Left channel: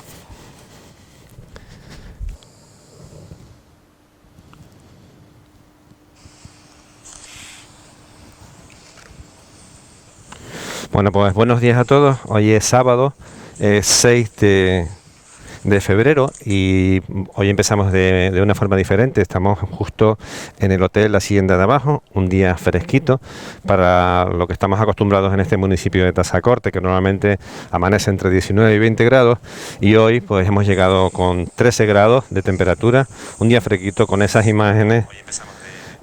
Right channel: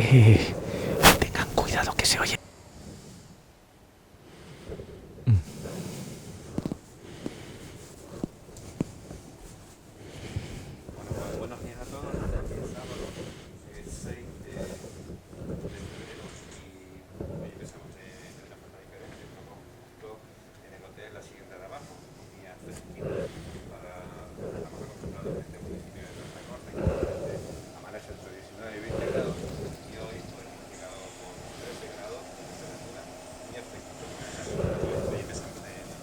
Tengan cuidado que se oye. Bueno, pues buenos días a todos. Hoy es sábado, 6 de febrero y hoy empezamos de una forma diferente. Estamos justo en el Hotel Hacienda de Abajo, un día fresquito para lo que estamos acostumbrados en este municipio de Tazacorte, que normalmente amanece entre 19 y 20 grados, y hoy pues hemos llegado con 13 grados de temperatura, un día fresquito con esas imágenes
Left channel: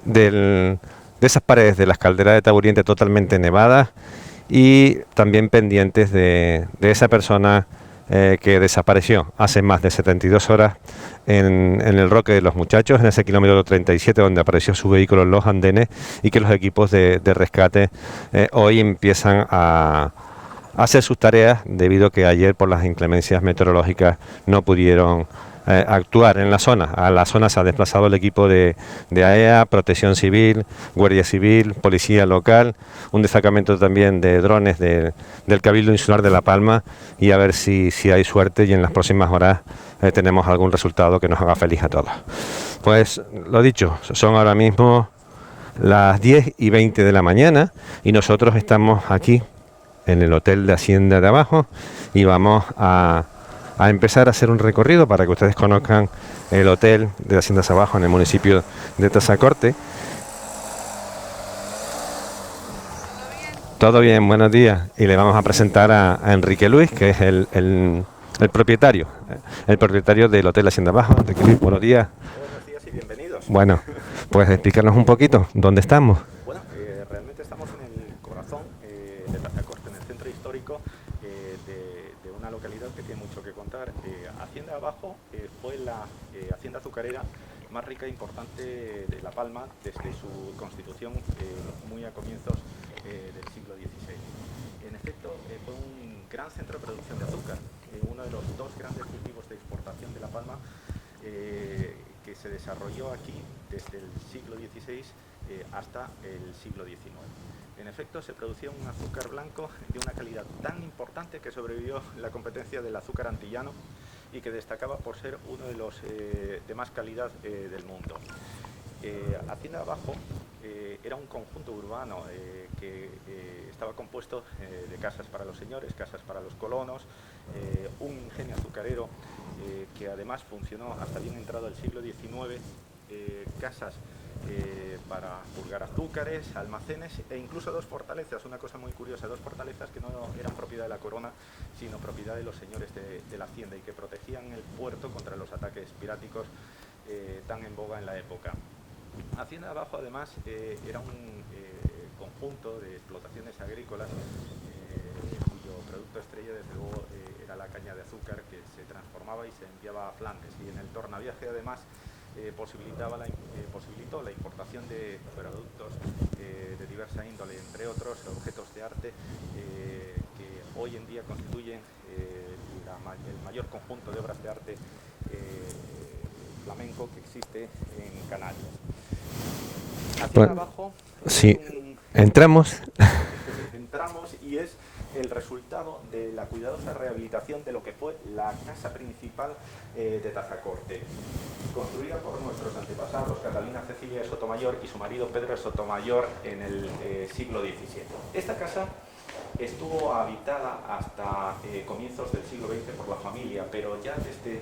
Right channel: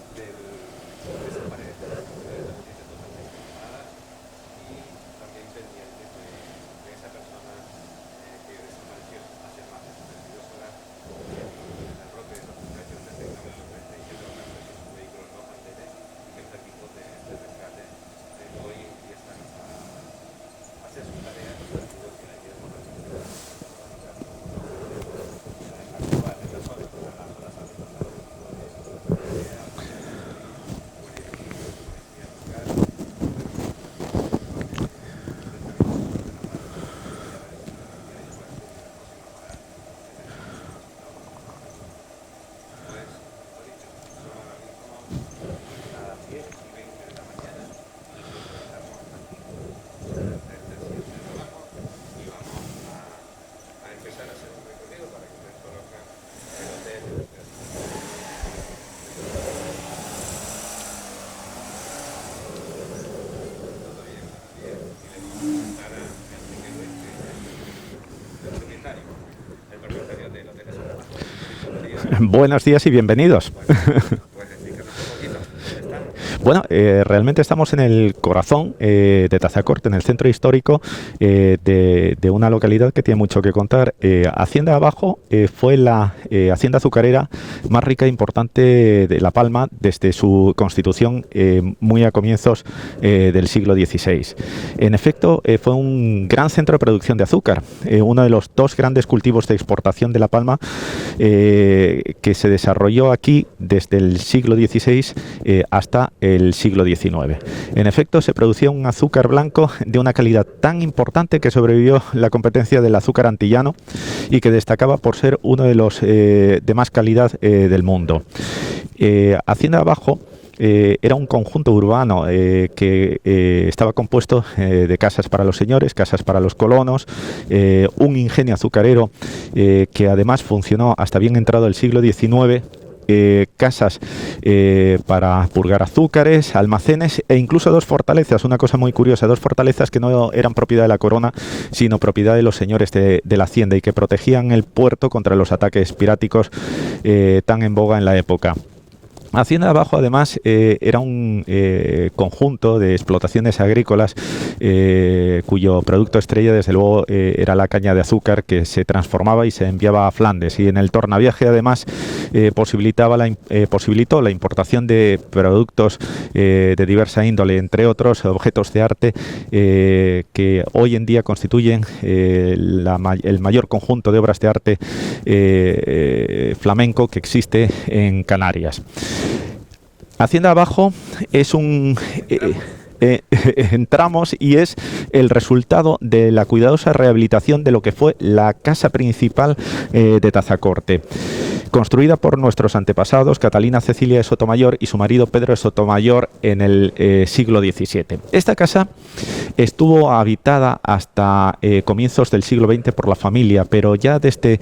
de esas paredes de las calderas de Taburiente totalmente nevadas y también pendientes de esa persona que desapareció hace más de 72 horas en el Roque de los Muchachos, en ese kilómetro 37 donde apareció su vehículo en los andenes, y que los equipos de rescate hoy empiezan a hacer sus tareas debido a que ayer por las inclemencias meteorológicas no pudieron actuar en la zona. A la zona se ha desplazado el equipo de AEA, Protección Civil, Guardia Civil, Policía Local, un destacamento también de drones del Cabildo Insular de La Palma, y a ver si hay suerte y en las próximas horas tenemos algún resultado que nos haga feliz a todos. Pues lo dicho, son ahora mismo las 10:20 de la mañana y nosotros estamos aquí en el Hotel de Hacienda de Abajo y vamos a empezar a hacer un recorrido para que ustedes conozcan el Hotel de Hacienda de Abajo en el municipio de Tazacorte. Todo bien, buenos días. Y le vamos a presentar a Enrique Luis, que es el propietario del Hotel Hacienda Abajo. Enrique Luis, buenos días. Buenos días y bienvenidos. Bueno, pues explícanos un poquito, ¿dónde estamos? Bueno, realmente estamos en el corazón de Tazacorte, en el centro histórico de una localidad que tiene mucho que contar. Hacienda Abajo fue la hacienda azucarera más rica e importante de La Palma desde su constitución muy a comienzos del siglo XVI. En efecto, fue un gran centro de producción de azúcar, uno de los dos grandes cultivos de exportación de La Palma que se desarrolló aquí desde el siglo XVI hasta el siglo XIX. En efecto, se producía un azúcar blanco de una calidad tan importante que sobrevivió la competencia del azúcar antillano y que destacaba por ser uno de los de más calidad del mundo. Hacienda Abajo era un conjunto urbano que estaba compuesto de casas para los señores, casas para los colonos, un ingenio azucarero que además funcionó hasta bien entrado el siglo XIX, casas para purgar azúcares, almacenes e incluso dos fortalezas, una cosa muy curiosa, dos fortalezas que no eran propiedad de la corona, sino propiedad de los señores de la hacienda y que protegían el puerto contra los ataques piráticos tan en boga en la época. Hacienda Abajo, además, era un conjunto de explotaciones agrícolas cuyo producto estrella, desde luego, era la caña de azúcar que se transformaba y se enviaba a Flandes. Y en el tornaviaje, además, posibilitó la importación de productos de diversa índole, entre otros objetos de arte que hoy en día constituyen el mayor conjunto de obras de arte flamenco que existe en Canarias. Hacienda Abajo es un... Entramos y es el resultado de la cuidadosa rehabilitación de lo que fue la casa principal de Tazacorte, construida por nuestros antepasados Catalina Cecilia de Sotomayor y su marido Pedro de Sotomayor en el siglo XVII. Esta casa estuvo habitada hasta comienzos del siglo XX por la familia, pero ya desde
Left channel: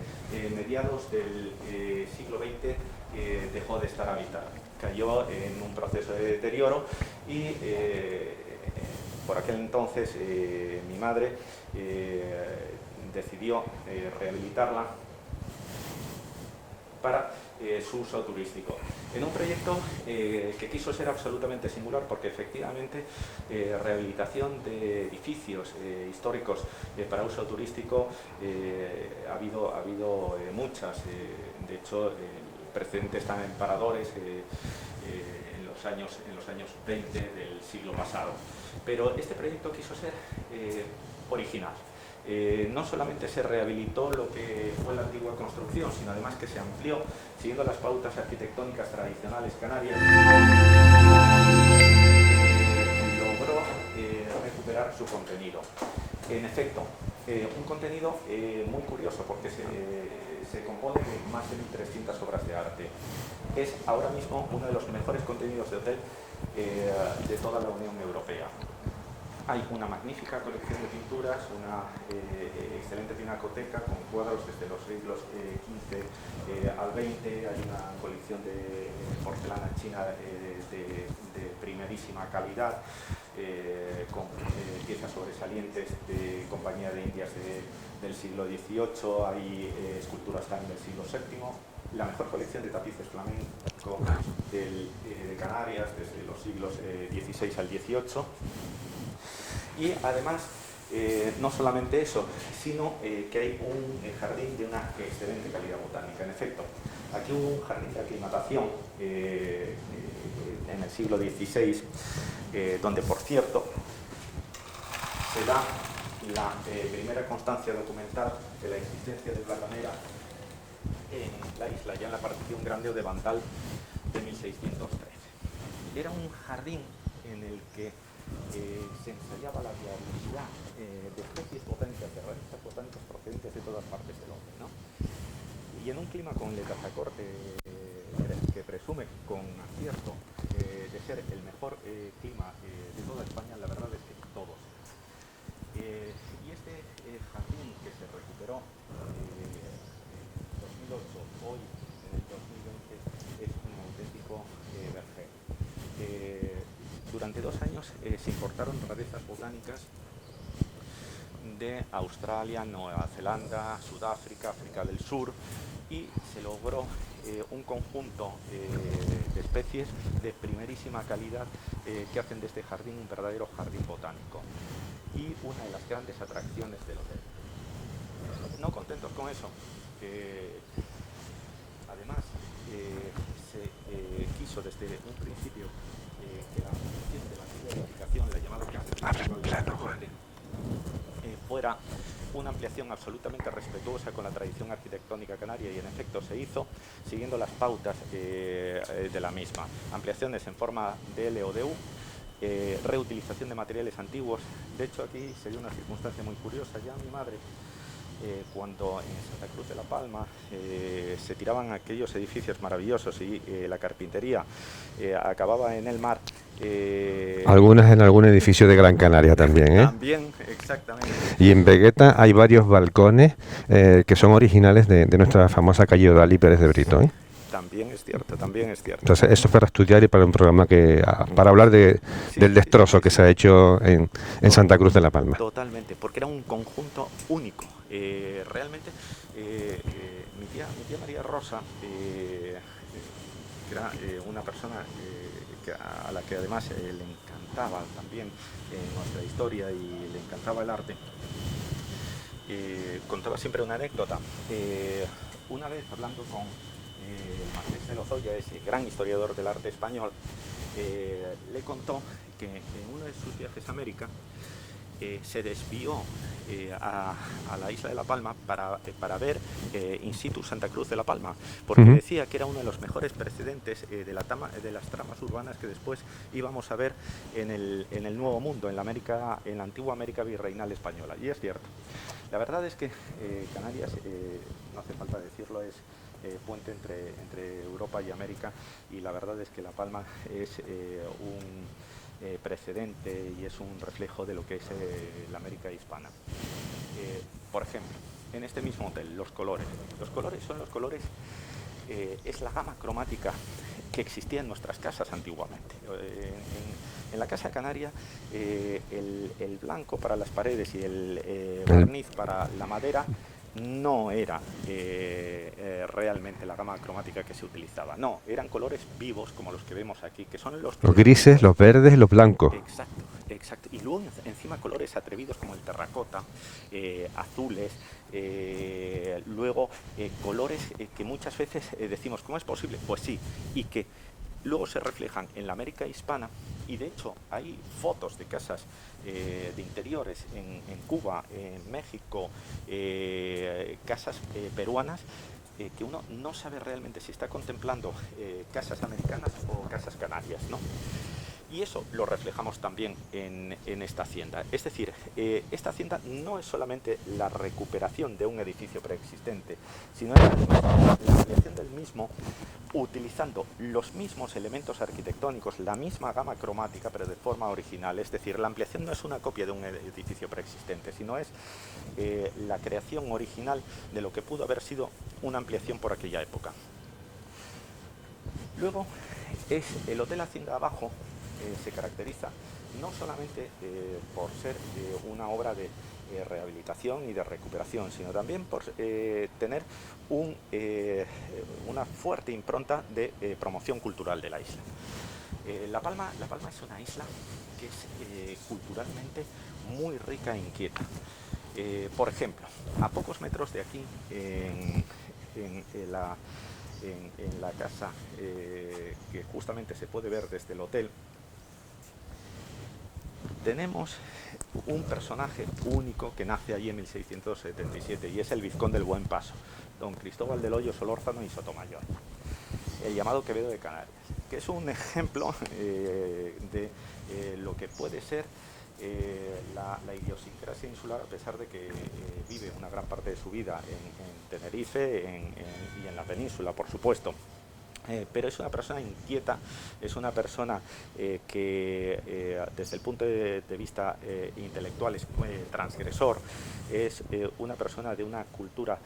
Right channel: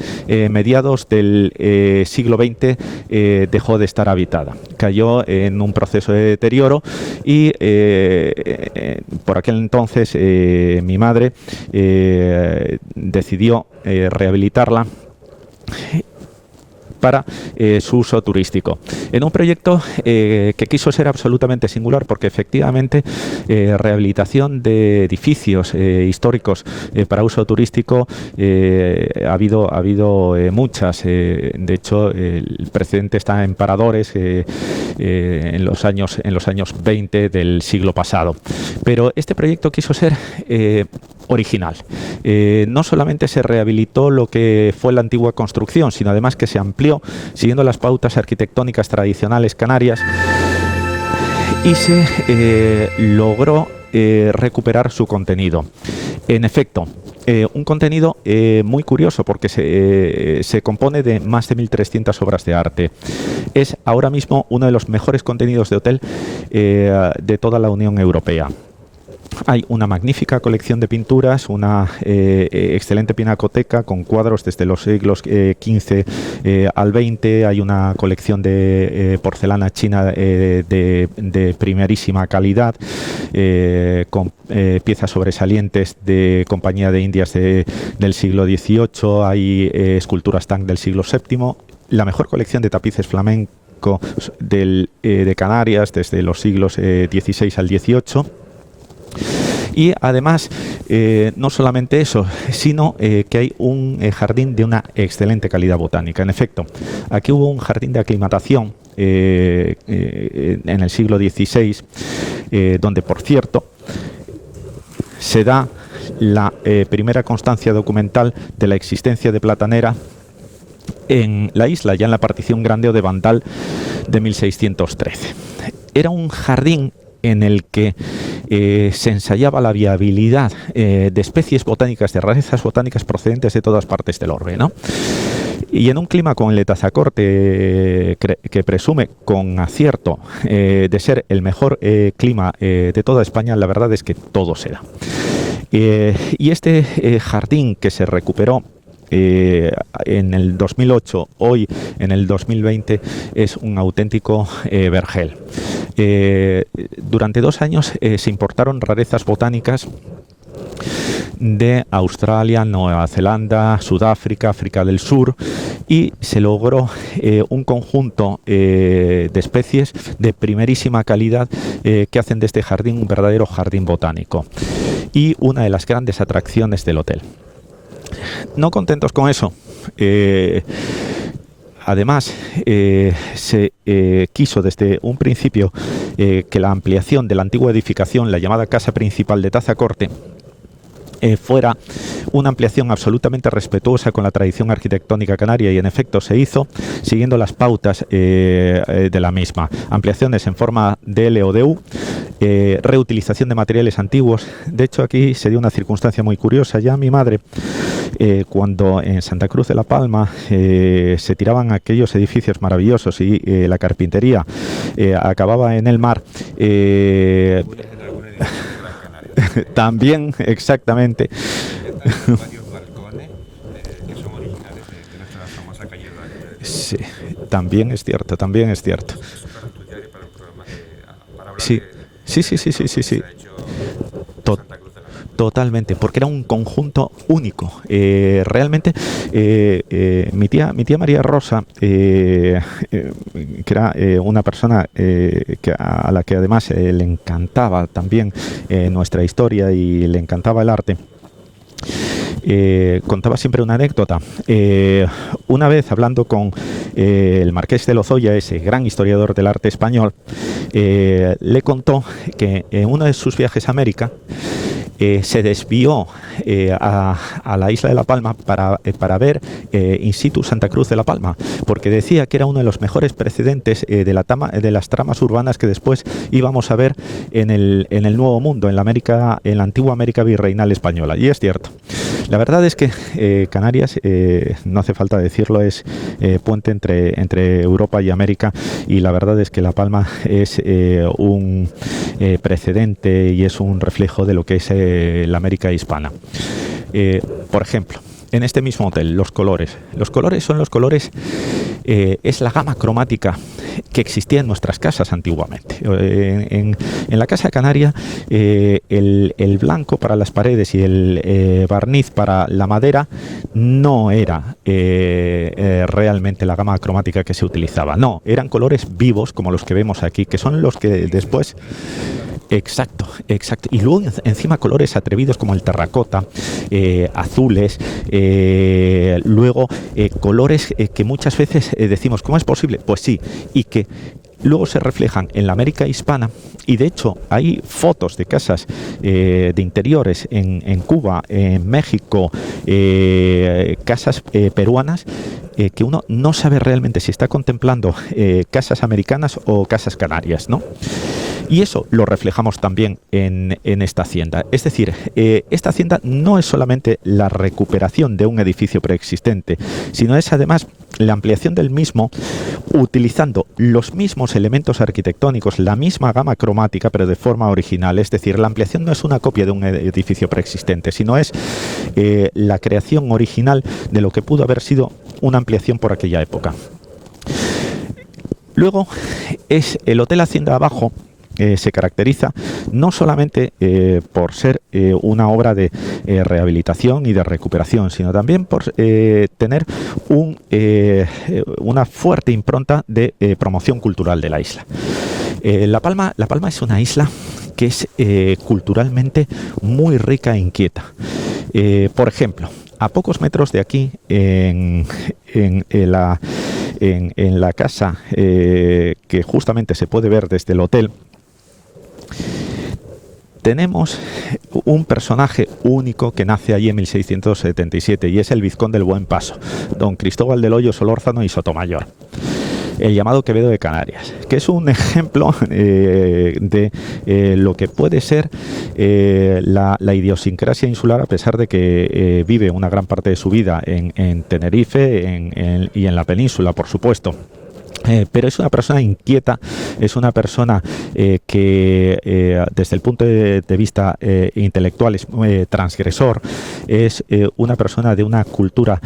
mediados del siglo XX dejó de estar habitada. Cayó en un proceso de deterioro y por aquel entonces mi madre decidió rehabilitarla para su uso turístico, en un proyecto que quiso ser absolutamente singular, porque efectivamente rehabilitación de edificios históricos para uso turístico ha habido muchas. De hecho, el precedente está en Paradores en los años 20 del siglo pasado, pero este proyecto quiso ser original. No solamente se rehabilitó lo que fue la antigua construcción, sino además que se amplió siguiendo las pautas arquitectónicas tradicionales canarias y se logró recuperar su contenido. En efecto, Un contenido muy curioso porque se compone de más de 1.300 obras de arte. Es ahora mismo uno de los mejores contenidos de hotel de toda la Unión Europea. Hay una magnífica colección de pinturas, una excelente pinacoteca con cuadros desde los siglos XV al XX. Hay una colección de porcelana china de primerísima calidad, con piezas sobresalientes de Compañía de Indias del siglo XVIII. Hay esculturas Tang del siglo VII. La mejor colección de tapices flamencos de Canarias desde los siglos XVI al XVIII. Y además, no solamente eso, sino que hay un jardín de una excelente calidad botánica. En efecto, aquí hubo un jardín de aclimatación en el siglo XVI, donde, por cierto, se da la primera constancia documental de la existencia de platanera en la isla, ya en la partición grande o de Vandal de 1613. Era un jardín en el que se ensayaba la viabilidad de especies botánicas, de rarezas botánicas procedentes de todas partes del orbe, ¿no? Y en un clima con el de Tazacorte, que presume con acierto de ser el mejor clima de toda España, la verdad es que todo se da. Y este jardín que se recuperó en el 2008, hoy en el 2020, es un auténtico vergel. Durante 2 años se importaron rarezas botánicas de Australia, Nueva Zelanda, Sudáfrica, África del Sur, y se logró un conjunto de especies de primerísima calidad que hacen de este jardín un verdadero jardín botánico y una de las grandes atracciones del hotel. No contentos con eso, además se quiso desde un principio que la ampliación de la antigua edificación, la llamada casa principal de Tazacorte, fuera una ampliación absolutamente respetuosa con la tradición arquitectónica canaria, y en efecto se hizo siguiendo las pautas de la misma. Ampliaciones en forma de L o de U, reutilización de materiales antiguos. De hecho, aquí se dio una circunstancia muy curiosa. Ya mi madre, cuando en Santa Cruz de la Palma se tiraban aquellos edificios maravillosos y la carpintería acababa en el mar. Algunas en algún edificio de Gran Canaria también. También, exactamente. Y en Vegueta hay varios balcones que son originales de nuestra famosa calle Odalí Pérez de Brito. Sí, también es cierto, también es cierto. Entonces, eso es para estudiar y para un programa para hablar del destrozo que se ha hecho en Santa Cruz de la Palma. Totalmente, porque era un conjunto único. Realmente, mi tía María Rosa, que era una persona a la que además le encantaba también nuestra historia y le encantaba el arte, contaba siempre una anécdota. Una vez hablando con el Marqués de Lozoya, ese gran historiador del arte español, le contó que en uno de sus viajes a América se desvió a la isla de La Palma para ver in situ Santa Cruz de la Palma, porque decía que era uno de los mejores precedentes de las tramas urbanas que después íbamos a ver en el Nuevo Mundo, en la antigua América virreinal española. Y es cierto. La verdad es que Canarias, no hace falta decirlo, es puente entre Europa y América, y la verdad es que La Palma es un precedente y es un reflejo de lo que es la América hispana. Por ejemplo, en este mismo hotel, los colores son los colores, es la gama cromática que existía en nuestras casas antiguamente. En la casa canaria, el blanco para las paredes y el barniz para la madera no era realmente la gama cromática que se utilizaba. No, eran colores vivos como los que vemos aquí, que son los que los grises, después, los verdes, los blancos. Exacto. Y luego encima colores atrevidos como el terracota, azules, luego colores que muchas veces decimos, ¿cómo es posible? Pues sí, y que luego se reflejan en la América hispana, y de hecho hay fotos de casas de interiores en Cuba, en México, casas peruanas, que uno no sabe realmente si está contemplando casas americanas o casas canarias, ¿no? Y eso lo reflejamos también en esta hacienda. Es decir, esta hacienda no es solamente la recuperación de un edificio preexistente, sino es además la ampliación del mismo utilizando los mismos elementos arquitectónicos, la misma gama cromática, pero de forma original. Es decir, la ampliación no es una copia de un edificio preexistente, sino es la creación original de lo que pudo haber sido una ampliación por aquella época. Luego, es el Hotel Hacienda Abajo. Se caracteriza no solamente por ser una obra de rehabilitación y de recuperación, sino también por tener una fuerte impronta de promoción cultural de la isla. La Palma es una isla que es culturalmente muy rica e inquieta. Por ejemplo, a pocos metros de aquí, en la casa que justamente se puede ver desde el hotel, tenemos un personaje único que nace allí en 1677 y es el vizconde del Buen Paso, don Cristóbal del Hoyo Solórzano y Sotomayor, el llamado Quevedo de Canarias, que es un ejemplo de lo que puede ser la idiosincrasia insular, a pesar de que vive una gran parte de su vida en Tenerife y en la península, por supuesto. Pero es una persona inquieta, es una persona que desde el punto de vista intelectual es transgresor, es una persona de una cultura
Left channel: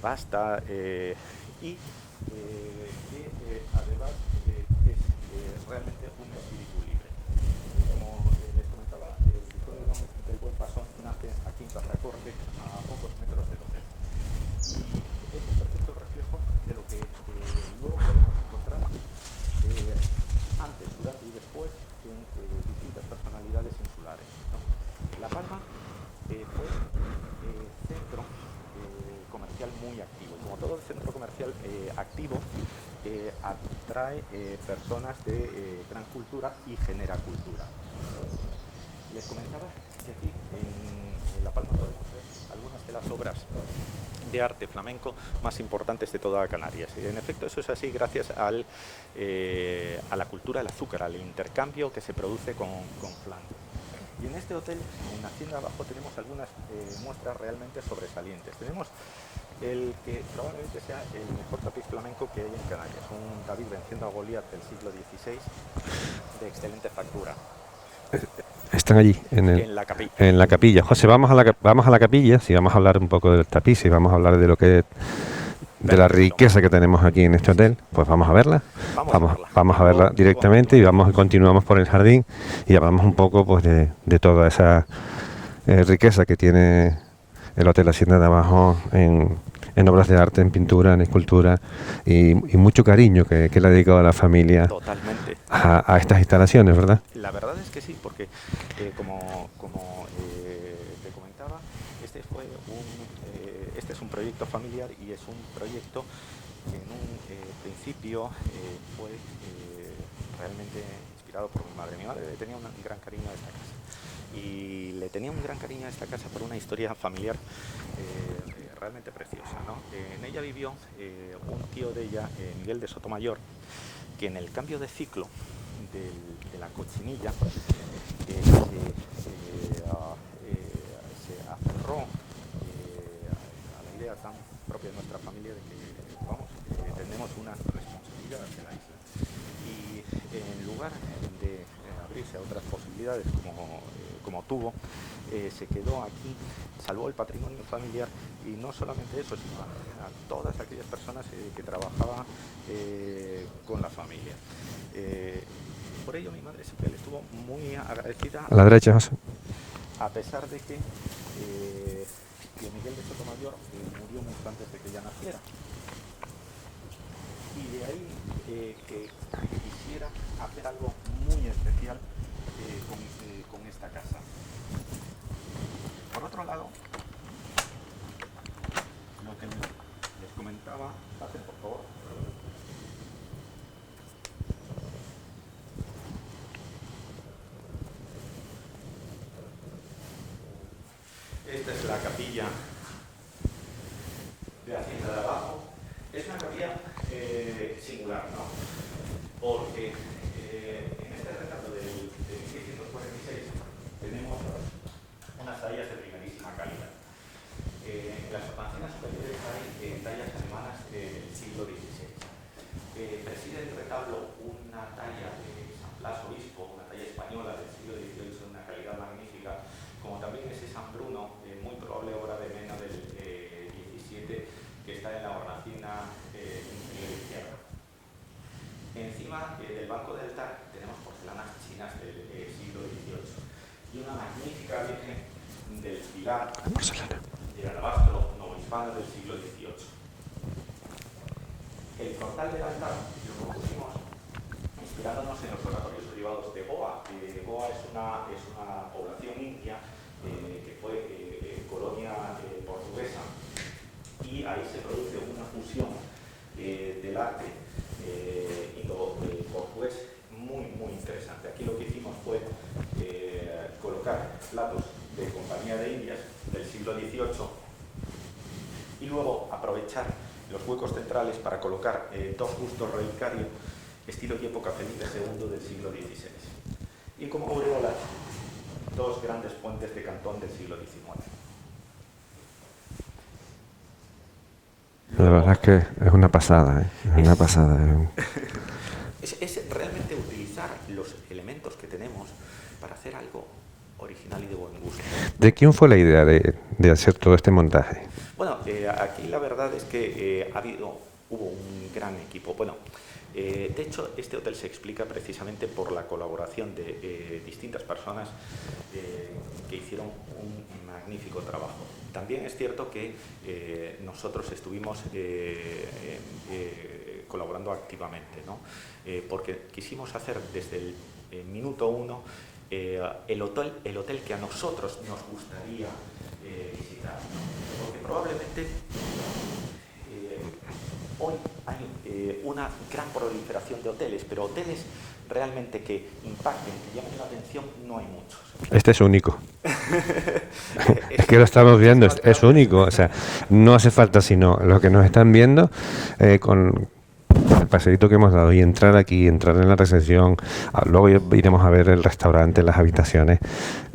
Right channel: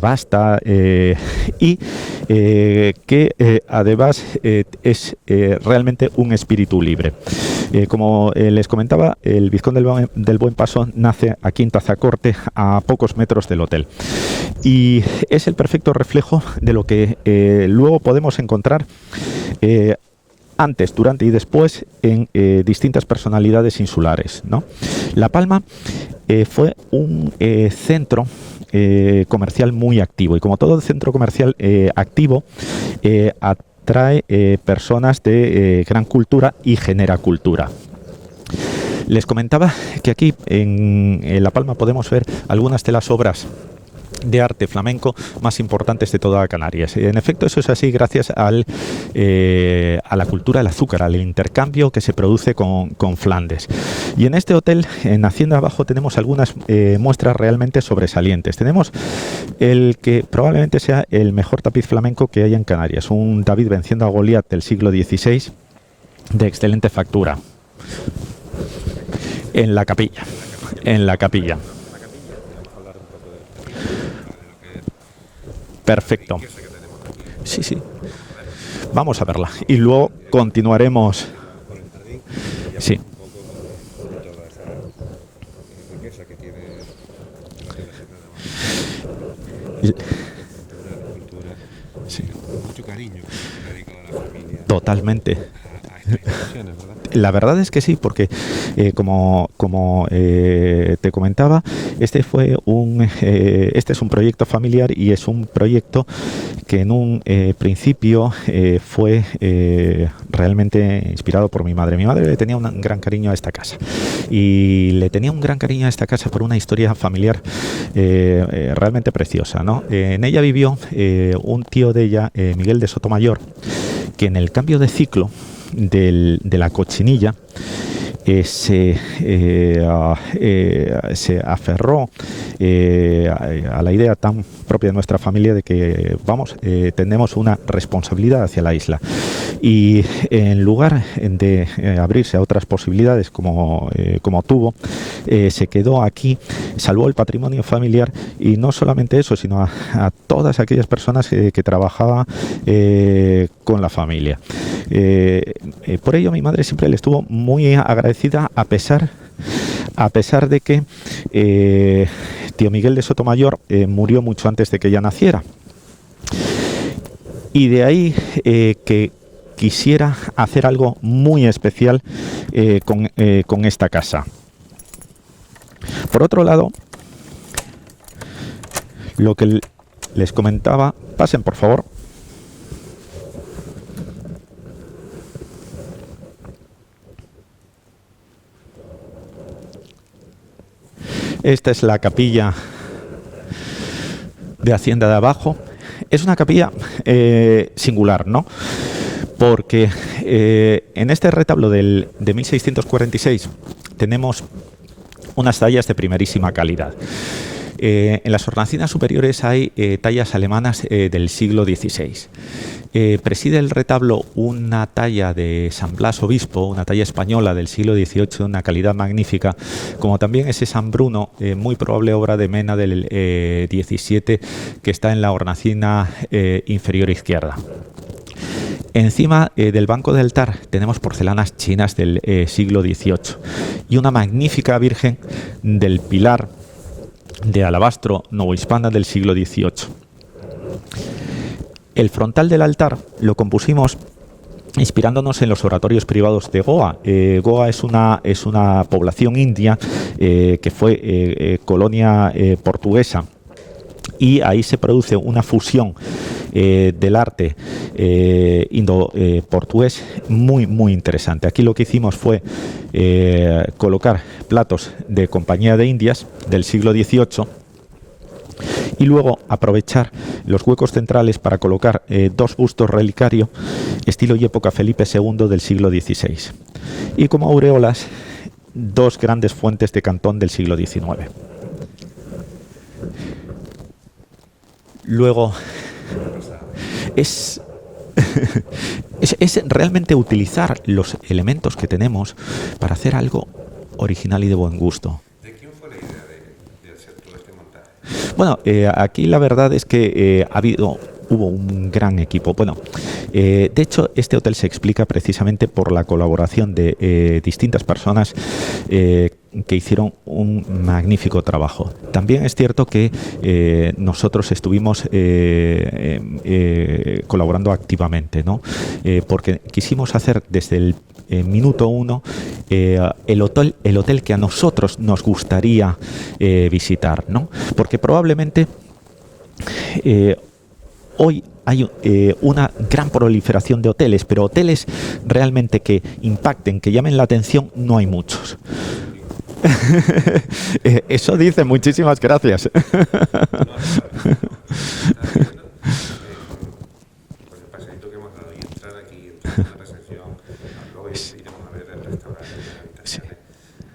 vasta y que además es realmente un espíritu libre. Como les comentaba, el vizconde del Buen Paso nace aquí en Tazacorte, a pocos metros del hotel, y es el perfecto reflejo de lo que luego podemos encontrar antes, durante y después en distintas personalidades insulares, ¿no? La Palma fue un centro comercial muy activo, y como todo centro comercial activo atrae personas de gran cultura y genera cultura. Les comentaba que aquí en La Palma podemos ver algunas de las obras de arte flamenco más importantes de toda Canarias. En efecto, eso es así gracias a la cultura del azúcar, al intercambio que se produce con Flandes. Y en este hotel, en Hacienda Abajo, tenemos algunas muestras realmente sobresalientes. Tenemos el que probablemente sea el mejor tapiz flamenco que hay en Canarias, un David venciendo a Goliat del siglo XVI, de excelente factura. Están allí, en la capilla. En la capilla. Pues si vamos a la capilla, si vamos a hablar un poco del tapiz, si vamos a hablar de lo que de la riqueza que tenemos aquí en este hotel, pues vamos a verla. Vamos a verla. Vamos a verla directamente y continuamos por el jardín y hablamos un poco pues de toda esa riqueza que tiene el Hotel Hacienda de Abajo en obras de arte, en pintura, en escultura. Y mucho cariño que le ha dedicado a la familia. Totalmente. A estas instalaciones, ¿verdad? La verdad es que sí, porque como te comentaba, este es un proyecto familiar y es un proyecto que en un principio fue realmente inspirado por mi madre. Mi madre le tenía un gran cariño a esta casa y le tenía un gran cariño a esta casa por una historia familiar realmente preciosa, ¿no? En ella vivió un tío de ella, Miguel de Sotomayor, que en el cambio de ciclo de la cochinilla se aferró a la idea tan propia de nuestra familia de que tenemos una responsabilidad hacia la isla, y en lugar de abrirse a otras posibilidades como tuvo, se quedó aquí, salvó el patrimonio familiar, y no solamente eso, sino a todas aquellas personas que trabajaban con la familia. Por ello mi madre siempre le estuvo muy agradecida, a pesar de que tío Miguel de Sotomayor murió mucho antes de que ella naciera. Y de ahí que quisiera hacer algo muy especial con esta casa. Por otro lado, lo que les comentaba, pasen por favor. Esta es la capilla de Hacienda de Abajo. Es una capilla singular, ¿no? porque en este retablo de 1646 tenemos unas tallas de primerísima calidad. En las hornacinas superiores hay tallas alemanas del siglo XVI. Preside el retablo una talla de San Blas Obispo, una talla española del siglo XVIII de una calidad magnífica, como también ese San Bruno, muy probable obra de Mena del XVII, que está en la hornacina inferior izquierda. Encima del banco de altar tenemos porcelanas chinas del siglo XVIII y una magnífica Virgen del Pilar de alabastro novohispana del siglo XVIII. El frontal del altar lo compusimos inspirándonos en los oratorios privados de Goa. Goa es una población india que fue colonia portuguesa, y ahí se produce una fusión del arte indo-portugués muy interesante. Aquí lo que hicimos fue colocar platos de Compañía de Indias del siglo XVIII y luego aprovechar los huecos centrales para colocar dos bustos relicario estilo y época Felipe II del siglo XVI, y como aureolas dos grandes fuentes de Cantón del siglo XIX. Luego, es que es una pasada, una pasada. Es realmente utilizar los elementos que tenemos para hacer algo original y de buen gusto. ¿De quién fue la idea de hacer todo este montaje? Bueno, aquí la verdad es que hubo un gran equipo. Bueno, de hecho, este hotel se explica precisamente por la colaboración de distintas personas que hicieron un magnífico trabajo. También es cierto que nosotros estuvimos colaborando activamente, ¿no? Porque quisimos hacer desde el minuto uno el hotel que a nosotros nos gustaría visitar, ¿no? Porque probablemente hoy hay una gran proliferación de hoteles, pero hoteles realmente que impacten, que llamen la atención, no hay muchos. Este es único. Eso es que dice, muchísimas gracias. Es único, o sea, no hace falta sino lo que nos están viendo con el paseíto que hemos dado y entrar aquí, entrar en la recepción, luego iremos a ver el restaurante, las habitaciones.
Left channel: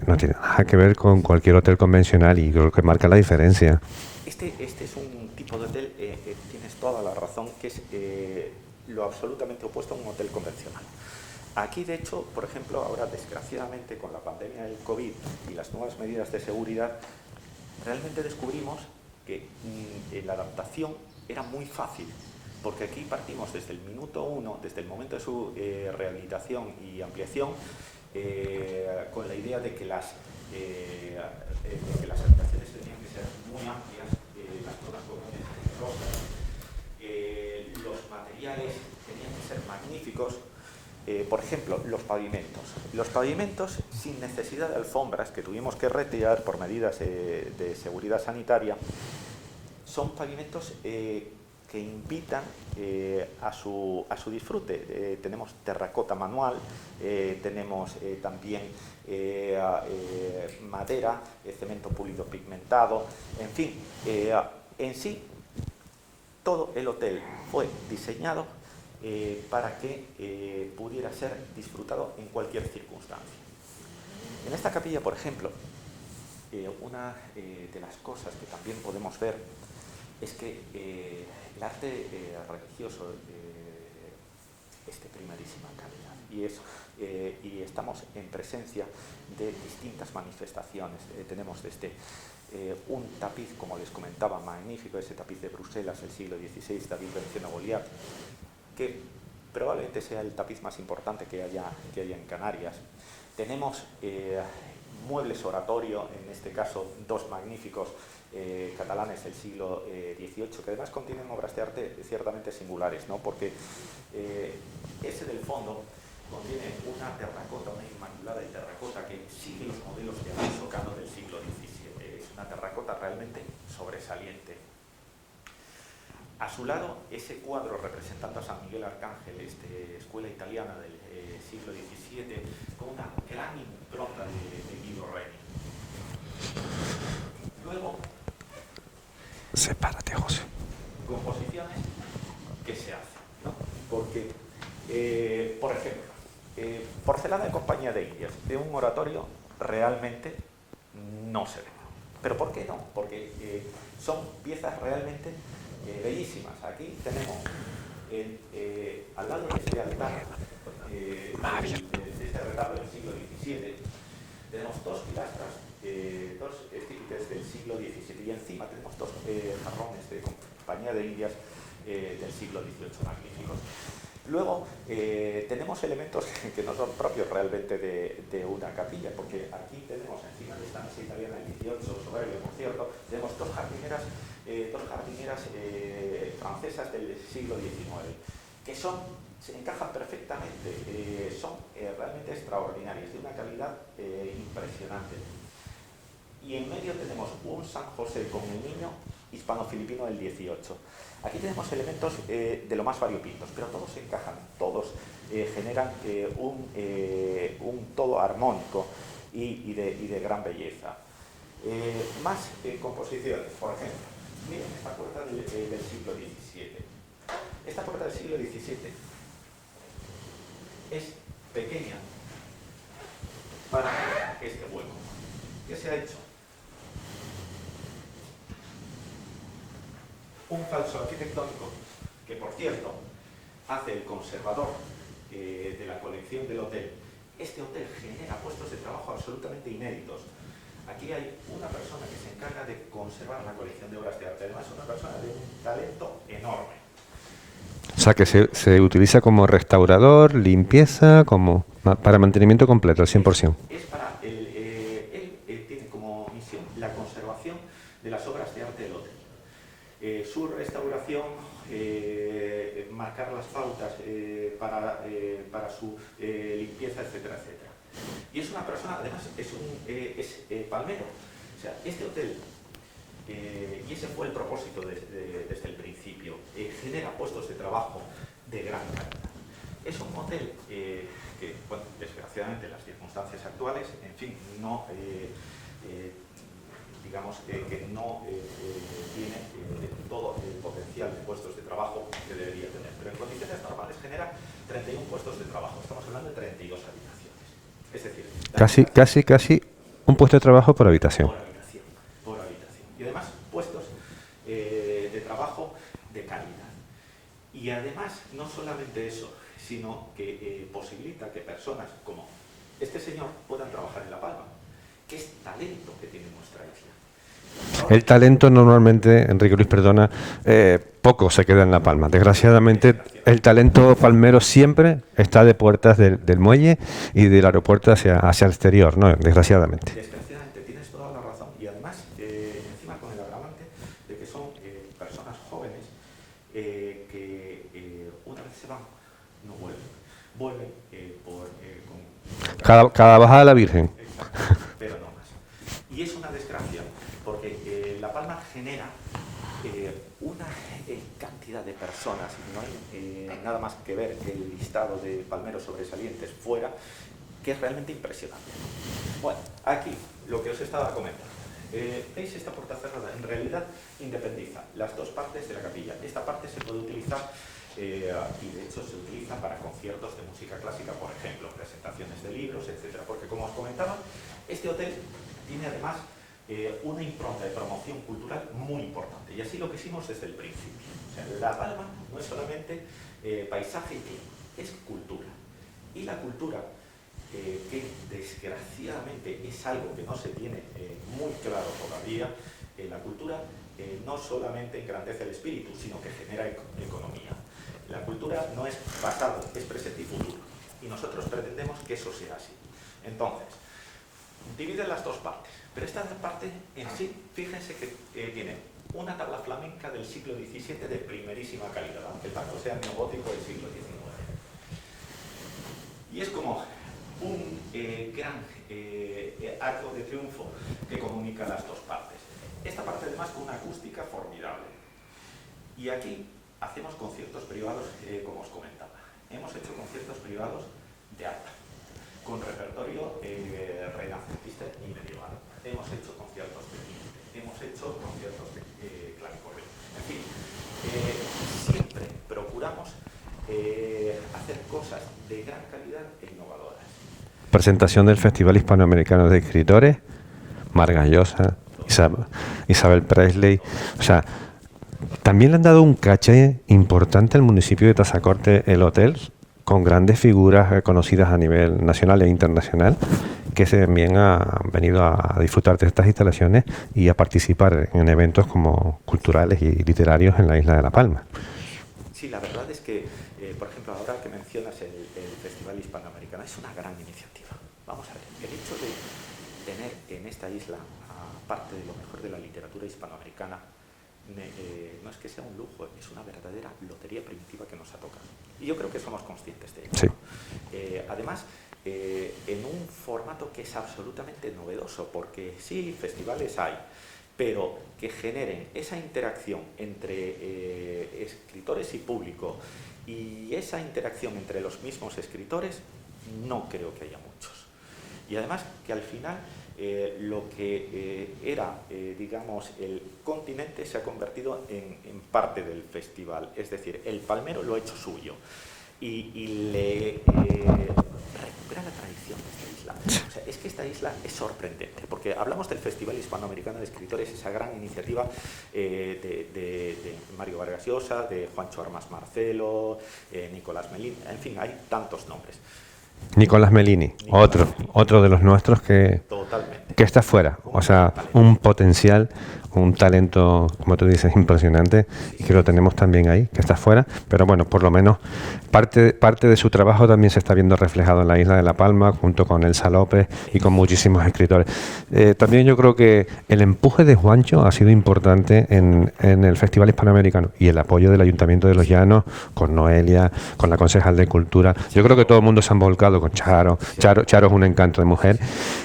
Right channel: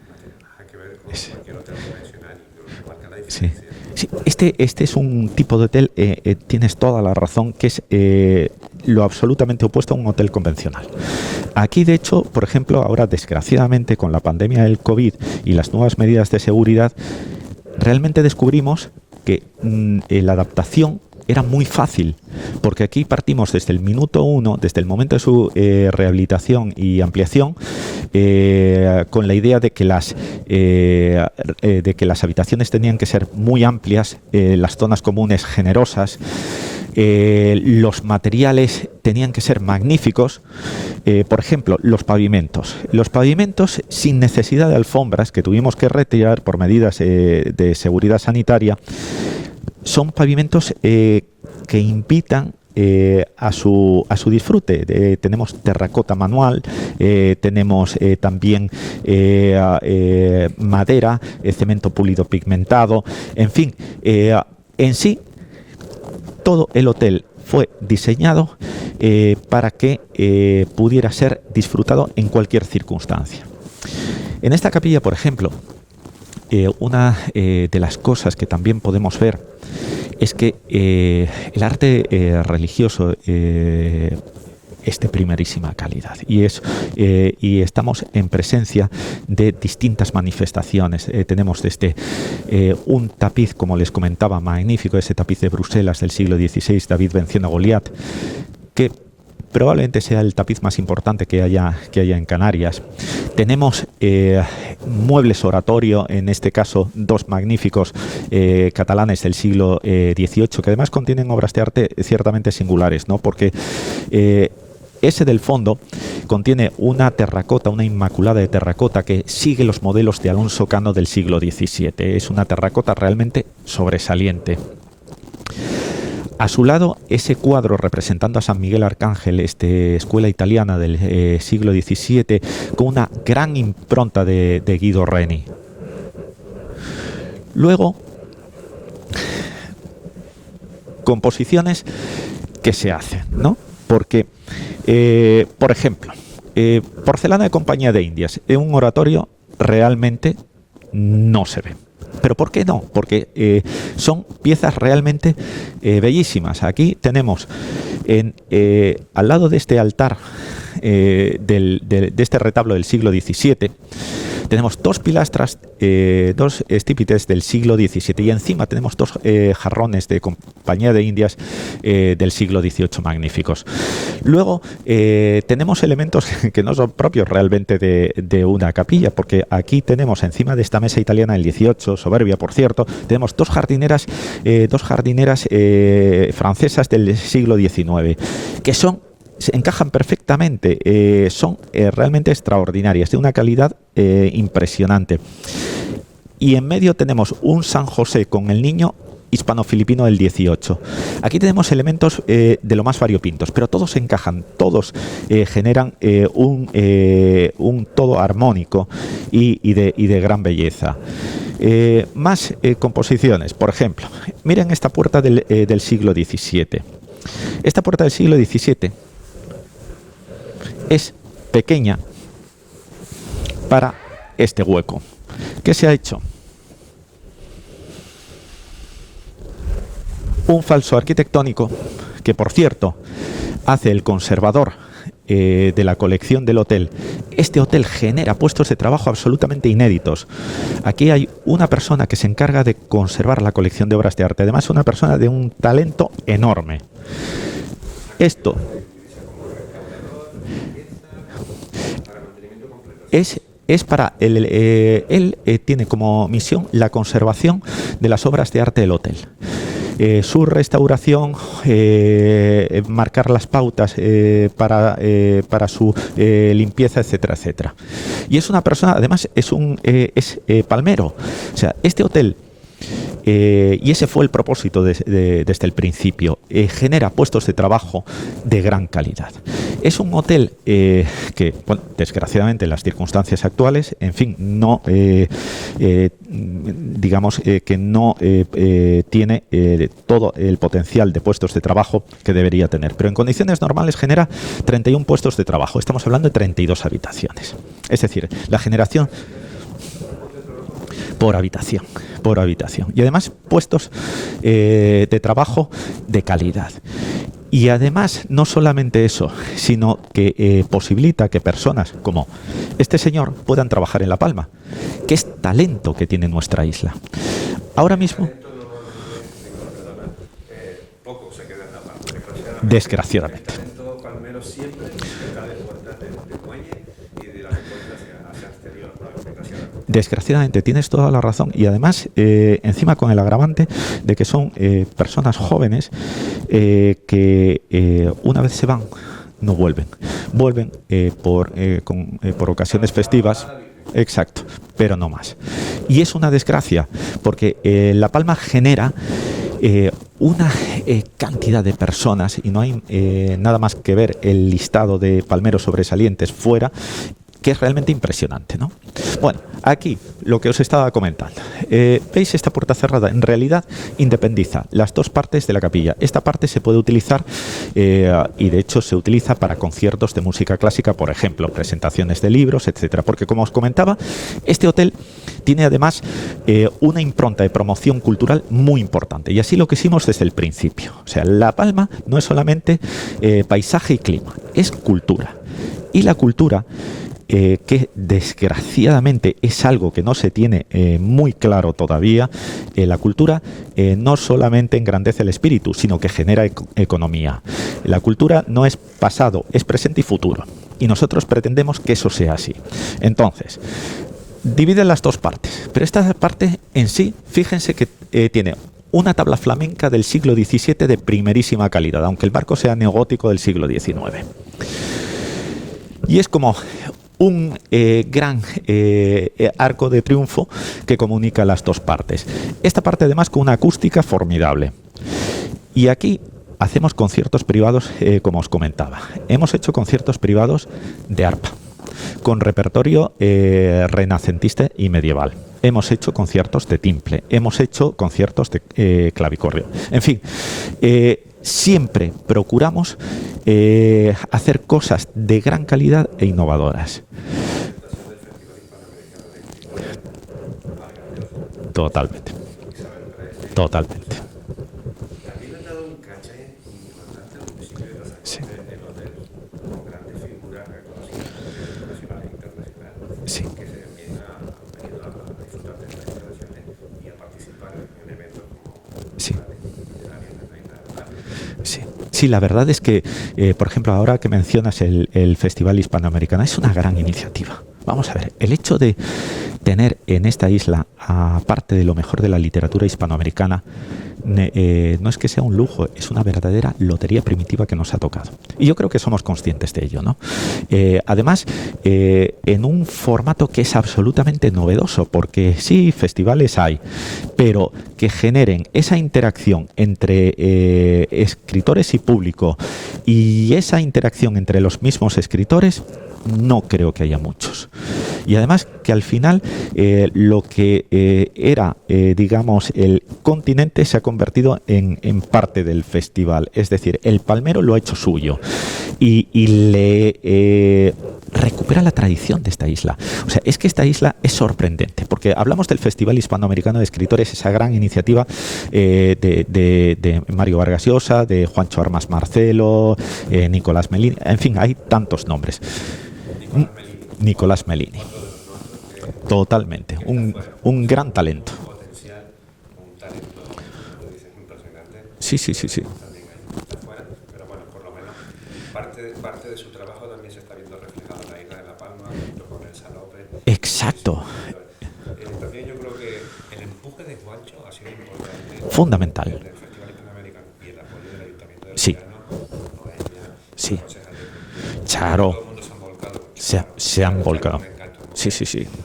No tiene nada que ver con cualquier hotel convencional y creo que marca la diferencia. Sí. Este es un tipo de hotel, tienes toda la razón, que es lo absolutamente opuesto a un hotel convencional. Aquí, de hecho, por ejemplo, ahora desgraciadamente con la pandemia del COVID y las nuevas medidas de seguridad, realmente descubrimos que la adaptación era muy fácil, porque aquí partimos desde el minuto uno, desde el momento de su rehabilitación y ampliación, con la idea de que las habitaciones tenían que ser muy amplias, las zonas comunes generosas, los materiales tenían que ser magníficos. Por ejemplo, los pavimentos. Los pavimentos sin necesidad de alfombras, que tuvimos que retirar por medidas de seguridad sanitaria, son pavimentos que invitan a su disfrute. Tenemos terracota manual, tenemos también madera, cemento pulido pigmentado, en fin, en sí todo el hotel fue diseñado para que pudiera ser disfrutado en cualquier circunstancia. En esta capilla, por ejemplo, una de las cosas que también podemos ver es que el arte religioso es de primerísima calidad y estamos en presencia de distintas manifestaciones. Tenemos desde un tapiz, como les comentaba, magnífico, ese tapiz de Bruselas del siglo XVI, David venciendo a Goliat, que probablemente sea el tapiz más importante que haya en Canarias. Tenemos muebles oratorio, en este caso dos magníficos catalanes del siglo XVIII, que además contienen obras de arte ciertamente singulares, ¿no? Porque ese del fondo contiene una terracota, una inmaculada de terracota que sigue los modelos de Alonso Cano del siglo XVII. Es una terracota realmente sobresaliente. A su lado, ese cuadro representando a San Miguel Arcángel, escuela italiana del siglo XVII, con una gran impronta de Guido Reni. Luego, sepárate, José. Composiciones que se hacen, ¿no? Porque Por ejemplo, porcelana de Compañía de Indias. En un oratorio realmente no se ve. ¿Pero por qué no? Porque son piezas realmente bellísimas. Aquí tenemos al lado de este altar, de este retablo del siglo XVII, tenemos dos pilastras, dos estípites del siglo XVII, y encima tenemos dos jarrones de Compañía de Indias del siglo XVIII magníficos. Luego tenemos elementos que no son propios realmente de una capilla, porque aquí tenemos encima de esta mesa italiana del XVIII, soberbia por cierto, tenemos dos jardineras francesas del siglo XIX, que se encajan perfectamente, son realmente extraordinarias, de una calidad impresionante. Y en medio tenemos un San José con el niño hispano-filipino del XVIII. Aquí tenemos elementos de lo más variopintos, pero todos encajan, todos generan un todo armónico y de gran belleza. Más composiciones, por ejemplo, miren esta puerta del siglo XVII. Esta puerta del siglo XVII es pequeña para este hueco. ¿Qué se ha hecho? Un falso arquitectónico que, por cierto, hace el conservador de la colección del hotel. Este hotel genera puestos de trabajo absolutamente inéditos. Aquí hay una persona que se encarga de conservar la colección de obras de arte. Además, una persona de un talento enorme. O sea que se utiliza como restaurador, limpieza, como para mantenimiento completo, al 100%. Es para él tiene como misión la conservación de las obras de arte del hotel. Su restauración, marcar las pautas para su limpieza, etcétera, etcétera. Y es una persona, además, es palmero. O sea, este hotel, y ese fue el propósito desde el principio, genera puestos de trabajo de gran calidad. Es un hotel que, bueno, desgraciadamente en las circunstancias actuales, en fin, no digamos que no tiene todo el potencial de puestos de trabajo que debería tener, pero en condiciones normales genera 31 puestos de trabajo. Estamos hablando de 32 habitaciones. Es decir, generación... Casi un puesto de trabajo por habitación. Por habitación. Y además puestos de trabajo de calidad. Y además, no solamente eso, sino que posibilita que personas como este señor puedan trabajar en La Palma, que es talento que tiene nuestra isla. Ahora el mismo, talento normalmente, Enrique Luis, perdona, poco se queda en La Palma. Desgraciadamente, el talento palmero siempre está de puertas del muelle y del aeropuerto hacia el exterior, ¿no? Desgraciadamente. Desgraciadamente, tienes toda la razón. Y además, encima con el agravante de que son personas jóvenes que una vez se van, no vuelven. Vuelven por ocasiones festivas. Cada bajada a la Virgen. Exacto, pero no más. Y es una desgracia, porque La Palma genera una cantidad de personas, y no hay nada más que ver el listado de palmeros sobresalientes fuera, que es realmente impresionante, ¿no? Bueno, aquí lo que os estaba comentando. ¿Veis esta puerta cerrada? En realidad independiza las dos partes de la capilla. Esta parte se puede utilizar y de hecho se utiliza para conciertos de música clásica, por ejemplo, presentaciones de libros, etcétera. Porque como os comentaba, este hotel tiene además una impronta de promoción cultural muy importante, y así lo quisimos desde el principio. O sea, La Palma no es solamente paisaje y clima, es cultura. Y la cultura, que desgraciadamente es algo que no se tiene muy claro todavía, la cultura no solamente engrandece el espíritu, sino que genera economía. La cultura no es pasado, es presente y futuro. Y nosotros pretendemos que eso sea así. Entonces, divide las dos partes. Pero esta parte en sí, fíjense que tiene una tabla flamenca del siglo XVII de primerísima calidad, aunque el marco sea neogótico del siglo XIX. Y es como un gran arco de triunfo que comunica las dos partes. Esta parte además con una acústica formidable. Y aquí hacemos conciertos privados, como os comentaba. Hemos hecho conciertos privados de arpa, con repertorio renacentista y medieval. hemos hecho conciertos de timple, hemos hecho conciertos de clavicordio. En fin, siempre procuramos hacer cosas de gran calidad e innovadoras. Presentación del Festival Hispanoamericano de Escritores, Vargas Llosa, Totalmente. Isabel Presley. Total. O sea, también le han dado un caché importante al municipio de Tazacorte, el hotel, con grandes figuras conocidas a nivel nacional e internacional, que también han venido a disfrutar de estas instalaciones y a participar en eventos como culturales y literarios en la isla de La Palma. Sí, la verdad es que, por ejemplo, ahora que mencionas el Festival Hispanoamericano, es una gran iniciativa. Vamos a ver, el hecho de tener en esta isla, aparte de lo mejor de la literatura hispanoamericana, no es que sea un lujo, es una verdadera lotería primitiva que nos ha tocado. Y yo creo que somos conscientes de ello, ¿no? Además, en un formato que es absolutamente novedoso, porque sí, festivales hay, pero que generen esa interacción entre escritores y público y esa interacción entre los mismos escritores, no creo que haya muchos. Y además que al final lo que era, digamos, el continente se ha convertido en parte del festival. Es decir, el palmero lo ha hecho suyo y le recupera la tradición de esta isla. O sea, es que esta isla es sorprendente, porque hablamos del Festival Hispanoamericano de Escritores, esa gran iniciativa de Mario Vargas Llosa, de Juancho Armas Marcelo, Nicolás Melini, en fin, hay tantos nombres. Nicolás Melini. Otro de los nuestros que totalmente que está fuera. Un gran talento. Un potencial, un talento, como tú dices, impresionante. Que lo tenemos también ahí, que está fuera. Pero bueno, por lo menos parte de su trabajo también se está viendo reflejado en la isla de La Palma, junto con Elsa López y con muchísimos escritores. También yo creo que el empuje de Juancho ha sido importante en el Festival Hispanoamericano, y el apoyo del Ayuntamiento de Los Llanos, con Noelia, con la concejal de Cultura. Charo. Yo creo que todo el mundo se han volcado con Charo. Charo es un encanto de mujer.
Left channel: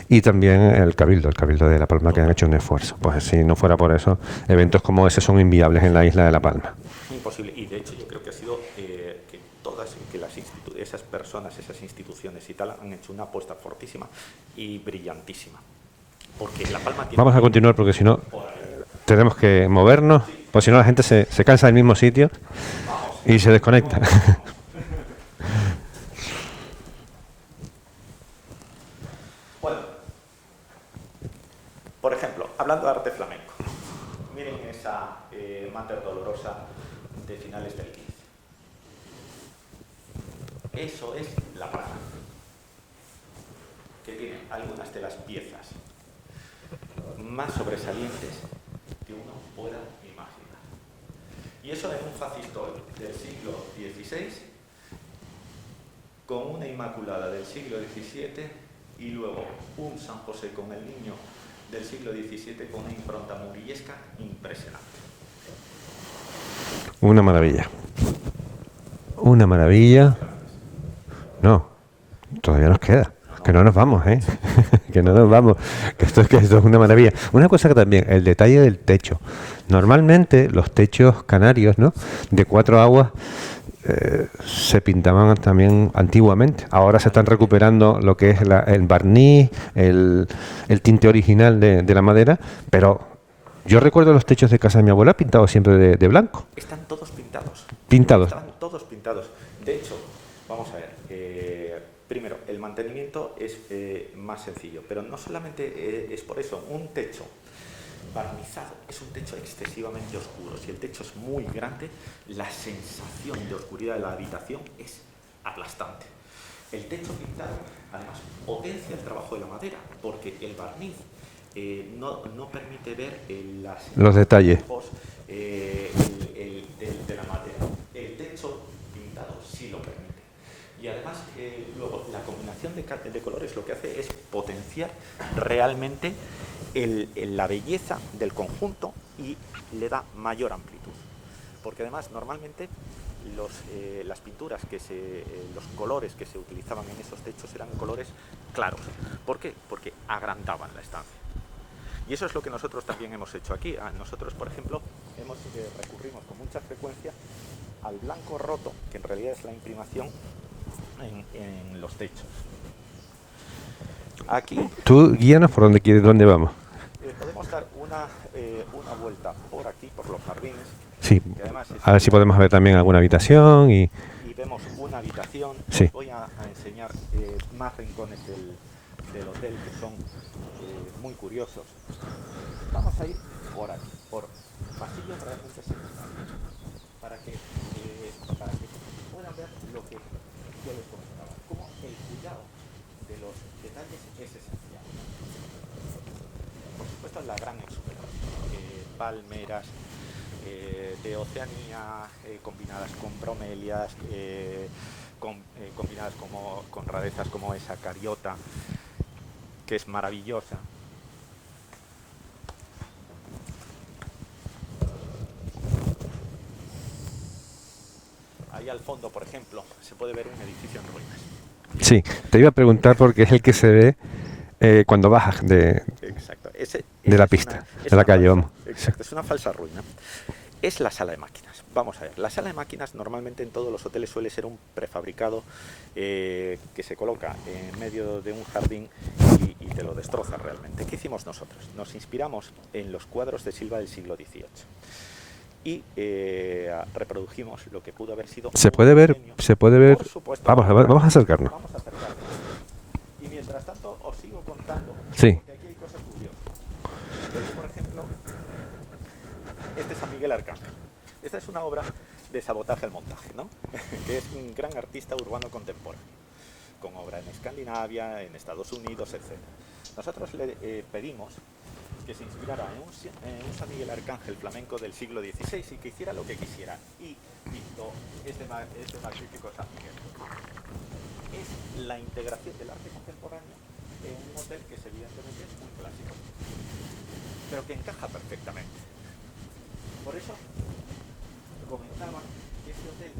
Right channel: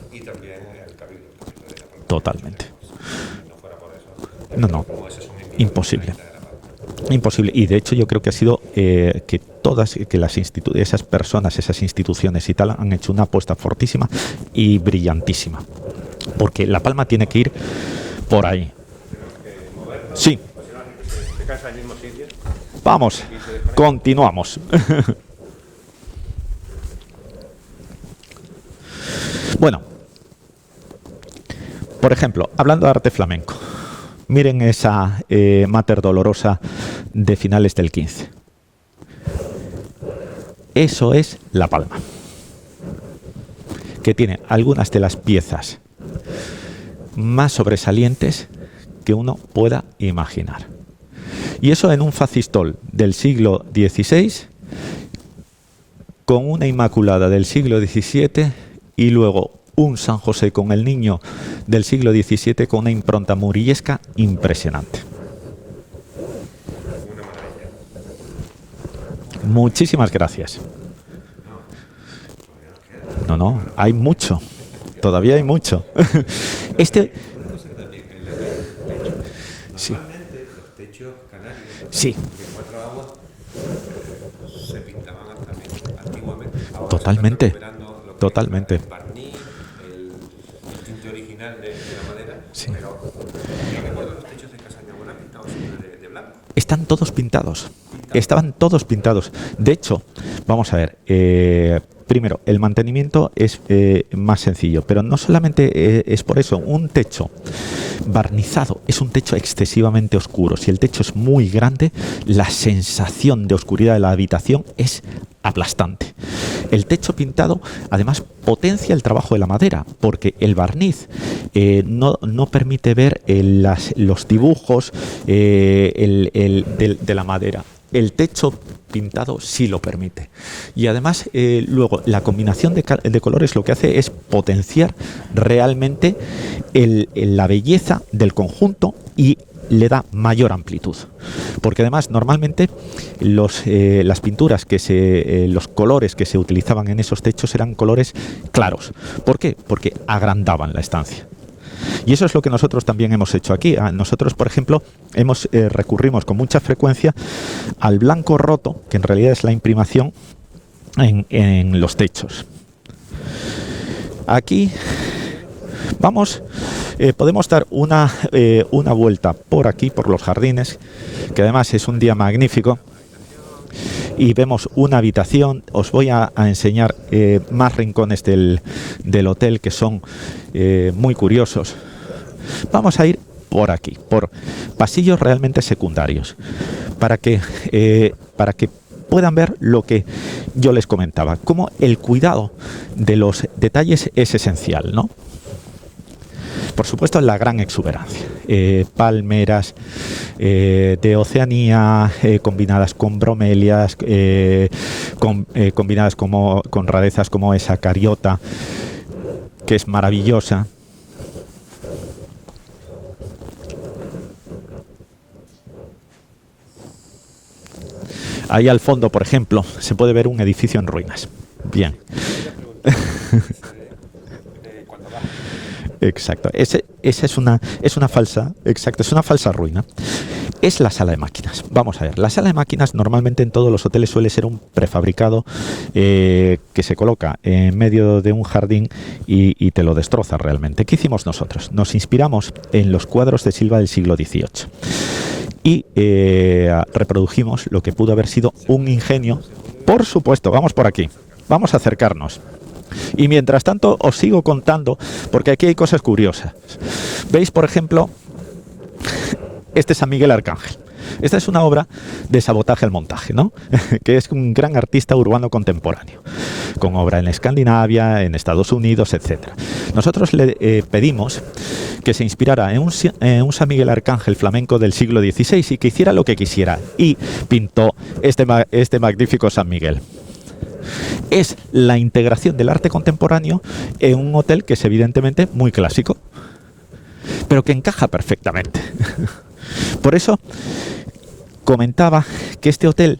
Y también el Cabildo de La Palma, que ha hecho un esfuerzo. Pues si no fuera por eso, eventos como ese son inviables en la isla de La Palma. Imposible. Y de hecho yo creo que ha sido que esas personas, esas instituciones y tal han hecho una apuesta fortísima y brillantísima, porque La Palma tiene que ir continuar, porque si no por ahí. Tenemos que movernos, pues si no la gente se cansa del mismo sitio. Vamos y se desconecta. Continuamos. Bueno, por ejemplo, hablando de arte flamenco, miren esa Mater Dolorosa de finales del 15. Eso es La Palma, que tiene algunas de las piezas más sobresalientes que uno pueda imaginar. Y eso en un facistol del siglo XVI, con una Inmaculada del siglo XVII y luego un San José con el Niño del siglo XVII con una impronta murillesca impresionante. Una maravilla. Una maravilla. Muchísimas gracias. No, todavía nos queda. No, que no nos vamos. Hay mucho. Que todavía no nos vamos. hay mucho. Esto es una maravilla. Una cosa que también, el detalle del techo. Normalmente los techos canarios, ¿no? De 4 aguas se pintaban también antiguamente. Ahora se están recuperando lo que es el barniz, el tinte original de la madera, pero yo recuerdo los techos de casa de mi abuela pintados siempre de blanco. Están todos pintados. Estaban todos pintados. De hecho, vamos a ver, primero, el mantenimiento es más sencillo, pero no solamente es por eso. Un techo barnizado es un techo excesivamente oscuro. Si el techo es muy grande, la sensación de oscuridad de la habitación es aplastante. El techo pintado además potencia el trabajo de la madera, porque el barniz no permite ver los dibujos de la madera. El techo pintado sí lo permite. Y además luego la combinación de colores lo que hace es potenciar realmente la belleza del conjunto y le da mayor amplitud, porque además normalmente las pinturas los colores que se utilizaban en esos techos eran colores claros. ¿Por qué? Porque agrandaban la estancia. Y eso es lo que nosotros también hemos hecho aquí. Nosotros, por ejemplo, recurrimos con mucha frecuencia al blanco roto, que en realidad es la imprimación en los techos. Aquí Tú guíanos por dónde vamos. podemos dar una vuelta por aquí, por los jardines, Sí. que además es A un ver si día podemos ver magnífico. también alguna habitación Y vemos una habitación. Sí. Os voy a enseñar más rincones del hotel que son muy curiosos. Vamos a ir por aquí, por pasillos realmente secundarios, para que puedan ver lo que yo les comentaba, cómo el cuidado de los detalles es esencial, ¿no? Por supuesto, la gran exuberancia. Palmeras de Oceanía, combinadas con bromelias, combinadas con rarezas como esa cariota, que es maravillosa. Ahí al fondo, por ejemplo, se puede ver un edificio en ruinas. Bien. Sí, te iba a preguntar porque es el que se ve cuando bajas de... Exacto. Esa la es pista, es de la una calle, falsa. Exacto, es una falsa ruina. Es la sala de máquinas. Vamos a ver. La sala de máquinas normalmente en todos los hoteles suele ser un prefabricado que se coloca en medio de un jardín y te lo destroza realmente. ¿Qué hicimos nosotros? Nos inspiramos en los cuadros de Silva del siglo XVIII. Y reprodujimos lo que pudo haber sido un ingenio. ¿Se puede ver? Por supuesto, vamos por aquí. Vamos a acercarnos. Y mientras tanto os sigo contando, sí, porque aquí hay cosas curiosas. ¿Veis, por ejemplo, este San Miguel Arcángel? Esta es una obra de Sabotaje al montaje, ¿no? Que es un gran artista urbano contemporáneo, con obra en Escandinavia, en Estados Unidos, etc. Nosotros le pedimos que se inspirara en un San Miguel Arcángel flamenco del siglo XVI y que hiciera lo que quisiera. Y pintó este magnífico San Miguel. Es la integración del arte contemporáneo en un hotel que es evidentemente muy clásico, pero que encaja perfectamente. Por eso comentaba que este hotel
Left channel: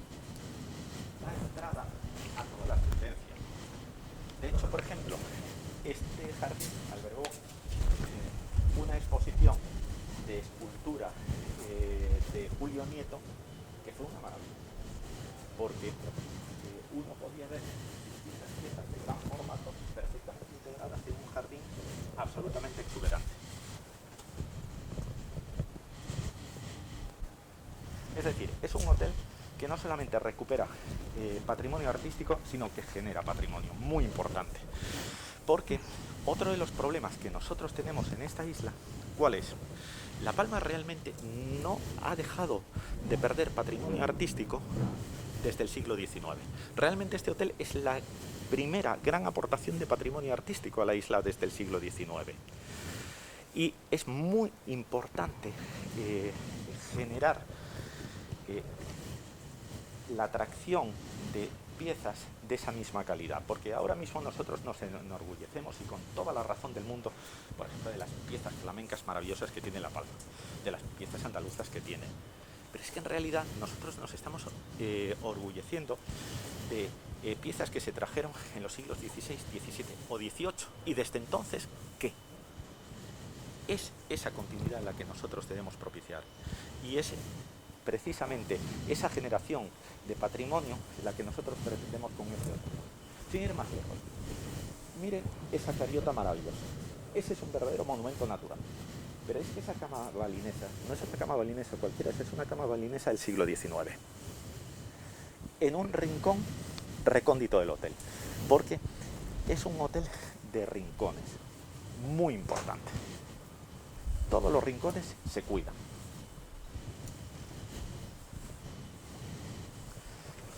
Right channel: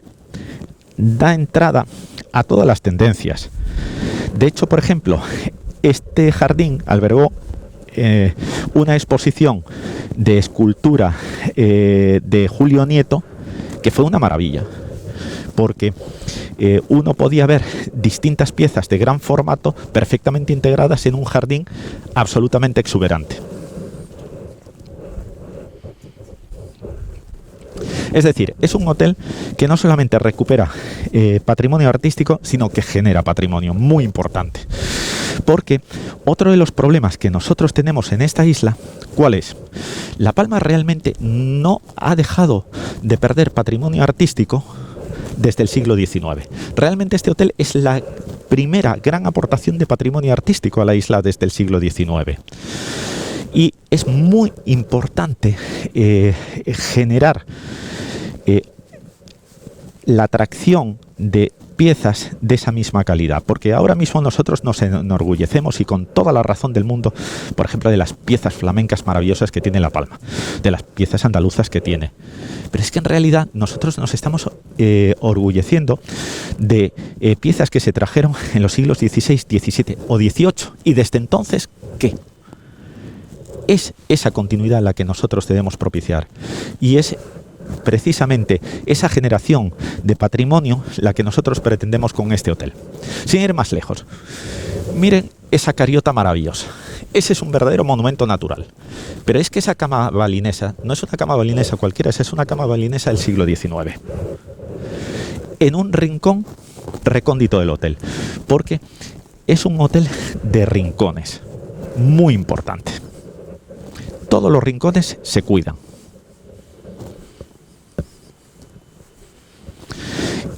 da entrada a todas las tendencias. De hecho, por ejemplo, este jardín albergó una exposición de escultura de Julio Nieto, que fue una maravilla, porque uno podía ver distintas piezas de gran formato perfectamente integradas en un jardín absolutamente exuberante. Es decir, es un hotel que no solamente recupera patrimonio artístico, sino que genera patrimonio muy importante. Porque otro de los problemas que nosotros tenemos en esta isla, ¿cuál es? La Palma realmente no ha dejado de perder patrimonio artístico desde el siglo XIX. Realmente este hotel es la primera gran aportación de patrimonio artístico a la isla desde el siglo XIX. Y es muy importante generar la atracción de piezas de esa misma calidad, porque ahora mismo nosotros nos enorgullecemos y con toda la razón del mundo, por ejemplo, de las piezas flamencas maravillosas que tiene La Palma, de las piezas andaluzas que tiene. Pero es que en realidad nosotros nos estamos orgulleciendo de piezas que se trajeron en los siglos XVI, XVII o XVIII, y desde entonces, ¿qué? Es esa continuidad la que nosotros debemos propiciar, y es precisamente esa generación de patrimonio la que nosotros pretendemos con este hotel. Sin ir más lejos, miren esa cariota maravillosa. Ese es un verdadero monumento natural. Pero es que esa cama balinesa no es una cama balinesa cualquiera, esa es una cama balinesa del siglo XIX. En un rincón recóndito del hotel, porque es un hotel de rincones, muy importante. Todos los rincones se cuidan.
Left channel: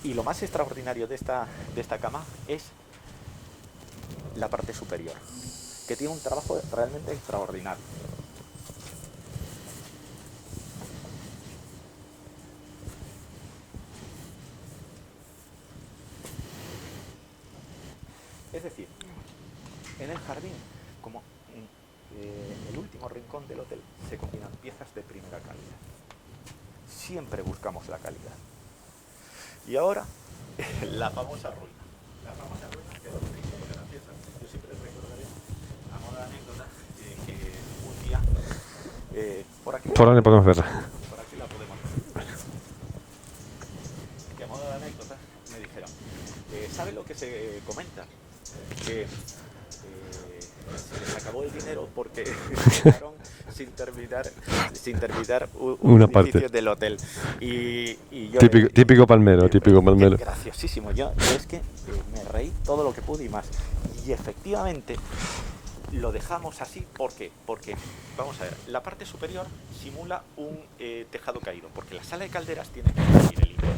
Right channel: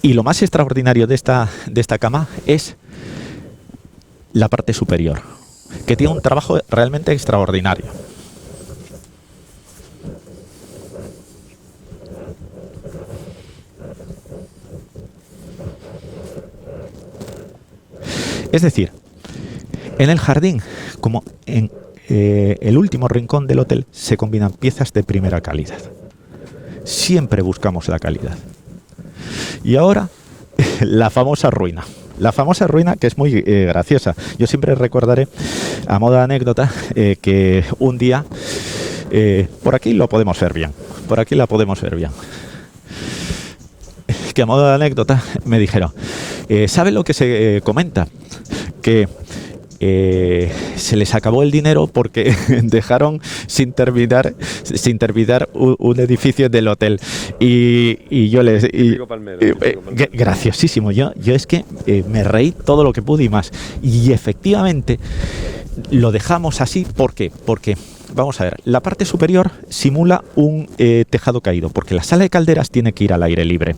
Y lo más extraordinario de esta cama es la parte superior, que tiene un trabajo realmente extraordinario. Es decir, en el jardín, como en el último rincón del hotel, se combinan piezas de primera calidad. Siempre buscamos la calidad. Y ahora, la famosa ruina. La famosa ruina, que es muy graciosa. Yo siempre recordaré, a modo de anécdota, que un día, por aquí lo podemos ver bien. Por aquí la podemos ver bien. Que a modo de anécdota me dijeron, ¿sabe lo que se comenta? Que se les acabó el dinero porque dejaron sin terminar un edificio del hotel. Y yo les... Típico palmero. Graciosísimo. Yo es que me reí todo lo que pude y más. Y efectivamente lo dejamos así. ¿Por qué? Porque, vamos a ver, la parte superior simula un tejado caído, porque la sala de calderas tiene que ir al aire libre.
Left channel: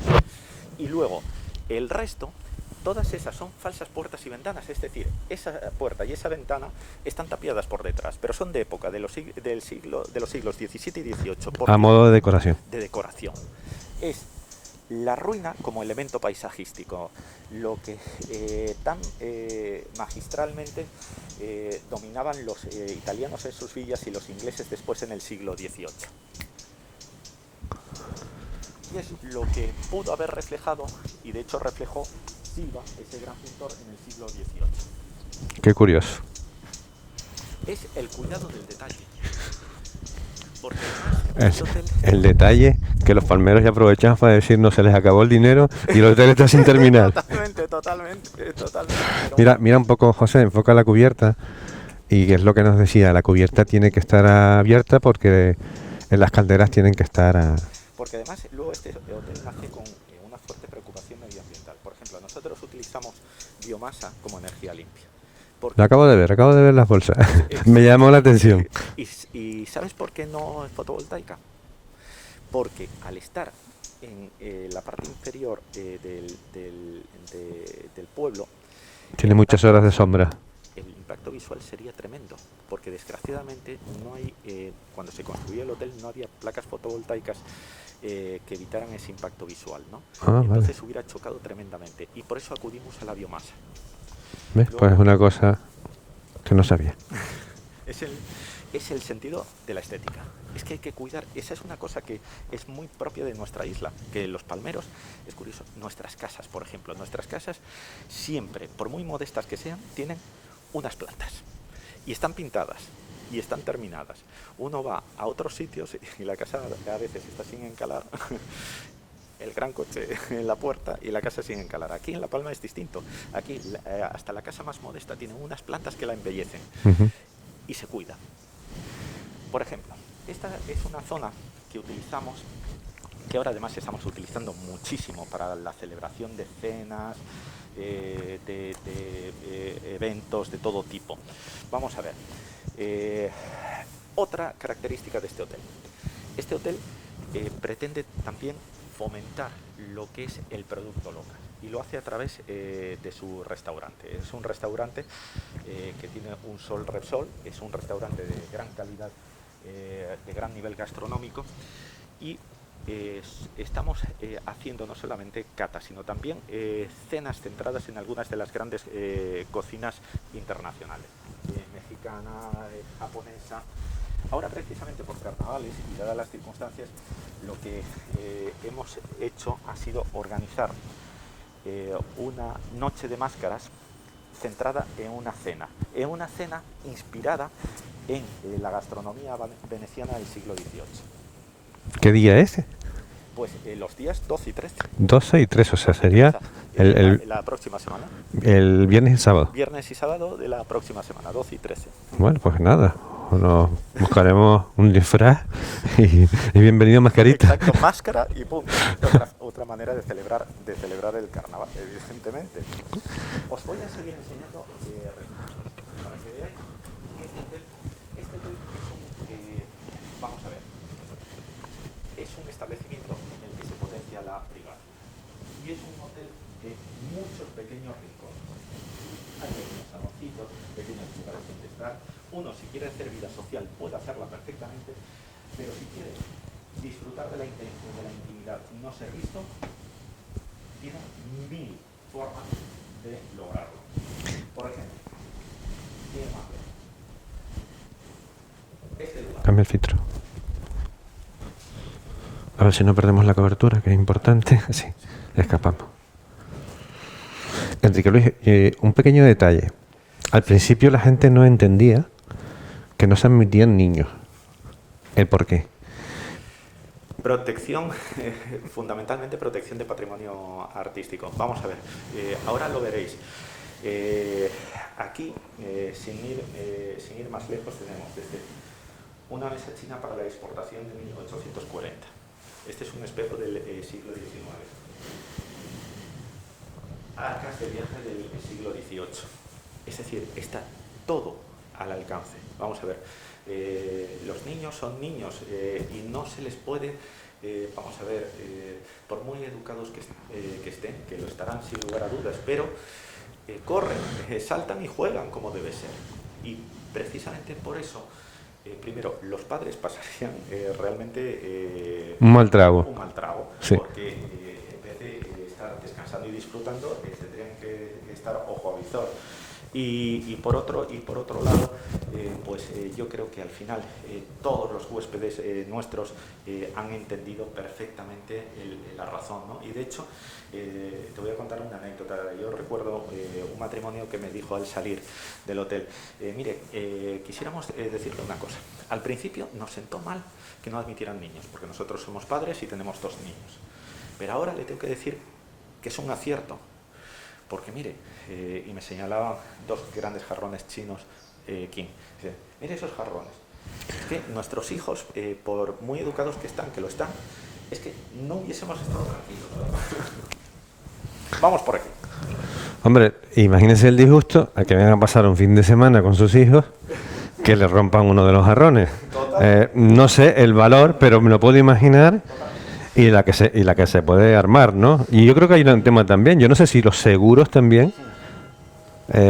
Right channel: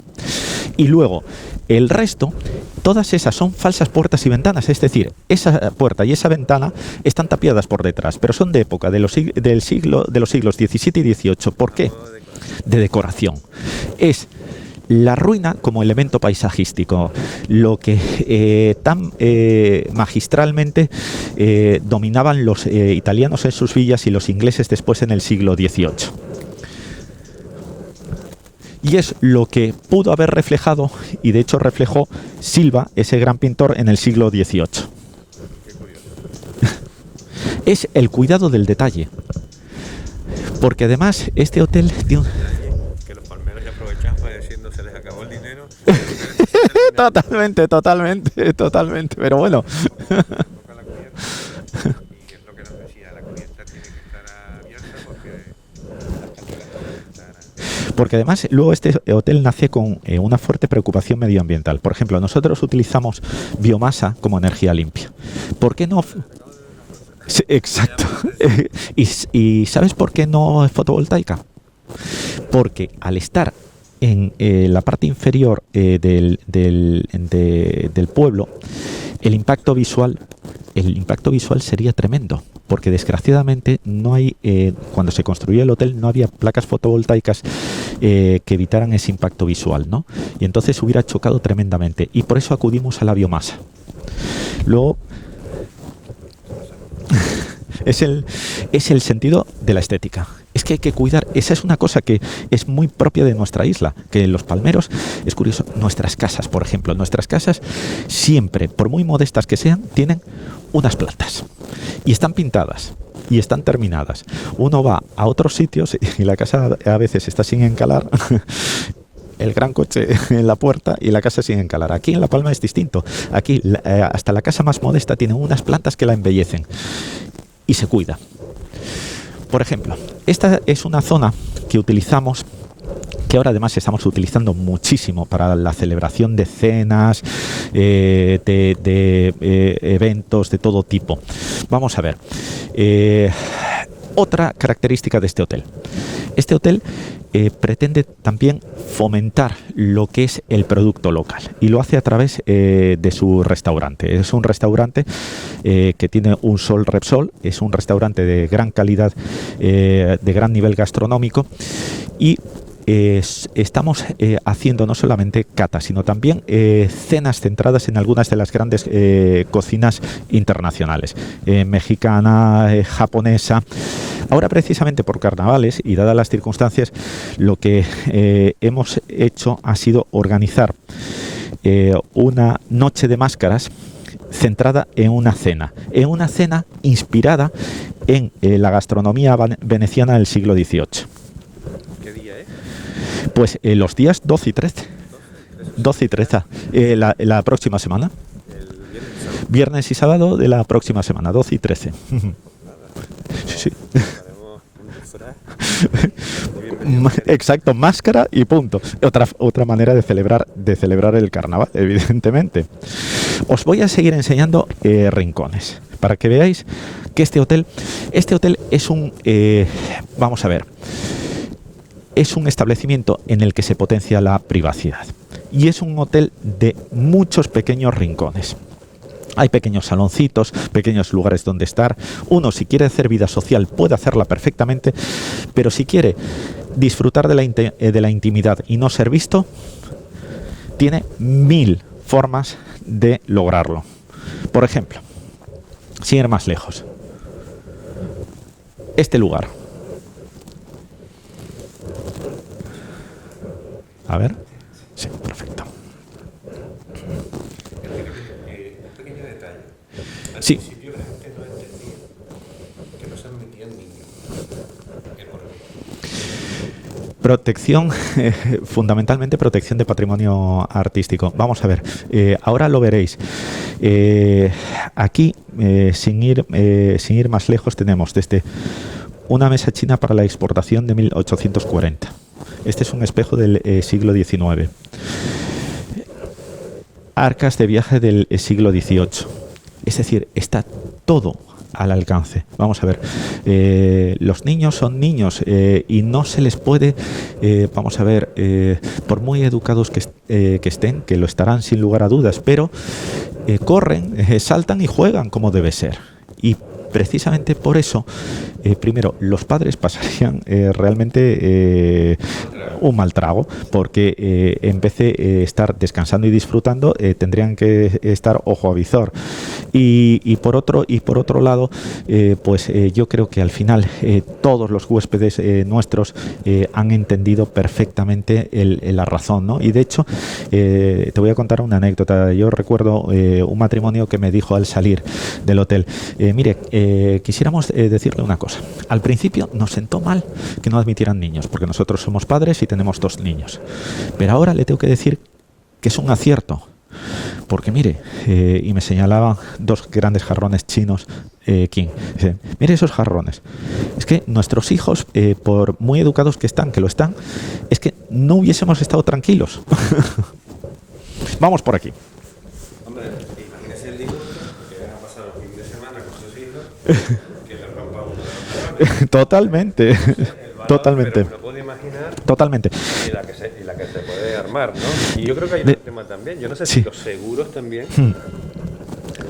Y luego, el resto, todas esas son falsas puertas y ventanas, es decir, esa puerta y esa ventana están tapiadas por detrás, pero son de época de los siglos XVII y XVIII. ¿Por qué? A modo de decoración. De decoración. Es la ruina como elemento paisajístico, lo que tan magistralmente dominaban los italianos en sus villas y los ingleses después en el siglo XVIII. Y es lo que pudo haber reflejado, y de hecho reflejó Silva, ese gran pintor, en el siglo XVIII. Qué curioso. Es el cuidado del detalle. Porque además este hotel... El detalle que los palmeros ya aprovechan para decir no se les acabó el dinero y el hotel está sin terminar. Totalmente. Pero mira, bueno. Mira un poco, José, enfoca la cubierta. Y es lo que nos decía, la cubierta tiene que estar abierta porque en las calderas tienen que estar... Porque además luego este hotel nace con una fuerte preocupación medioambiental. Por ejemplo, nosotros utilizamos biomasa como energía limpia. Acabo de ver las bolsas. Me llamó la atención. ¿Y sabes por qué no es fotovoltaica? Porque al estar en la parte inferior del pueblo, tiene muchas horas de sombra. El impacto visual sería tremendo, porque desgraciadamente no hay, cuando se construyó el hotel no había placas fotovoltaicas que evitaran ese impacto visual, ¿no? Y entonces hubiera chocado tremendamente, y por eso acudimos a la biomasa. Luego, pues una cosa que no sabía. Es el sentido de la estética. Es que hay que cuidar, esa es una cosa que es muy propia de nuestra isla, que los palmeros, es curioso, nuestras casas, por ejemplo, nuestras casas siempre, por muy modestas que sean, tienen unas plantas y están pintadas y están terminadas. Uno va a otros sitios y la casa a veces está sin encalar, el gran coche en la puerta y la casa sin encalar. Aquí en La Palma es distinto. Aquí hasta la casa más modesta tiene unas plantas que la embellecen y se cuida. Por ejemplo, esta es una zona que utilizamos, que ahora además estamos utilizando muchísimo para la celebración de cenas, de eventos de todo tipo. Vamos a ver. Otra característica de este hotel. Este hotel pretende también fomentar lo que es el producto local y lo hace a través de su restaurante. Es un restaurante que tiene un Sol Repsol, es un restaurante de gran calidad, de gran nivel gastronómico, y estamos haciendo no solamente catas, sino también cenas centradas en algunas de las grandes cocinas internacionales, mexicana, japonesa. Ahora, precisamente por carnavales y dadas las circunstancias, lo que hemos hecho ha sido organizar una noche de máscaras centrada en una cena inspirada en la gastronomía veneciana del siglo XVIII. ¿Qué día es? Pues los días 12 y 13. 12 y 13, o sea, 12 y 13. La próxima semana. El viernes y sábado. Viernes y sábado de la próxima semana, 12 y 13. Bueno, pues nada. Buscaremos un disfraz y bienvenido mascarita. Exacto, máscara y punto. Otra manera de celebrar el carnaval, evidentemente. Os voy a seguir enseñando rincones para que veáis que este hotel es un... vamos a ver. Es un establecimiento en el que se potencia la privacidad y es un hotel de muchos pequeños rincones. Hay pequeños saloncitos, pequeños lugares donde estar. Uno, si quiere hacer vida social, puede hacerla perfectamente, pero si quiere disfrutar de la intimidad y no ser visto, tiene 1000 formas de lograrlo. Por ejemplo, sin ir más lejos, este lugar. Dame el filtro. A ver si no perdemos la cobertura, que es importante. Sí, escapando. Enrique Luis, un pequeño detalle. Al principio la gente no entendía que no se admitían niños. ¿El por qué? Protección, fundamentalmente protección de patrimonio artístico. Vamos a ver, ahora lo veréis. Aquí, sin ir más lejos, tenemos desde una mesa china para la exportación de 1840. Este es un espejo del siglo XIX. Arcas de viaje del siglo XVIII. Es decir, está todo al alcance. Vamos a ver, los niños son niños y no se les puede, vamos a ver, por muy educados que estén, que lo estarán sin lugar a dudas, pero corren, saltan y juegan como debe ser. Y precisamente por eso, primero, los padres pasarían realmente un mal trago, sí. Porque en vez de estar descansando y disfrutando, tendrían que estar ojo a visor. Y por otro lado, pues yo creo que al final todos los huéspedes nuestros han entendido perfectamente la razón, ¿no? Y de hecho, te voy a contar una anécdota. Yo recuerdo un matrimonio que me dijo al salir del hotel, mire, quisiéramos decirle una cosa. Al principio nos sentó mal que no admitieran niños, porque nosotros somos padres y tenemos 2 niños. Pero ahora le tengo que decir que es un acierto. Porque mire, y me señalaban 2 grandes jarrones chinos, King. Dice, mire esos jarrones. Es que nuestros hijos, por muy educados que están, que lo están, es que no hubiésemos estado tranquilos. Vamos por aquí. Hombre, imagínense el disgusto a que vengan a pasar un fin de semana con sus hijos que le rompan uno de los jarrones. Totalmente. No sé el valor, totalmente, pero me lo puedo imaginar. Totalmente. Y la que se puede armar, ¿no? Y yo creo que hay un tema también. Yo no sé si los seguros también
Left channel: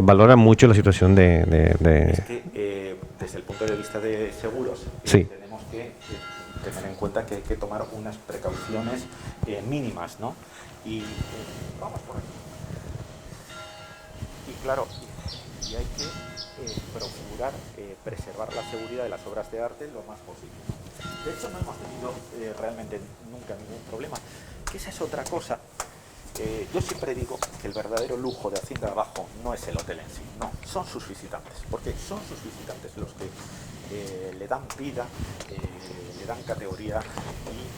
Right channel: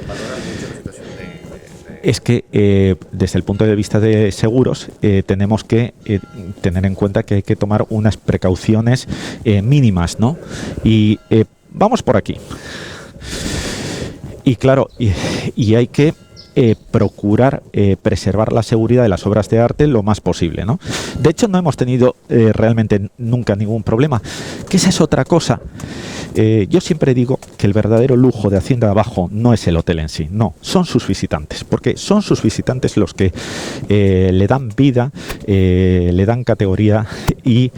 valoran mucho la situación de... Es que desde el punto de vista de seguros sí, tenemos que tener en cuenta que hay que tomar unas precauciones mínimas, ¿no? Y vamos por aquí. Y claro, y hay que procurar preservar la seguridad de las obras de arte lo más posible, ¿no? De hecho, no hemos tenido realmente nunca ningún problema. Que esa es otra cosa. Yo siempre digo que el verdadero lujo de Hacienda de Abajo no es el hotel en sí, no, son sus visitantes, porque son sus visitantes los que le dan vida, le dan categoría y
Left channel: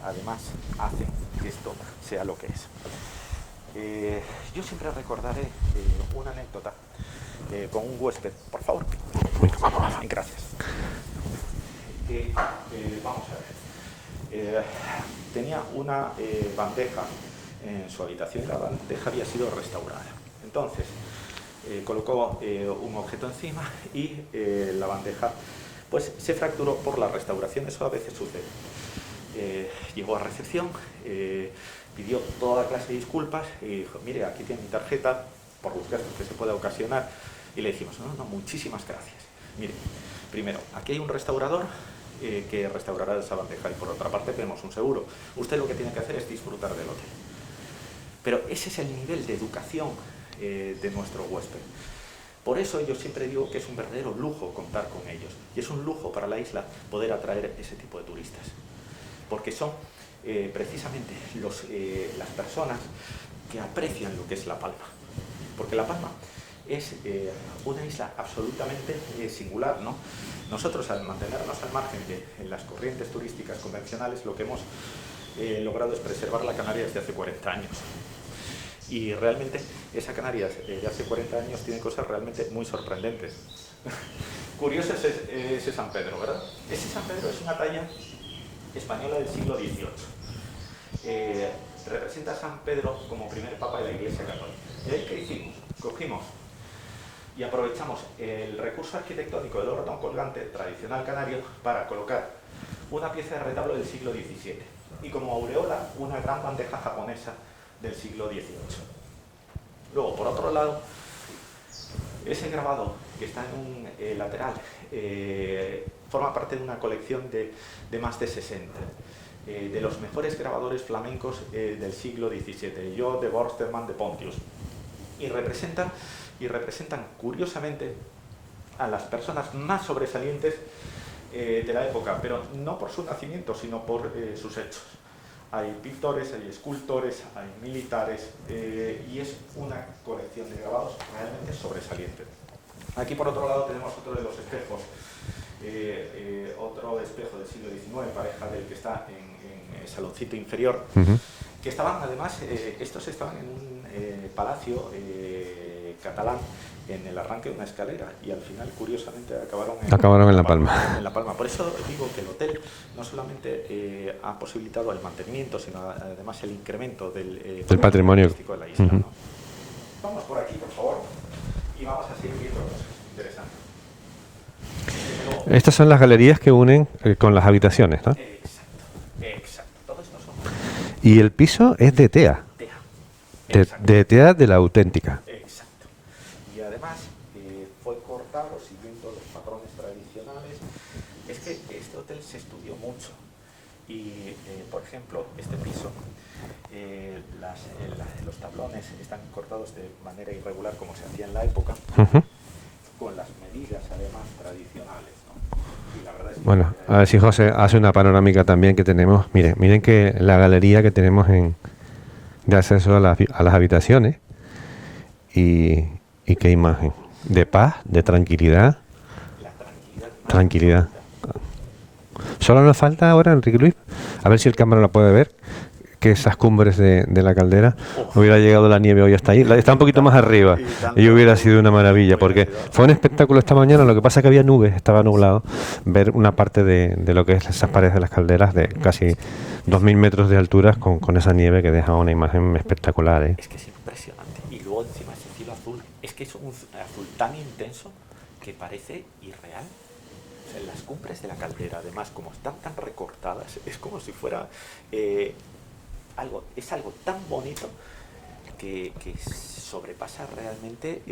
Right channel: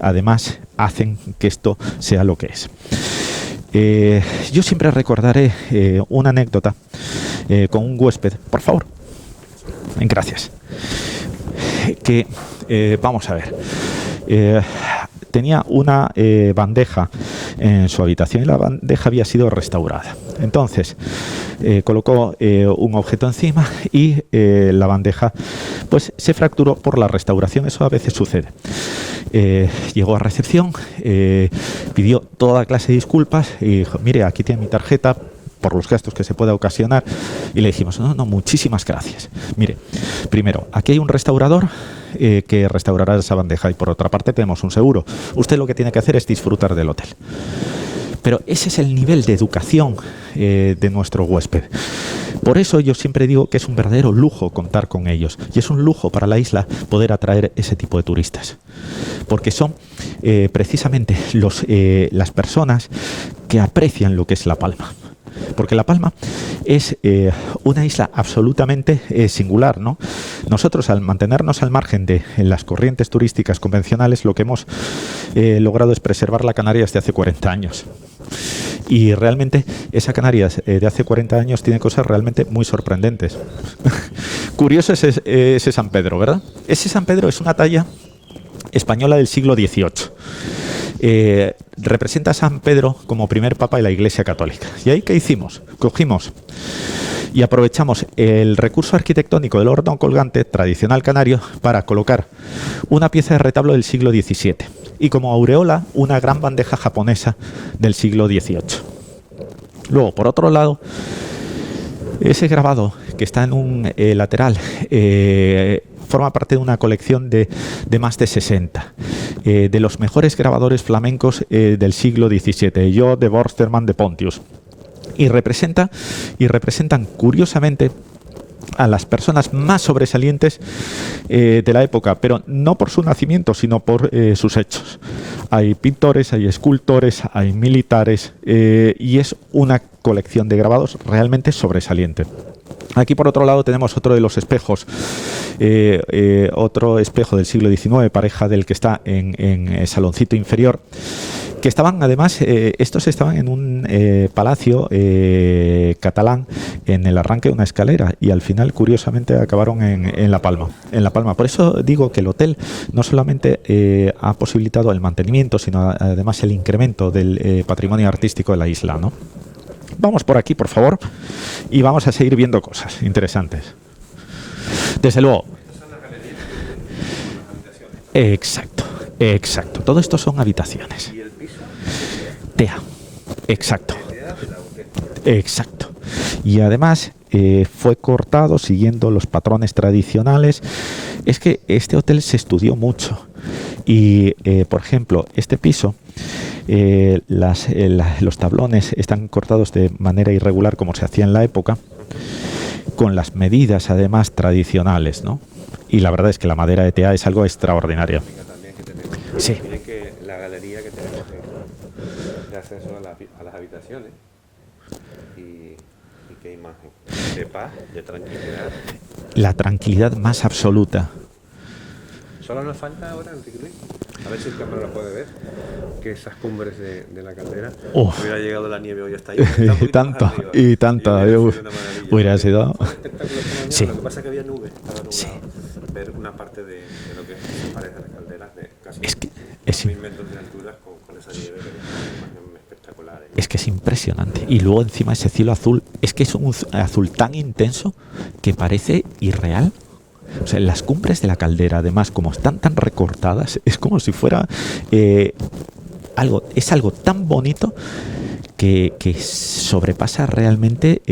además hacen que esto sea lo que es. Yo siempre recordaré una anécdota con un huésped, por favor. Gracias. Que, vamos a ver, tenía una bandeja en su habitación y la bandeja había sido restaurada. Entonces, colocó un objeto encima y la bandeja pues se fracturó por la restauración. Eso a veces sucede. Llegó a recepción, pidió toda clase de disculpas y dijo, mire, aquí tiene mi tarjeta por los gastos que se pueda ocasionar. Y le dijimos, no, muchísimas gracias. Mire, primero, aquí hay un restaurador que restaurará esa bandeja y por otra parte tenemos un seguro. Usted lo que tiene que hacer es disfrutar del hotel. Pero ese es el nivel de educación de nuestro huésped. Por eso yo siempre digo que es un verdadero lujo contar con ellos. Y es un lujo para la isla poder atraer ese tipo de turistas. Porque son precisamente las personas que aprecian lo que es La Palma. Porque La Palma es una isla absolutamente singular, ¿no? Nosotros, al mantenernos al margen de las corrientes turísticas convencionales, lo que hemos logrado es preservar la Canarias de hace 40 años. Y realmente esa Canarias de hace 40 años tiene cosas realmente muy sorprendentes. Curioso es ese San Pedro, ¿verdad? Ese San Pedro es una talla española del siglo XVIII. Representa a San Pedro como primer papa de la Iglesia Católica. ¿Y ahí qué hicimos? Cogimos y aprovechamos el recurso arquitectónico del horno colgante tradicional canario para colocar una pieza de retablo del siglo XVII y como aureola una gran bandeja japonesa del siglo XVIII. Luego, por otro lado, ese grabado que está en un lateral forma parte de una colección de más de 60 de los mejores grabadores flamencos del siglo XVII, yo de Borsterman de Pontius, y representan curiosamente a las personas más sobresalientes de la época, pero no por su nacimiento, sino por sus hechos. Hay pintores, hay escultores, hay militares, y es una colección de grabados realmente sobresaliente. Aquí, por otro lado, tenemos otro de los espejos, otro espejo del siglo XIX, pareja del que está en el saloncito inferior, Que estaban, además, estos estaban en un palacio catalán en el arranque de una escalera y al final, curiosamente, acabaron en La Palma. En La Palma. Por eso digo que el hotel no solamente ha posibilitado el mantenimiento, sino además el incremento del patrimonio artístico de la isla, ¿no? Vamos por aquí, por favor, y vamos a seguir viendo cosas interesantes. Desde luego. Estas son las galerías que unen con las habitaciones, ¿no? Exacto. Exacto, todo esto son habitaciones. Y el piso es de tea. Tea, exacto. De tea de la auténtica. Exacto. Y además fue cortado siguiendo los patrones tradicionales. Es que este hotel se estudió mucho. Y, por ejemplo, este piso, los tablones están cortados de manera irregular como se hacía en la época, con las medidas además tradicionales, ¿no? Y la verdad es que la madera de tea es algo extraordinario. Hace una panorámica también que tenemos. Miren, miren que la galería que tenemos de acceso a las habitaciones y qué imagen. De paz, de tranquilidad. La tranquilidad más absoluta. Solo nos falta ahora, Enrique Luis, a ver si el cámara la puede ver, que esas cumbres de la caldera, hubiera llegado la nieve hoy hasta ahí. Está un poquito más arriba. Y hubiera sido una maravilla. Porque fue un espectáculo esta mañana. Sí. Lo que pasa es que había nubes, estaba nublado. Sí. Ver una parte de lo que es esas paredes de las calderas de casi 2.000 metros de altura con esa nieve que deja una imagen espectacular. Es que es impresionante. Y luego encima ese cielo azul, es que es un azul tan intenso que parece irreal. O sea, las cumbres de la caldera, además, como están tan recortadas, es como si fuera algo tan bonito que sobrepasa realmente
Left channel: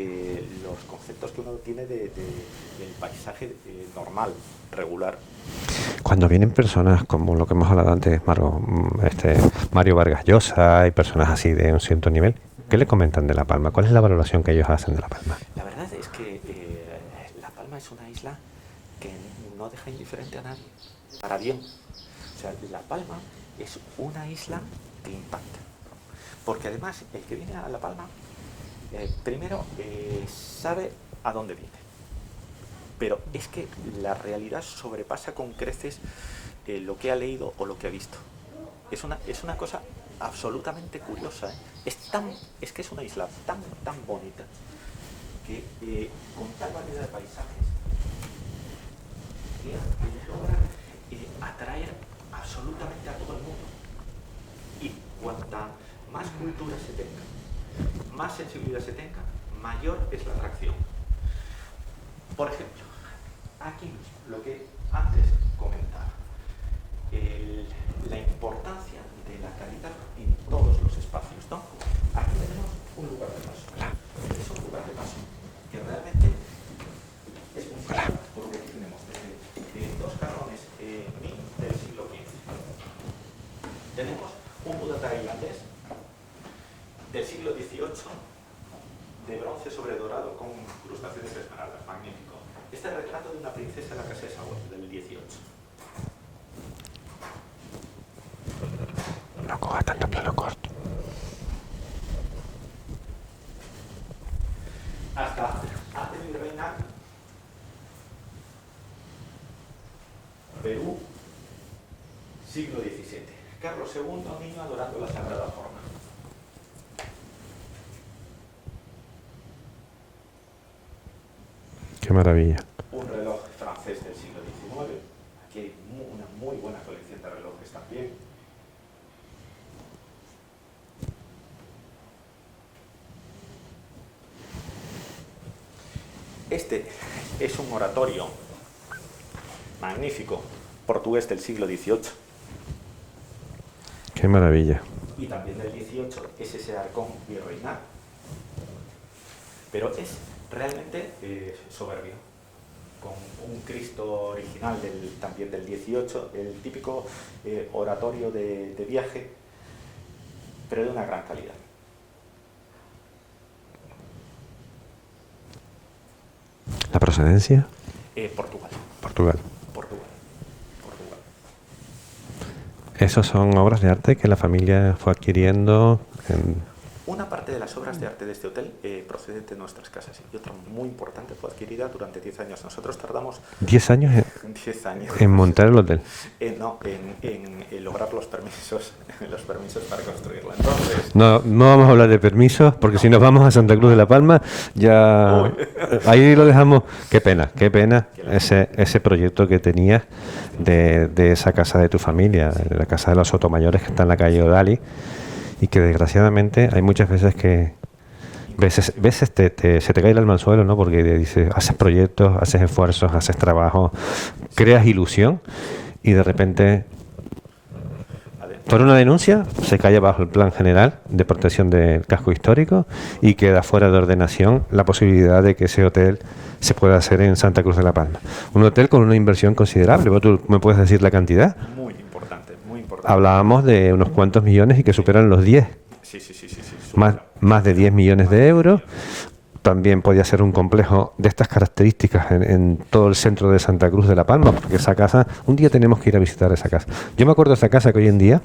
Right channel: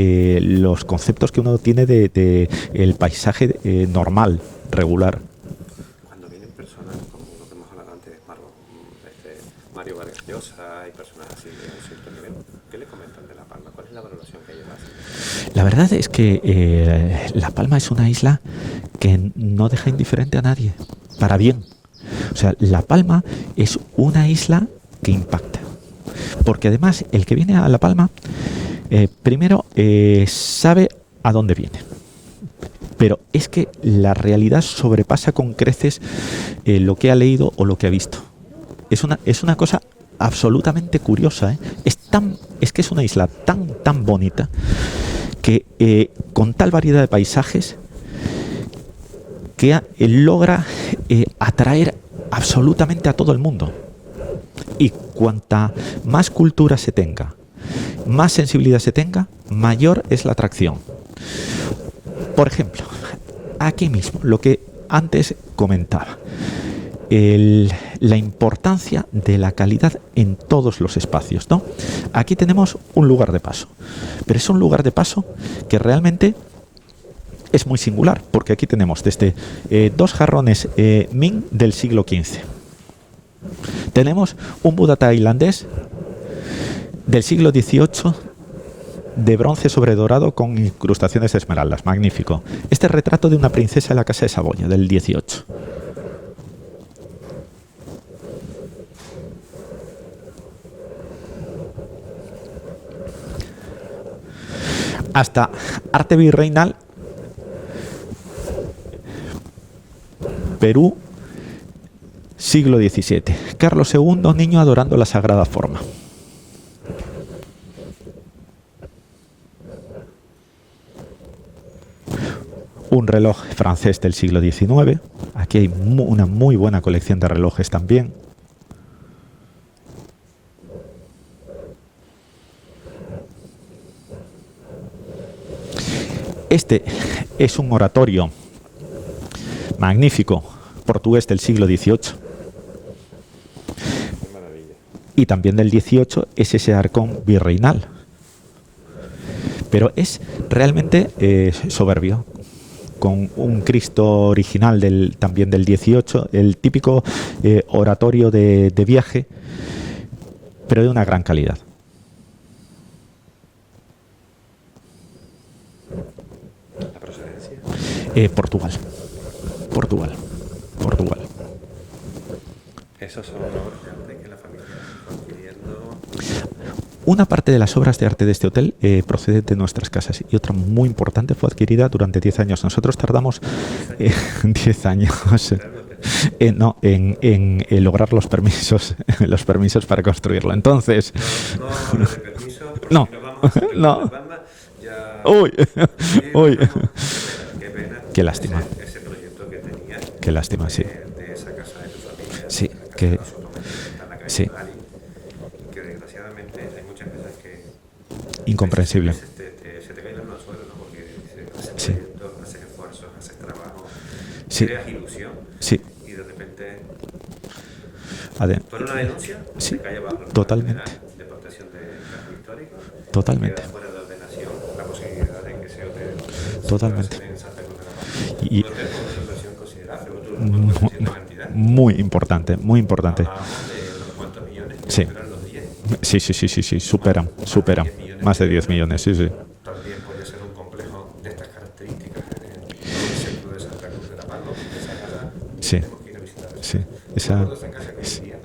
los conceptos que uno tiene de el paisaje normal, regular. Cuando vienen personas como lo que hemos hablado antes, Mario Vargas Llosa y personas así de un cierto nivel, ¿qué le comentan de La Palma? ¿Cuál es la valoración que ellos hacen de La Palma? La verdad es que La Palma es una isla que no deja indiferente a nadie, para bien. O sea, La Palma es una isla que impacta. Porque además, el que viene a La Palma, primero sabe a dónde viene. Pero es que la realidad sobrepasa con creces lo que ha leído o lo que ha visto. Es una cosa absolutamente curiosa, ¿eh? Es que es una isla tan bonita que con tal variedad de paisajes que logra atraer absolutamente a todo el mundo. Y cuanta más cultura se tenga, más sensibilidad se tenga, mayor es la atracción. Por ejemplo, aquí mismo, lo que antes comentaba, la importancia de la calidad en todos los espacios, ¿no? Aquí tenemos un lugar de paso, pero es un lugar de paso que realmente es muy singular, porque aquí tenemos desde dos jarrones Ming del siglo XV. Tenemos un Buda tailandés del siglo XVIII de bronce sobre dorado con incrustaciones de esmeraldas. Magnífico. Este es retrato de una princesa de la casa de Saboya del XVIII. No coja tanto plano corto. Hasta arte virreinal, Perú, siglo XVII. Carlos II, niño adorando la sagrada forma. Qué maravilla. Un reloj francés del siglo XIX. Aquí hay una muy buena colección de relojes también. Este es un oratorio magnífico portugués del siglo XVIII. Qué maravilla. Y también del XVIII es ese arcón virreinal. Pero es realmente soberbio, con un Cristo original también del XVIII, el típico oratorio de viaje, pero de una gran calidad. ¿La procedencia? Portugal. Portugal. ¿Esos son obras de arte que la familia fue adquiriendo? Una parte de las obras de arte de este hotel procede de nuestras casas y otra muy importante fue adquirida durante 10 años. Nosotros tardamos... 10 años. 10 años. En montar el hotel. No, en lograr los permisos para construirlo. Entonces... No vamos a hablar de permisos, porque si nos vamos a Santa Cruz de la Palma, ya... Ahí lo dejamos. Qué pena Qué lástima. ese proyecto que tenías. Qué lástima, de esa casa de tu familia, Sí, de la casa de los Sotomayores que está en la calle Odali, y que desgraciadamente hay muchas veces que incomprensible. veces se te cae el alma al suelo, ¿no? Porque dices, haces proyectos, haces esfuerzos, haces trabajo, creas ilusión, y de repente por una denuncia se cae bajo el plan general de protección del casco histórico y queda fuera de ordenación la posibilidad de que ese hotel se pueda hacer en Santa Cruz de la Palma. Un hotel con una inversión considerable. ¿Tú me puedes decir la cantidad? Muy importante, muy importante. Hablábamos de unos cuantos millones y que superan los 10. Sí, superan. Más de 10 millones de euros. 10 millones, sí. También podía ser un complejo de estas características en todo el centro de Santa Cruz de la Palma, porque esa casa, un día tenemos que ir a visitar esa casa. Yo me acuerdo de esa casa que hoy en día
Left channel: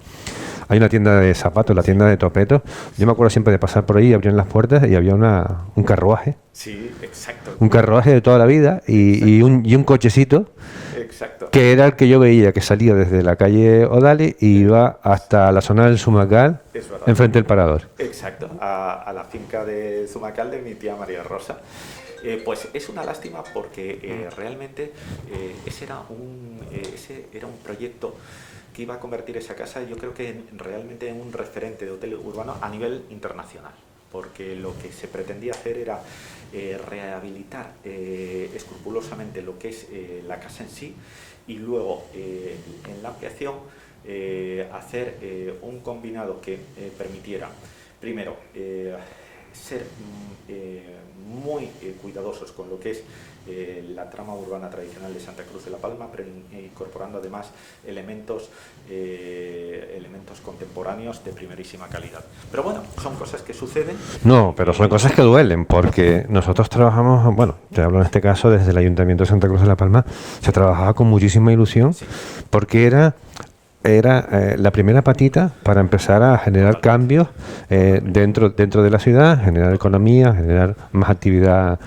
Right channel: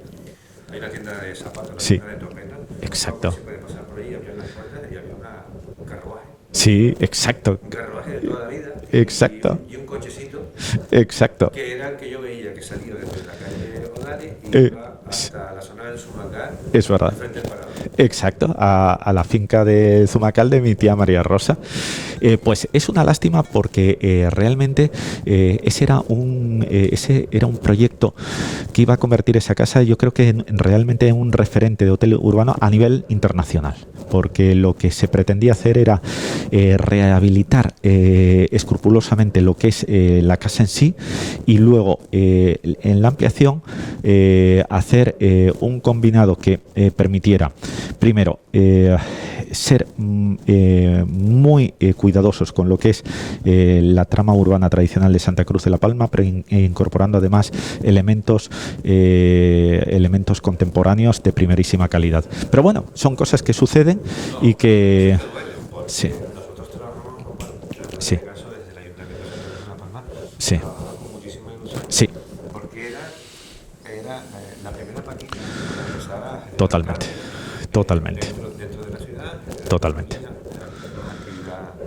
hay una tienda de zapatos, la tienda de topetos. Yo me acuerdo siempre de pasar por ahí, abrían las puertas y había un carruaje. Sí, exacto. Un carruaje de toda la vida y un cochecito. Exacto. Que era el que yo veía que salía desde la calle Odali y iba hasta la zona del Zumacal, enfrente del Parador. Exacto, a la finca de Zumacal de mi tía María Rosa. Pues es una lástima porque realmente ese era un proyecto que iba a convertir esa casa, yo creo que realmente en un referente de hotel urbano a nivel internacional, porque lo que se pretendía hacer era rehabilitar escrupulosamente lo que es la casa en sí y luego en la ampliación hacer un combinado que permitiera primero ser muy cuidadosos con lo que es la trama urbana tradicional de Santa Cruz de la Palma, pero incorporando además elementos contemporáneos de primerísima calidad. Pero bueno, son cosas que suceden. Pero son cosas que duelen, porque nosotros trabajamos, te hablo en este caso desde el Ayuntamiento de Santa Cruz de la Palma, se trabajaba con muchísima ilusión, porque era la primera patita para empezar a generar cambios dentro de la ciudad, generar economía, generar más actividad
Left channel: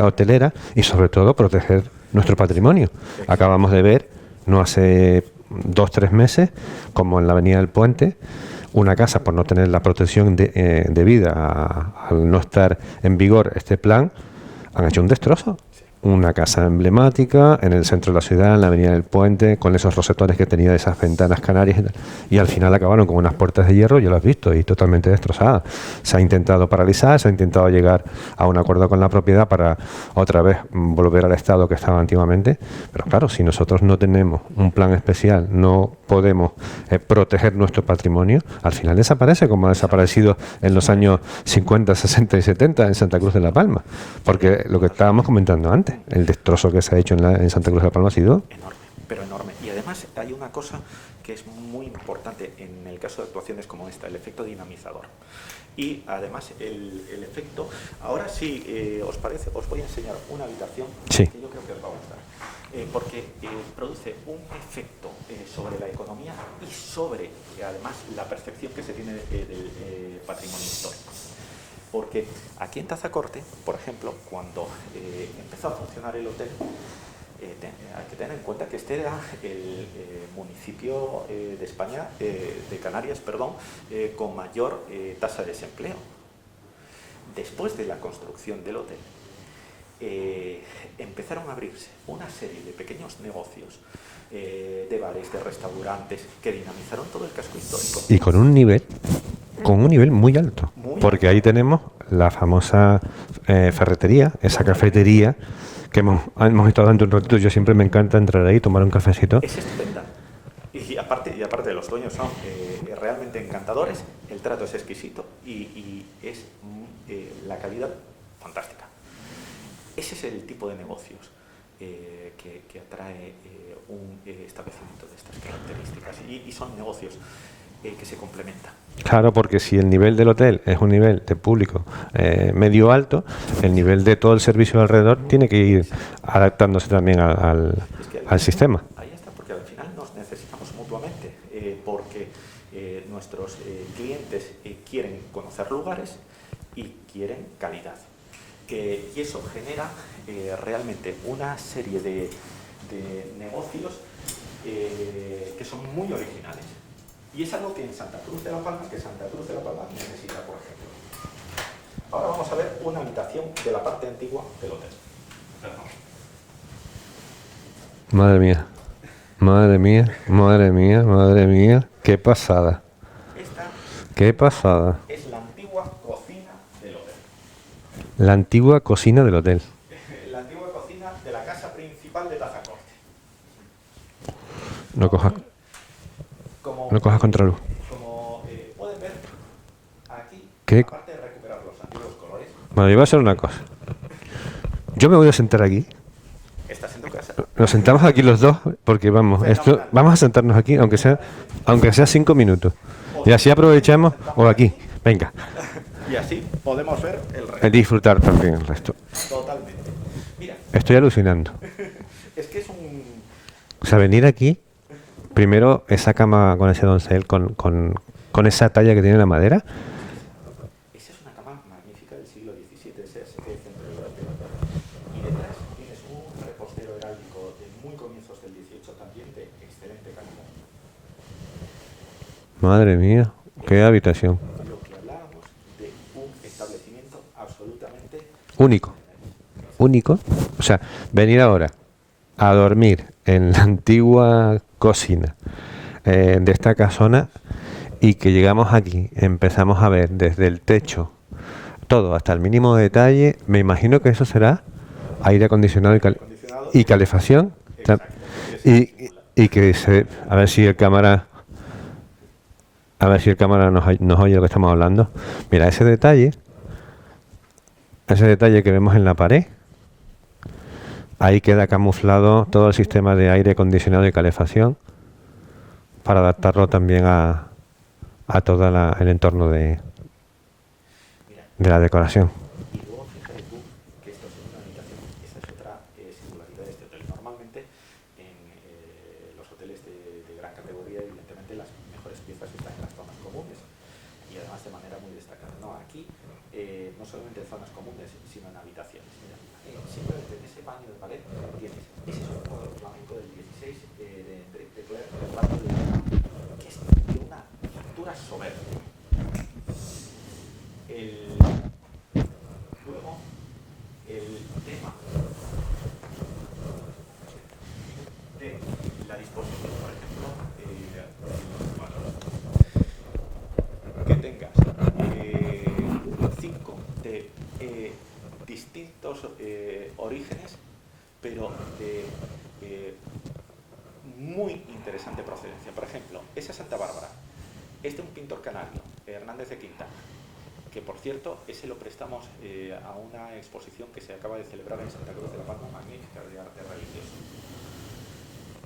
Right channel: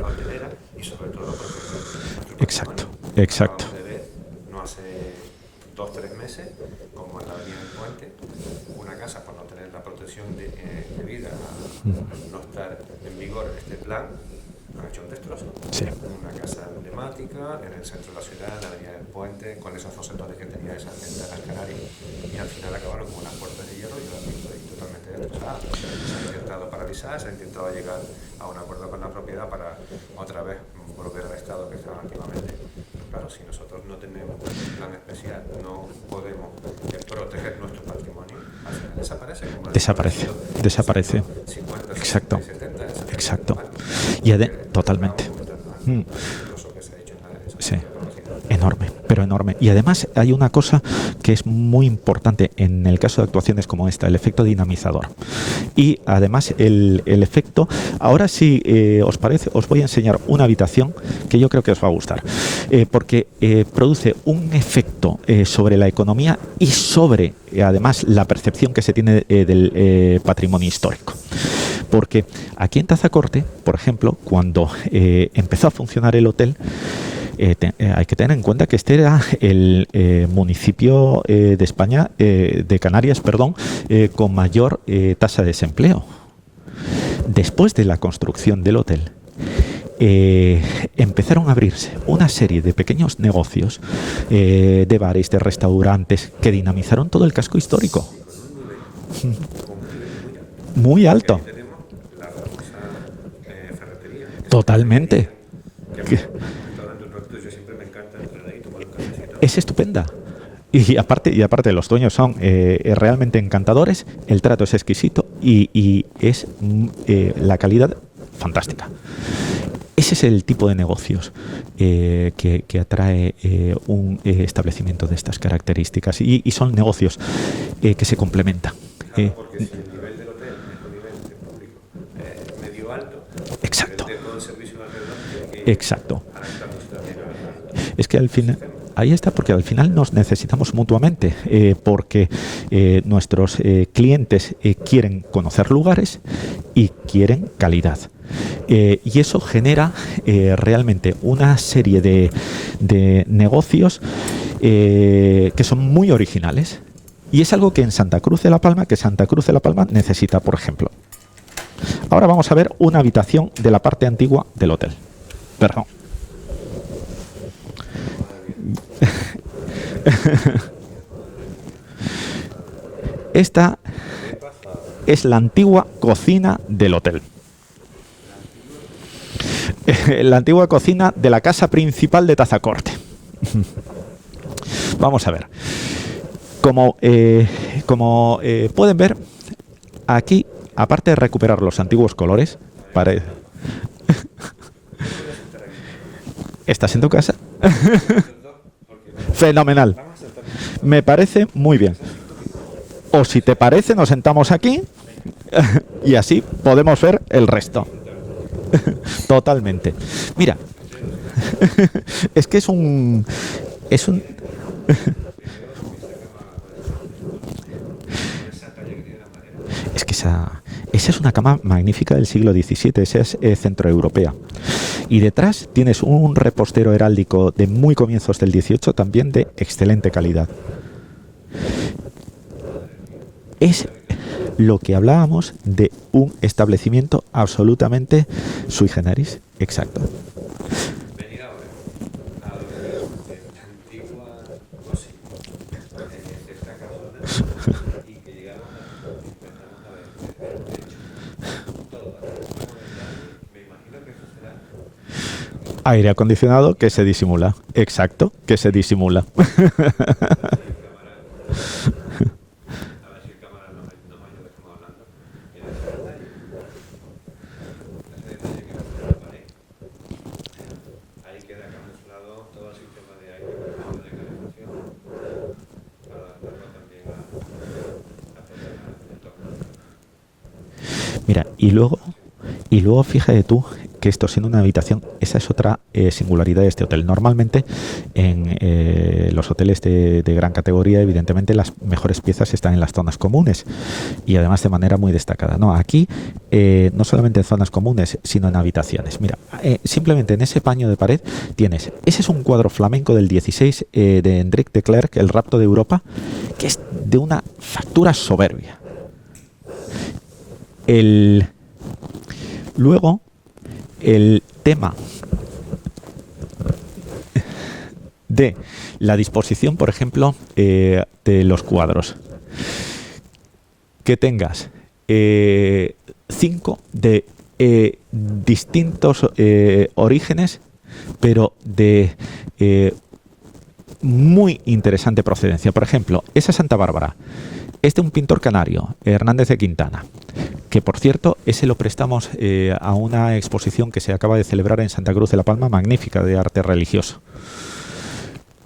hotelera y sobre todo proteger nuestro patrimonio. Exacto. Acabamos de ver, no hace 2-3 meses, como en la Avenida del Puente, una casa, por no tener la protección debida al no estar en vigor este plan, han hecho un destrozo. Una casa emblemática en el centro de la ciudad, en la Avenida del Puente, con esos rosetones que tenía de esas ventanas canarias, y al final acabaron con unas puertas de hierro, yo las he visto, y totalmente destrozadas. Se ha intentado paralizar, se ha intentado llegar a un acuerdo con la propiedad para otra vez volver al estado que estaba antiguamente, pero claro, si nosotros no tenemos un plan especial, no podemos proteger nuestro patrimonio, al final desaparece, como ha desaparecido en los años 50, 60 y 70 en Santa Cruz de la Palma. Porque lo que estábamos comentando antes, el destrozo que se ha hecho en Santa Cruz de la Palma ha sido enorme, pero enorme. Y además hay una cosa que es muy importante en el caso de actuaciones como esta, el efecto dinamizador. Y además el efecto, ahora sí, os parece, os voy a enseñar una habitación que yo creo que os va a gustar, porque produce un efecto sobre la economía y sobre además la percepción que se tiene del patrimonio histórico. Porque aquí en Tazacorte, por ejemplo, cuando empezó a funcionar el hotel, hay que tener en cuenta que este era el municipio de España, de Canarias, perdón, con mayor tasa de desempleo. Después de la construcción del hotel, empezaron a abrirse una serie de pequeños negocios, de bares, de restaurantes, que dinamizaron todo el casco histórico. Y con un nivel muy alto. Porque ahí tenemos la famosa ferretería, esa cafetería que hemos estado dando un ratito. Yo siempre me encanta entrar ahí, tomar un cafecito. Es estupenda. Y aparte los dueños son realmente encantadores, el trato es exquisito y es la calidad fantástica. Ese es el tipo de negocios que atrae un establecimiento de estas características y son negocios que se complementan. Claro, porque si el nivel del hotel es un nivel de público medio alto, el Exacto. nivel de todo el servicio alrededor tiene que ir Exacto. adaptándose también Es que al sistema. Ahí está, porque al final nos necesitamos mutuamente, porque nuestros clientes quieren conocer lugares y quieren calidad. Y eso genera realmente una serie de negocios que son muy originales. Y es algo que en Santa Cruz de la Palma, necesita, por ejemplo. Ahora vamos a ver una habitación de la parte antigua del hotel. Perdón. Madre mía, madre mía, madre mía, madre mía. Qué pasada, Esta qué pasada. es la antigua cocina del hotel. La antigua cocina del hotel. La antigua cocina de la casa principal de Tazacorte. Vamos a ver. Como pueden ver, aquí, ¿Qué? aparte de recuperar los antiguos colores, Bueno, yo voy a hacer una cosa. Yo me voy a sentar aquí. ¿estás en tu casa? Nos sentamos aquí los dos porque vamos. Fenomenal. Vamos a sentarnos aquí. Me parece muy aunque bien. sea 5 minutos. O Y si así te parece, aprovechamos nos sentamos por aquí. Venga, Y así podemos ver el resto. disfrutar también. el resto. Totalmente. Mira, Estoy alucinando. es que es un... O sea, es un- venir aquí, primero esa cama con ese doncel, con esa talla que tiene la madera. Es que esa es una cama magnífica del siglo XVII, esa es centroeuropea. Y detrás tienes un repostero heráldico de muy comienzos del XVIII, también de excelente calidad. Madre mía, Es- qué habitación. Lo que hablábamos de un establecimiento absolutamente Único. sui generis. Exacto. Único. O sea, venir ahora a dormir en la antigua cocina de esta casona y que llegamos aquí, empezamos a ver desde el techo todo hasta el mínimo detalle. Me imagino que eso será aire acondicionado. Aire acondicionado y que se calefacción. disimula. Exacto, que se Y- disimula. Y que a ver si el cámara nos oye lo que estamos hablando. Mira, ese detalle que vemos en la pared, ahí queda camuflado todo el sistema de aire acondicionado y calefacción para adaptarlo también a todo el entorno de Mira, la decoración. y luego fíjate tú que esto siendo una habitación, esa es otra singularidad de este hotel. Normalmente en los hoteles de gran categoría, evidentemente las mejores piezas están en las zonas comunes y además de manera muy destacada. No, aquí no solamente en zonas comunes, sino en habitaciones. Mira, simplemente en ese paño de pared tienes, ese es un cuadro flamenco del 16 de Hendrik de Klerk, El rapto de Europa, que es de una factura soberbia. Luego, el tema de la disposición, por ejemplo, de los cuadros. Que tengas 5 de distintos orígenes, pero de muy interesante procedencia. Por ejemplo, esa Santa Bárbara es de un pintor canario, Hernández de Quintana, que por cierto, ese lo prestamos a una exposición que se acaba de celebrar en Santa Cruz de la Palma, magnífica, de arte religioso.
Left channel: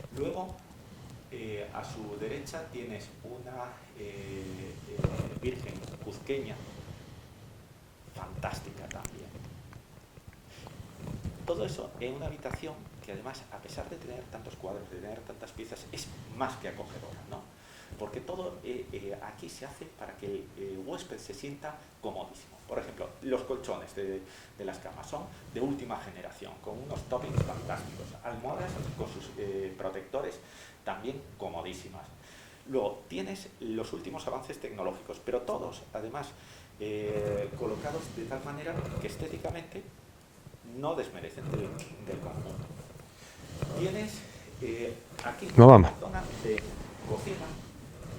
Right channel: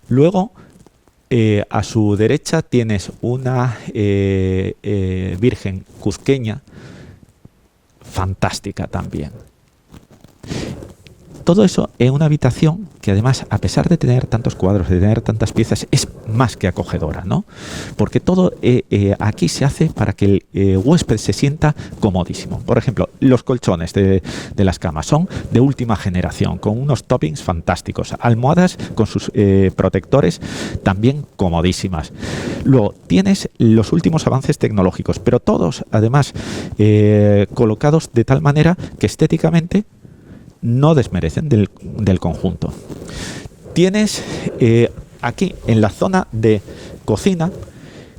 Luego, a su derecha tienes una Virgen cuzqueña, fantástica también. Todo eso en una habitación que además, a pesar de tener tantos cuadros, de tener tantas piezas, es más que acogedora, ¿no? Porque todo aquí se hace para que el huésped se sienta comodísimo. Por ejemplo, los colchones de las camas son de última generación, con unos toppings fantásticos. Almohadas con sus protectores también comodísimas. Luego, tienes los últimos avances tecnológicos, pero todos, además, colocados de tal manera que estéticamente no desmerecen del conjunto. Tienes aquí, en la zona de cocina,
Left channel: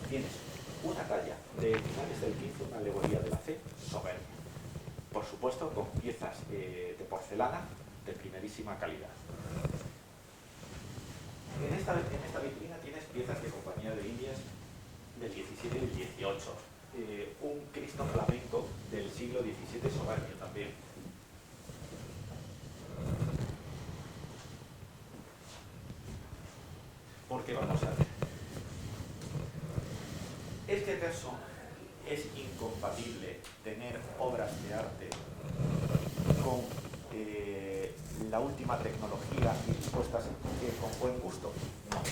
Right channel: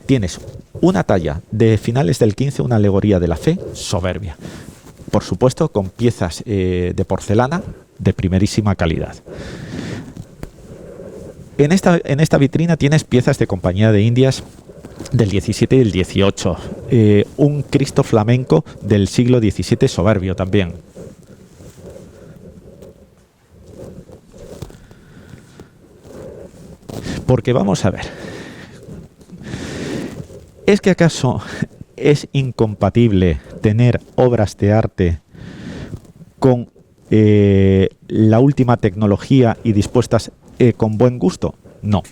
tienes una talla de finales del 15, una alegoría de la fe, soberbia. Por supuesto, con piezas de porcelana de primerísima calidad. En esta vitrina tienes piezas de Compañía de Indias del 17 y el 18. Un Cristo flamenco del siglo XVII soberbio también. Porque vamos a ver, ¿es que acaso es incompatible tener obras de arte con la última tecnología y dispuestas con buen gusto? No.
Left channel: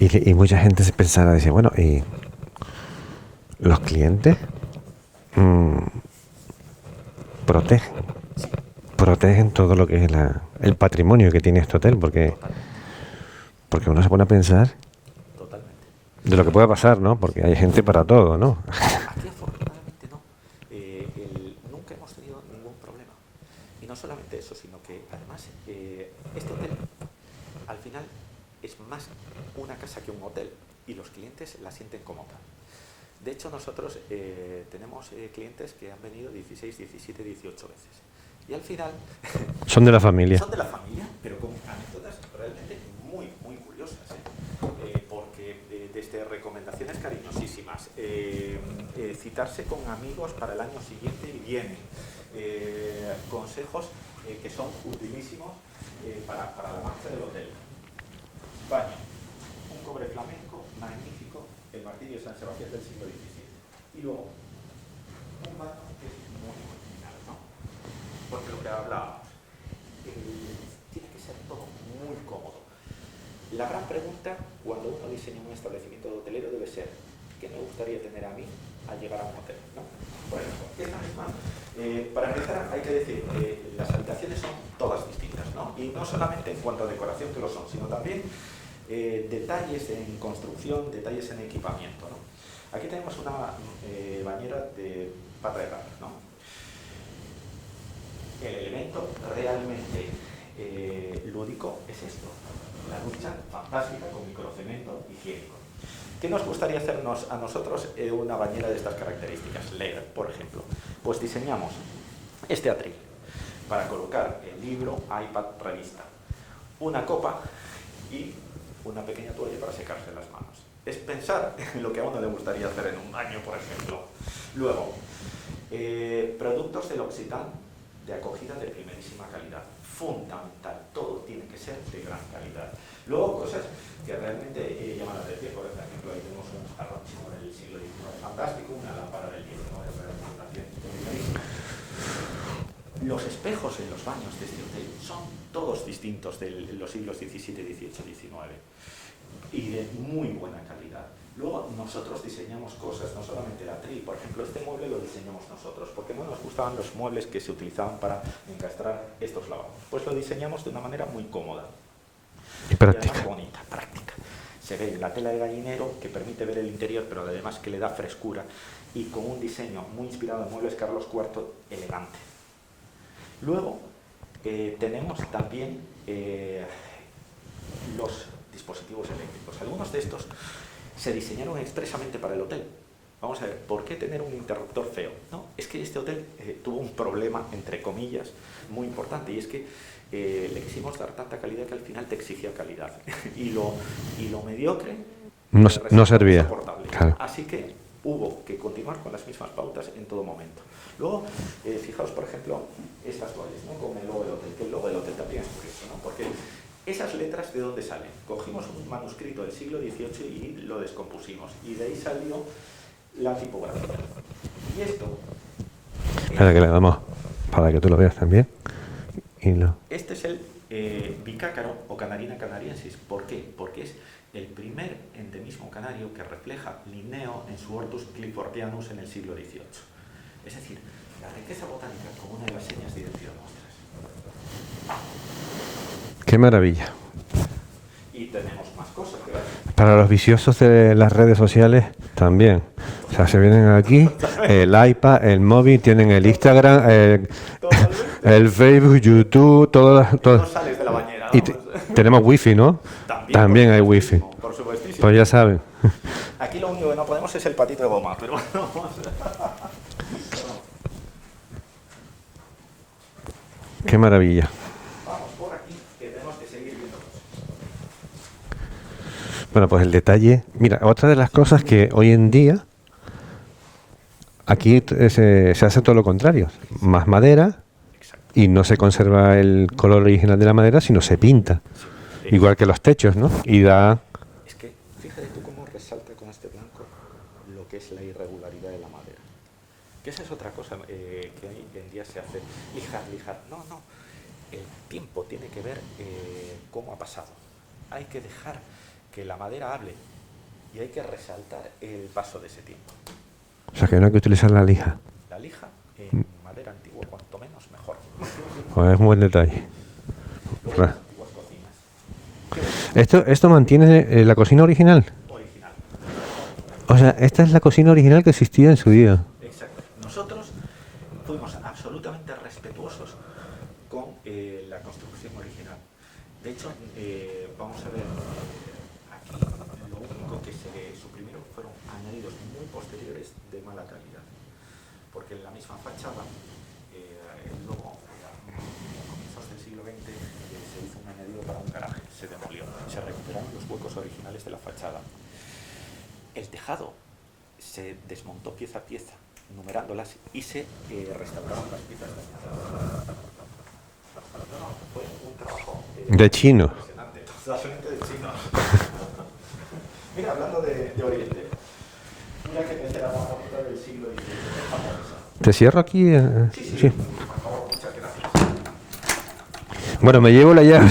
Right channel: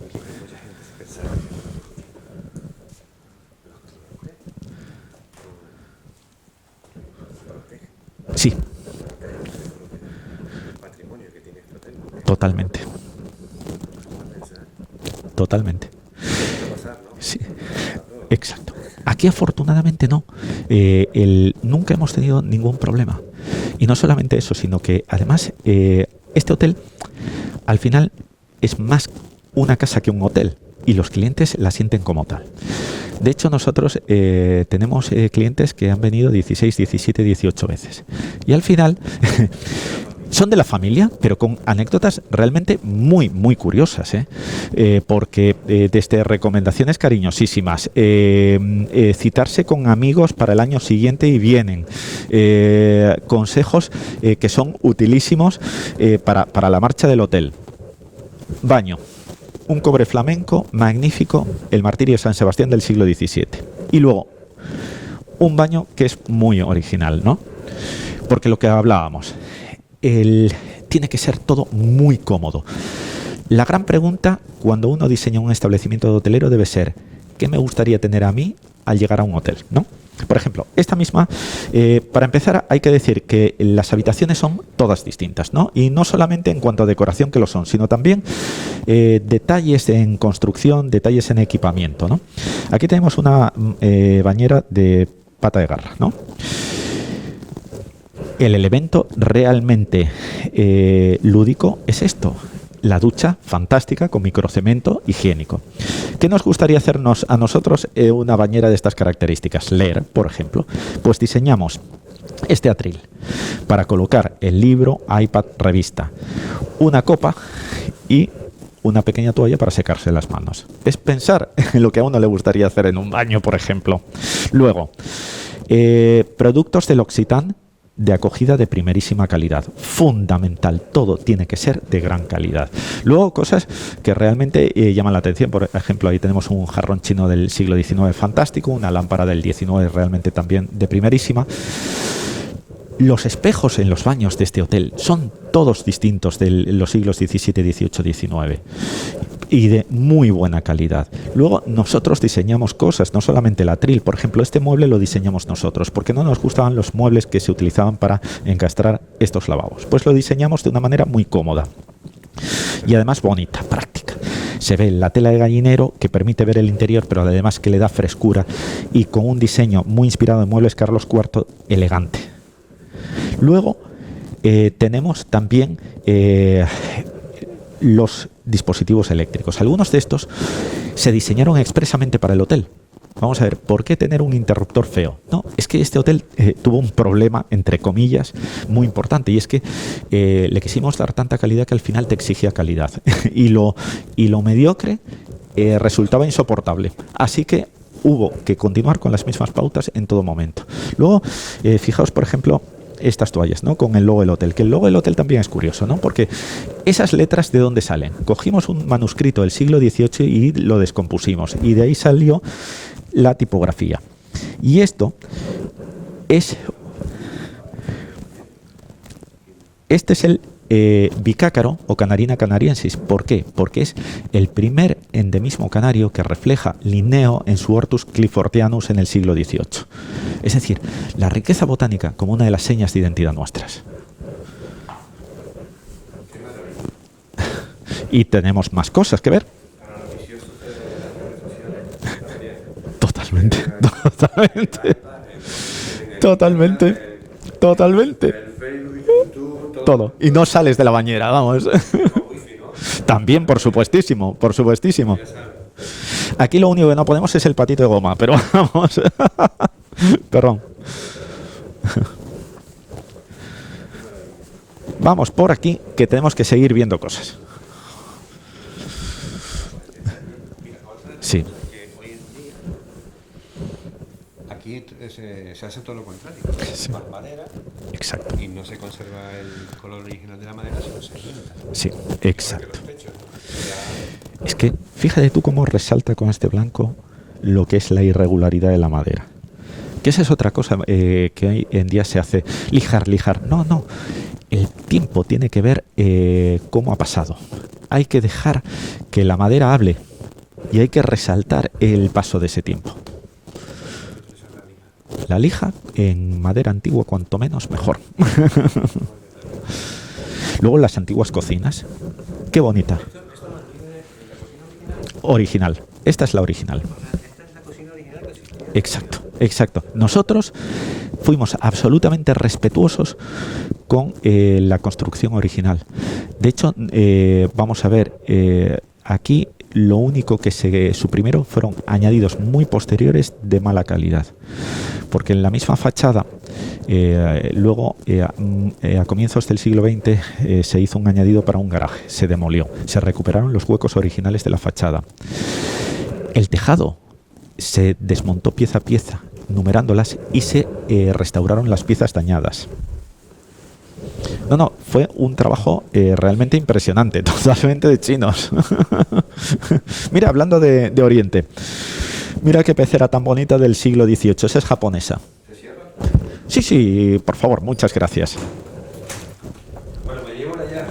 Y mucha gente se pensará, dice, bueno, ¿y los clientes Sí, protegen todo lo que es el patrimonio que tiene este hotel? totalmente, Porque uno se pone a pensar totalmente. de lo que puede pasar, ¿no? Porque Sí. hay gente para todo, ¿no? Exacto. Aquí afortunadamente no. Nunca hemos tenido ningún problema. Y no solamente eso, sino que además este hotel al final es más una casa que un hotel y los clientes la sienten como tal. De hecho, nosotros tenemos clientes que han venido 16, 17, 18 veces. Y al final... Son de la familia. Son de la familia, pero con anécdotas realmente muy, muy curiosas. Porque desde recomendaciones cariñosísimas, citarse con amigos para el año siguiente y vienen. Consejos que son utilísimos para la marcha del hotel. Baño. Un cobre flamenco magnífico, el Martirio de San Sebastián del siglo XVII. Y luego, un baño que es muy original, ¿no? Porque lo que hablábamos, tiene que ser todo muy cómodo. La gran pregunta cuando uno diseña un establecimiento hotelero debe ser, ¿qué me gustaría tener a mí al llegar a un hotel, ¿no? Por ejemplo, esta misma, para empezar hay que decir que las habitaciones son todas distintas, ¿no? Y no solamente en cuanto a decoración que lo son, sino también detalles en construcción, detalles en equipamiento, ¿no? Aquí tenemos una bañera de pata de garra, ¿no? El elemento realmente lúdico es esto. La ducha fantástica con microcemento higiénico. ¿Qué nos gustaría hacernos a nosotros una bañera de estas características? Leer, por ejemplo. Pues diseñamos este atril para colocar el libro, iPad, revista, una copa y una pequeña toalla para secarse las manos. Es pensar en lo que a uno le gustaría hacer en un baño, por ejemplo. Luego, productos del L'Occitane de acogida de primerísima calidad. Fundamental, todo tiene que ser de gran calidad. Luego, cosas que realmente llaman la atención. Por ejemplo, ahí tenemos un jarrón chino del siglo XIX fantástico, una lámpara del XIX realmente también de primerísima. Los espejos en los baños de este hotel son todos distintos de los siglos XVII, XVIII, XIX y de muy buena calidad. Luego nosotros diseñamos cosas, no solamente el atril. Por ejemplo, este mueble lo diseñamos nosotros porque no nos gustaban los muebles que se utilizaban para encastrar estos lavabos. Pues lo diseñamos de una manera muy cómoda. Práctica. Y además bonita, práctica. Se ve la tela de gallinero que permite ver el interior, pero además que le da frescura y con un diseño muy inspirado en muebles Carlos IV, elegante. Luego tenemos también los dispositivos eléctricos. Algunos de estos se diseñaron expresamente para el hotel. Vamos a ver, ¿por qué tener un interruptor feo? No, es que este hotel tuvo un problema, entre comillas, muy importante, y es que le quisimos dar tanta calidad que al final te exigía calidad. y lo mediocre resultaba insoportable. Claro. Así que hubo que continuar con las mismas pautas en todo momento. Luego, fijaos, por ejemplo, estas toallas, ¿no? Con el logo del hotel, que el logo del hotel también es curioso, ¿no? Porque esas letras, ¿de dónde salen? Cogimos un manuscrito del siglo XVIII y lo descompusimos, y de ahí salió la tipografía. Y esto es... Para que le damos, para que tú lo veas también. Y no. Este es el bicácaro o Canarina canariensis. ¿Por qué? Porque es el primer endemismo canario que refleja Linneo en su Hortus cliffordianus en el siglo XVIII. Es decir, la riqueza botánica como una de las señas de identidad nuestras. ¡Qué maravilla! Y tenemos más cosas que ver. Para los viciosos de las redes sociales también. Se vienen aquí, el iPad, el móvil, tienen el Instagram, el Facebook, YouTube, todo. Y no sales de la bañera, vamos. Tenemos wifi, ¿no? También por supuestísimo, por supuestísimo. Pues ya saben. Aquí lo único que no podemos es el patito de goma, pero vamos. Perdón. Qué maravilla. Vamos por aquí, que tenemos que seguir viendo cosas. Bueno, pues el detalle... Mira, otra de las cosas que hoy en día aquí se hace todo lo contrario. Sí. Más madera, Exacto. Y no se conserva el color original de la madera, sino se pinta. Sí, Igual exacto. que los techos, ¿no? Y da... Es que fíjate tú cómo resalta con este blanco lo que es la irregularidad de la madera. Que esa es otra cosa que hoy en día se hace. Lijar. No, no. El tiempo tiene que ver cómo ha pasado. Hay que dejar que la madera hable y hay que resaltar el paso de ese tiempo. O sea, que no hay que utilizar la lija. La lija en madera antigua, cuanto menos, mejor. Es un buen detalle. Luego las antiguas cocinas. Qué bonita. Esto mantiene la cocina original. Original. Esta es la original. O sea, esta es la cocina original que existía en su día. Exacto. Nosotros fuimos absolutamente respetuosos con la construcción original. De hecho, vamos a ver, aquí lo único que se suprimieron fueron añadidos muy posteriores de mala calidad. Porque en la misma fachada, luego, a comienzos del siglo XX, se hizo un añadido para un garaje, se demolió, se recuperaron los huecos originales de la fachada. El tejado se desmontó pieza a pieza, numerándolas, y se restauraron las piezas dañadas. No, fue un trabajo realmente chino. impresionante, totalmente de chinos. Mira, hablando de Oriente, mira qué pecera tan bonita del siglo XVIII, esa es japonesa. ¿Te cierro aquí? Sí, por favor, muchas gracias. Bueno, me llevo la llave.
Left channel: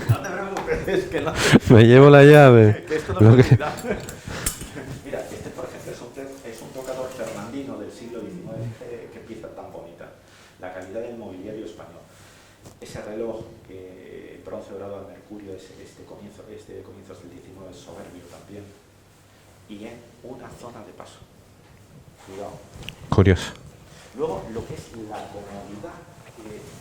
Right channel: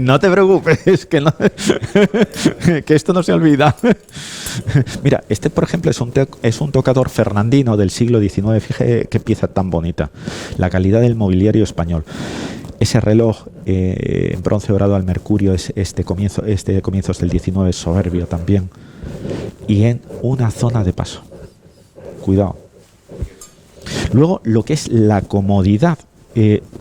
No te preocupes, que no. Me llevo la llave. Que esto no se olvida. Mira, este por ejemplo es un tocador fernandino del siglo XIX. Fíjate qué pieza tan bonita. La calidad del mobiliario español. Ese reloj en bronce dorado al mercurio, este comienzos del XIX, es soberbio también. Y en una zona de paso. Cuidado. Curioso. Luego, lo que es la comodidad.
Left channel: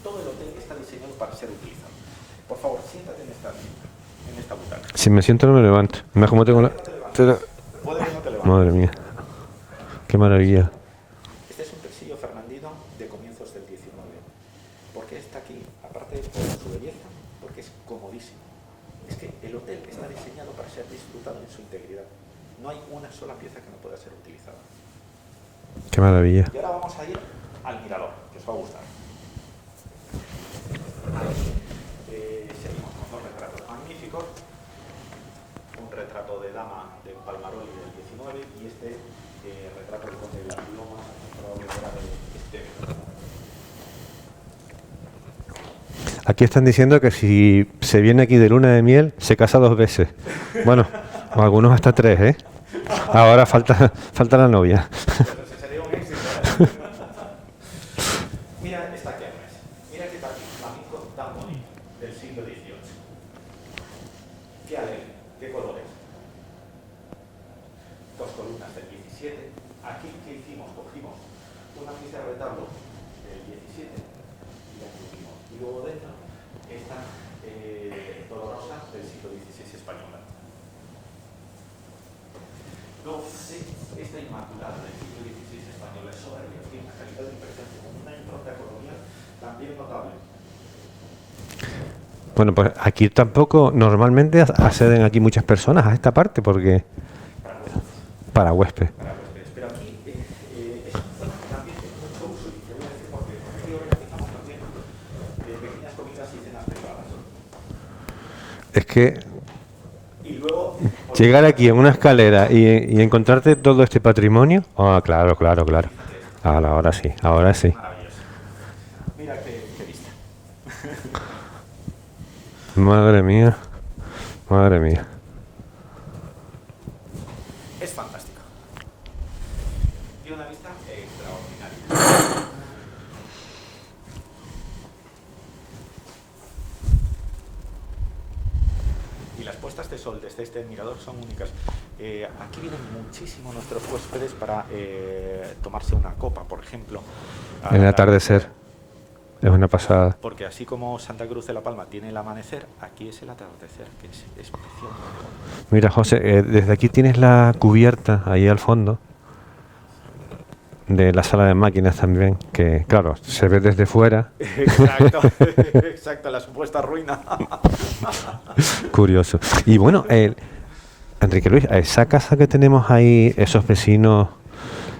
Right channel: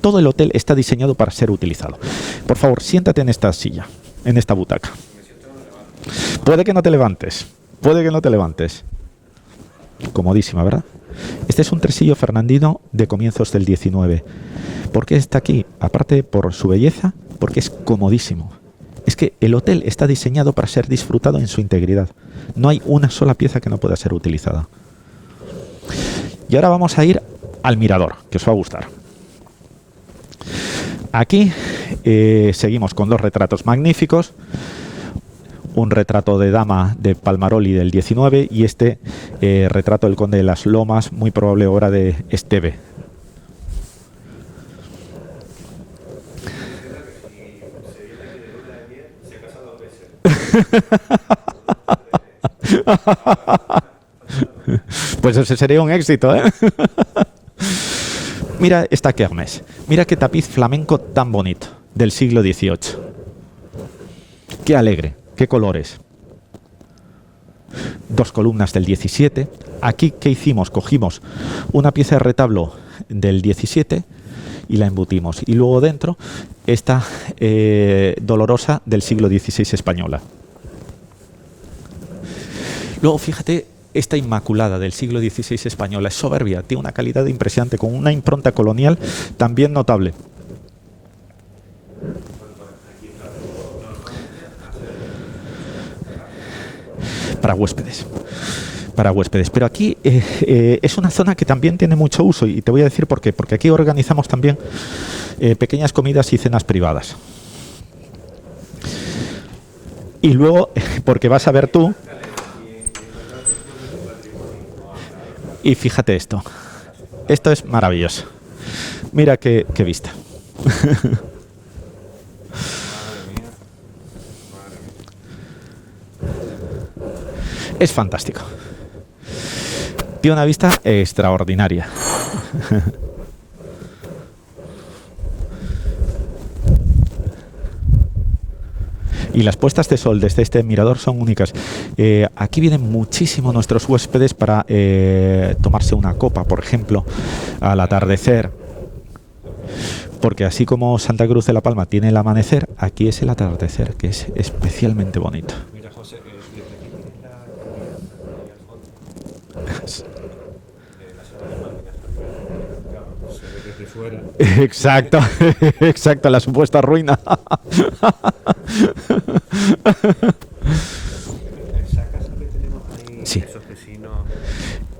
Todo el hotel está diseñado para ser utilizado. Por favor, siéntate en esta silla, en esta butaca. Si me siento no me levanto. Puede que no te levantes. Puede que no te levantes. Madre mía. Qué Comodísima, maravilla. ¿verdad? Este es un tresillo fernandino de comienzos del XIX. ¿Por qué está aquí? Aparte por su belleza, porque es comodísimo. Es que el hotel está diseñado para ser disfrutado en su integridad. No hay una sola pieza que no pueda ser utilizada. Qué maravilla. Y ahora vamos a ir al mirador, que os va a gustar. Aquí seguimos con dos retratos magníficos. Un retrato de dama de Palmaroli del 19 y este retrato del conde de las Lomas, muy probable obra de Esteve. Aquí están diciendo que si se viene aquí de luna de miel, se casa 2 veces. Bueno, algunos hasta 3, ¿eh? Ahora falta la novia. Pues ese sería un éxito, ¿eh? Mira esta kermés. Mira qué tapiz flamenco tan bonito, del siglo XVIII. Qué alegre, qué colores. 2 columnas del 17. Aquí, ¿qué hicimos? Cogimos una pieza de retablo del 17 y la embutimos. Y luego dentro esta dolorosa del siglo XVI española. Luego, fíjate, esta Inmaculada del siglo XVI española es soberbia, tiene una calidad impresionante, con una impronta colonial también notable. Bueno, pues aquí tampoco normalmente acceden aquí muchas personas a esta parte porque... Para huéspedes. Para huéspedes. Pero aquí es una zona que también tiene mucho uso y te voy a decir por qué. Porque aquí organizamos también pequeñas comidas y cenas privadas. Es que... Y luego, porque llegar vas a ver aquí a tú, una escalera y encontrarte todo este patrimonio... Ah, claro. y fíjate esto. Ahora sí. Esto es maravilloso. Mira qué vista. Madre mía. Es fantástico. Tiene una vista extraordinaria. Y las puestas de sol desde este mirador son únicas. Aquí vienen muchísimo nuestros huéspedes para tomarse una copa, por ejemplo, al atardecer. Es una pasada. Porque así como Santa Cruz de la Palma tiene el amanecer, aquí es el atardecer, que es especialmente bonito. Mira, José, desde aquí tienes la cubierta ahí al fondo de la sala de máquinas también, que claro, se ve desde fuera. Exacto, exacto, la supuesta ruina. Curioso. Y bueno, Enrique Luis, esa casa que tenemos ahí, sí, esos vecinos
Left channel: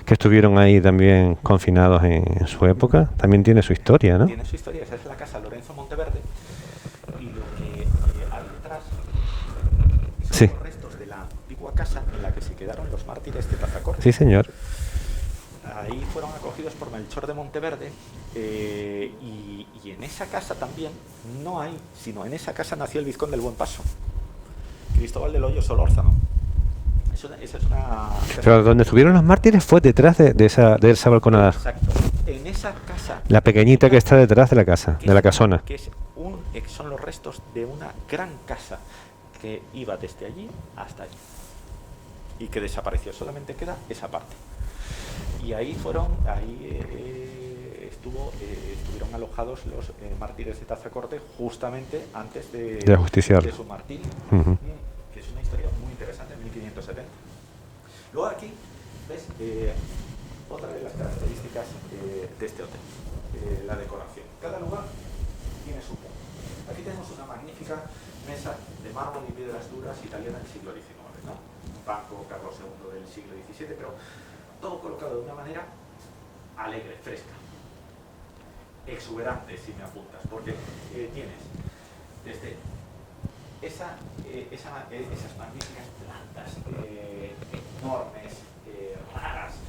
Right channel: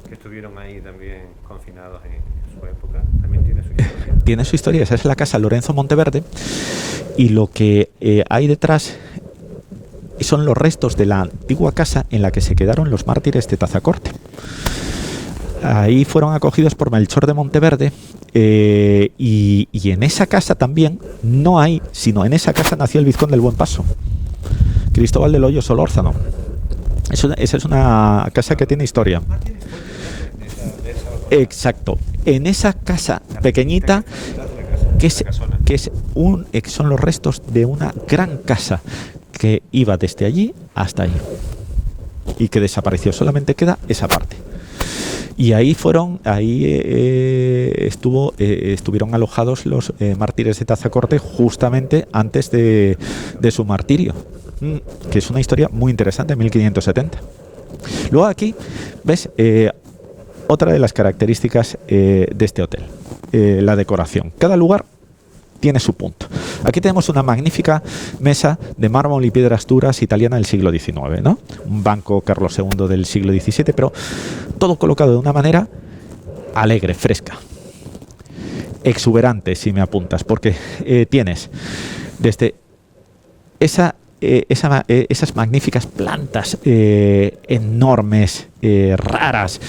que estuvieron ahí también confinados en su época, también tiene su historia, ¿no? Tiene su historia. Esa es la casa Lorenzo Monteverde, y lo que hay detrás son los restos de la antigua casa en la que se quedaron los mártires de Tazacorte. Sí, señor. Ahí fueron acogidos por Melchor de Monteverde, y en esa casa también, no hay, sino en esa casa nació el vizconde del Buen Paso, Cristóbal del Hoyo Solórzano. Esa es una casa, pero que donde tiene estuvieron historia. los mártires fue detrás de esa balconada. Exacto. En esa casa, La pequeñita que está detrás de la casa, de la casona. Que son los restos de una gran casa que iba desde allí hasta allí y que desapareció. Solamente queda esa parte. Y estuvieron alojados los mártires de Tazacorte justamente antes de su martirio, que es una historia muy interesante, en 1570. Luego aquí ves otra de las características de este hotel, la decoración. Cada lugar tiene su punto. Aquí tenemos una magnífica mesa de mármol y piedras duras italiana del siglo XIX, ¿no? Un banco Carlos II del siglo XVII, pero todo colocado de una manera alegre, fresca, exuberante, si me apuntas, porque tienes desde esas magníficas plantas enormes, raras,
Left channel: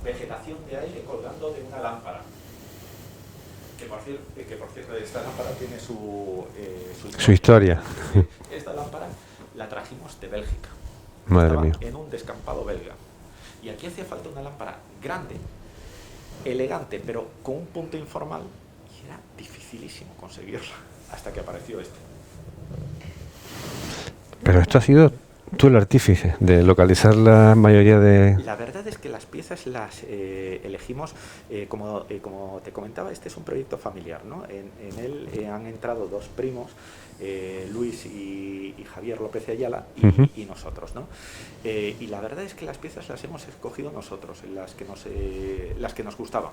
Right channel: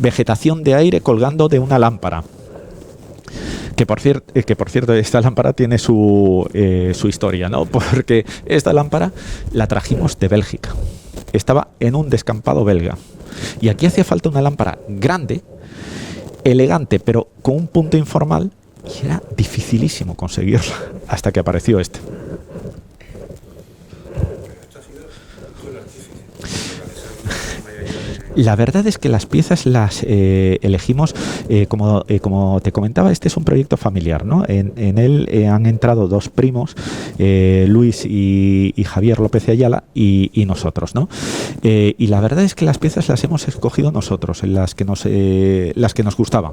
vegetación de aire colgando de una lámpara. Que por cierto, esta lámpara tiene su historia, ¿no? Porque esta lámpara la trajimos de Bélgica. Estaba en un descampado belga. Y aquí hacía falta una lámpara grande, elegante, pero con un punto informal, y era dificilísimo conseguirla hasta que apareció este. Pero esto ha sido tú el artífice de localizar la mayoría de... La verdad es que las piezas las elegimos, como te comentaba, este es un proyecto familiar, ¿no? En él han entrado dos primos, Luis y Javier López de Ayala, y nosotros, ¿no? Y la verdad es que las piezas las hemos escogido nosotros, en las que nos gustaban.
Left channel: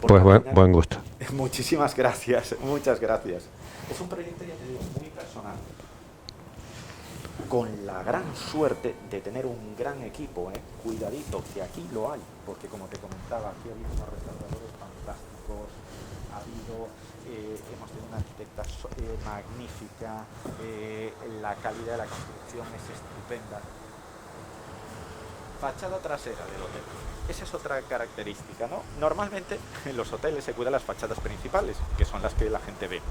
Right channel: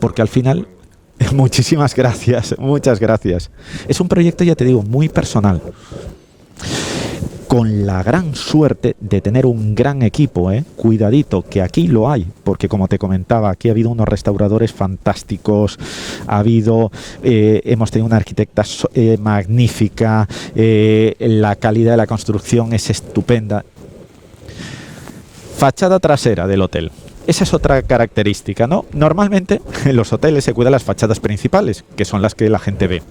Porque al final... Buen gusto. Muchísimas gracias, muchas gracias. Es un proyecto, ya te digo, muy personal, con la gran suerte de tener un gran equipo, cuidadito, que aquí lo hay, porque como te comentaba, aquí ha habido unos restauradores fantásticos, hemos tenido una arquitecta magnífica, la calidad de la construcción es estupenda. Fachada trasera del hotel. Esa es otra característica, ¿no? Normalmente en los hoteles se cuidan las fachadas principales, que son las que la gente ve.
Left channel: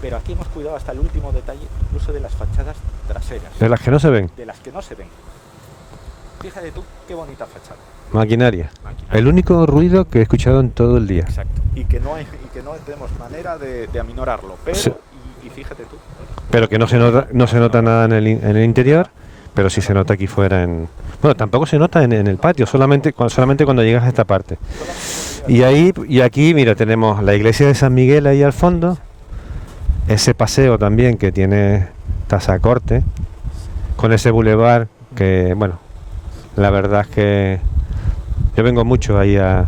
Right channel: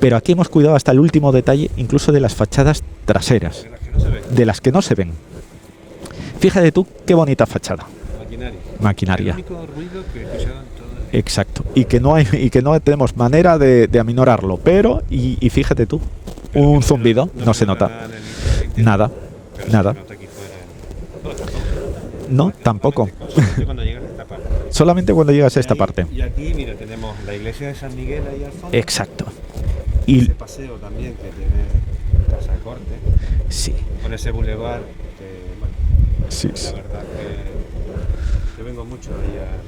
Pero aquí hemos cuidado hasta el último detalle, incluso de las fachadas traseras. De las que no se ven. De las que no se ven. Fíjate tú qué bonita fachada. Maquinaria. El único ruido que he escuchado en todo el día. Exacto. Y que no tenemos manera de aminorarlo. Pero, sí. y fíjate tú. Pero que no se nota nada en el interior. Nada. Pero sí se nota aquí fuera Bueno, tampoco se nota en el patio, solamente cuando llegas a esta parte. Solamente cuando llegas a esta parte. Y aquí, mira, tenemos la iglesia de San Miguel ahí al fondo. Exacto. Ese paseo también que tiene Tazacorte, sí, con ese bulevar que, bueno, sí, la verdad es que yo vengo mucho ahí a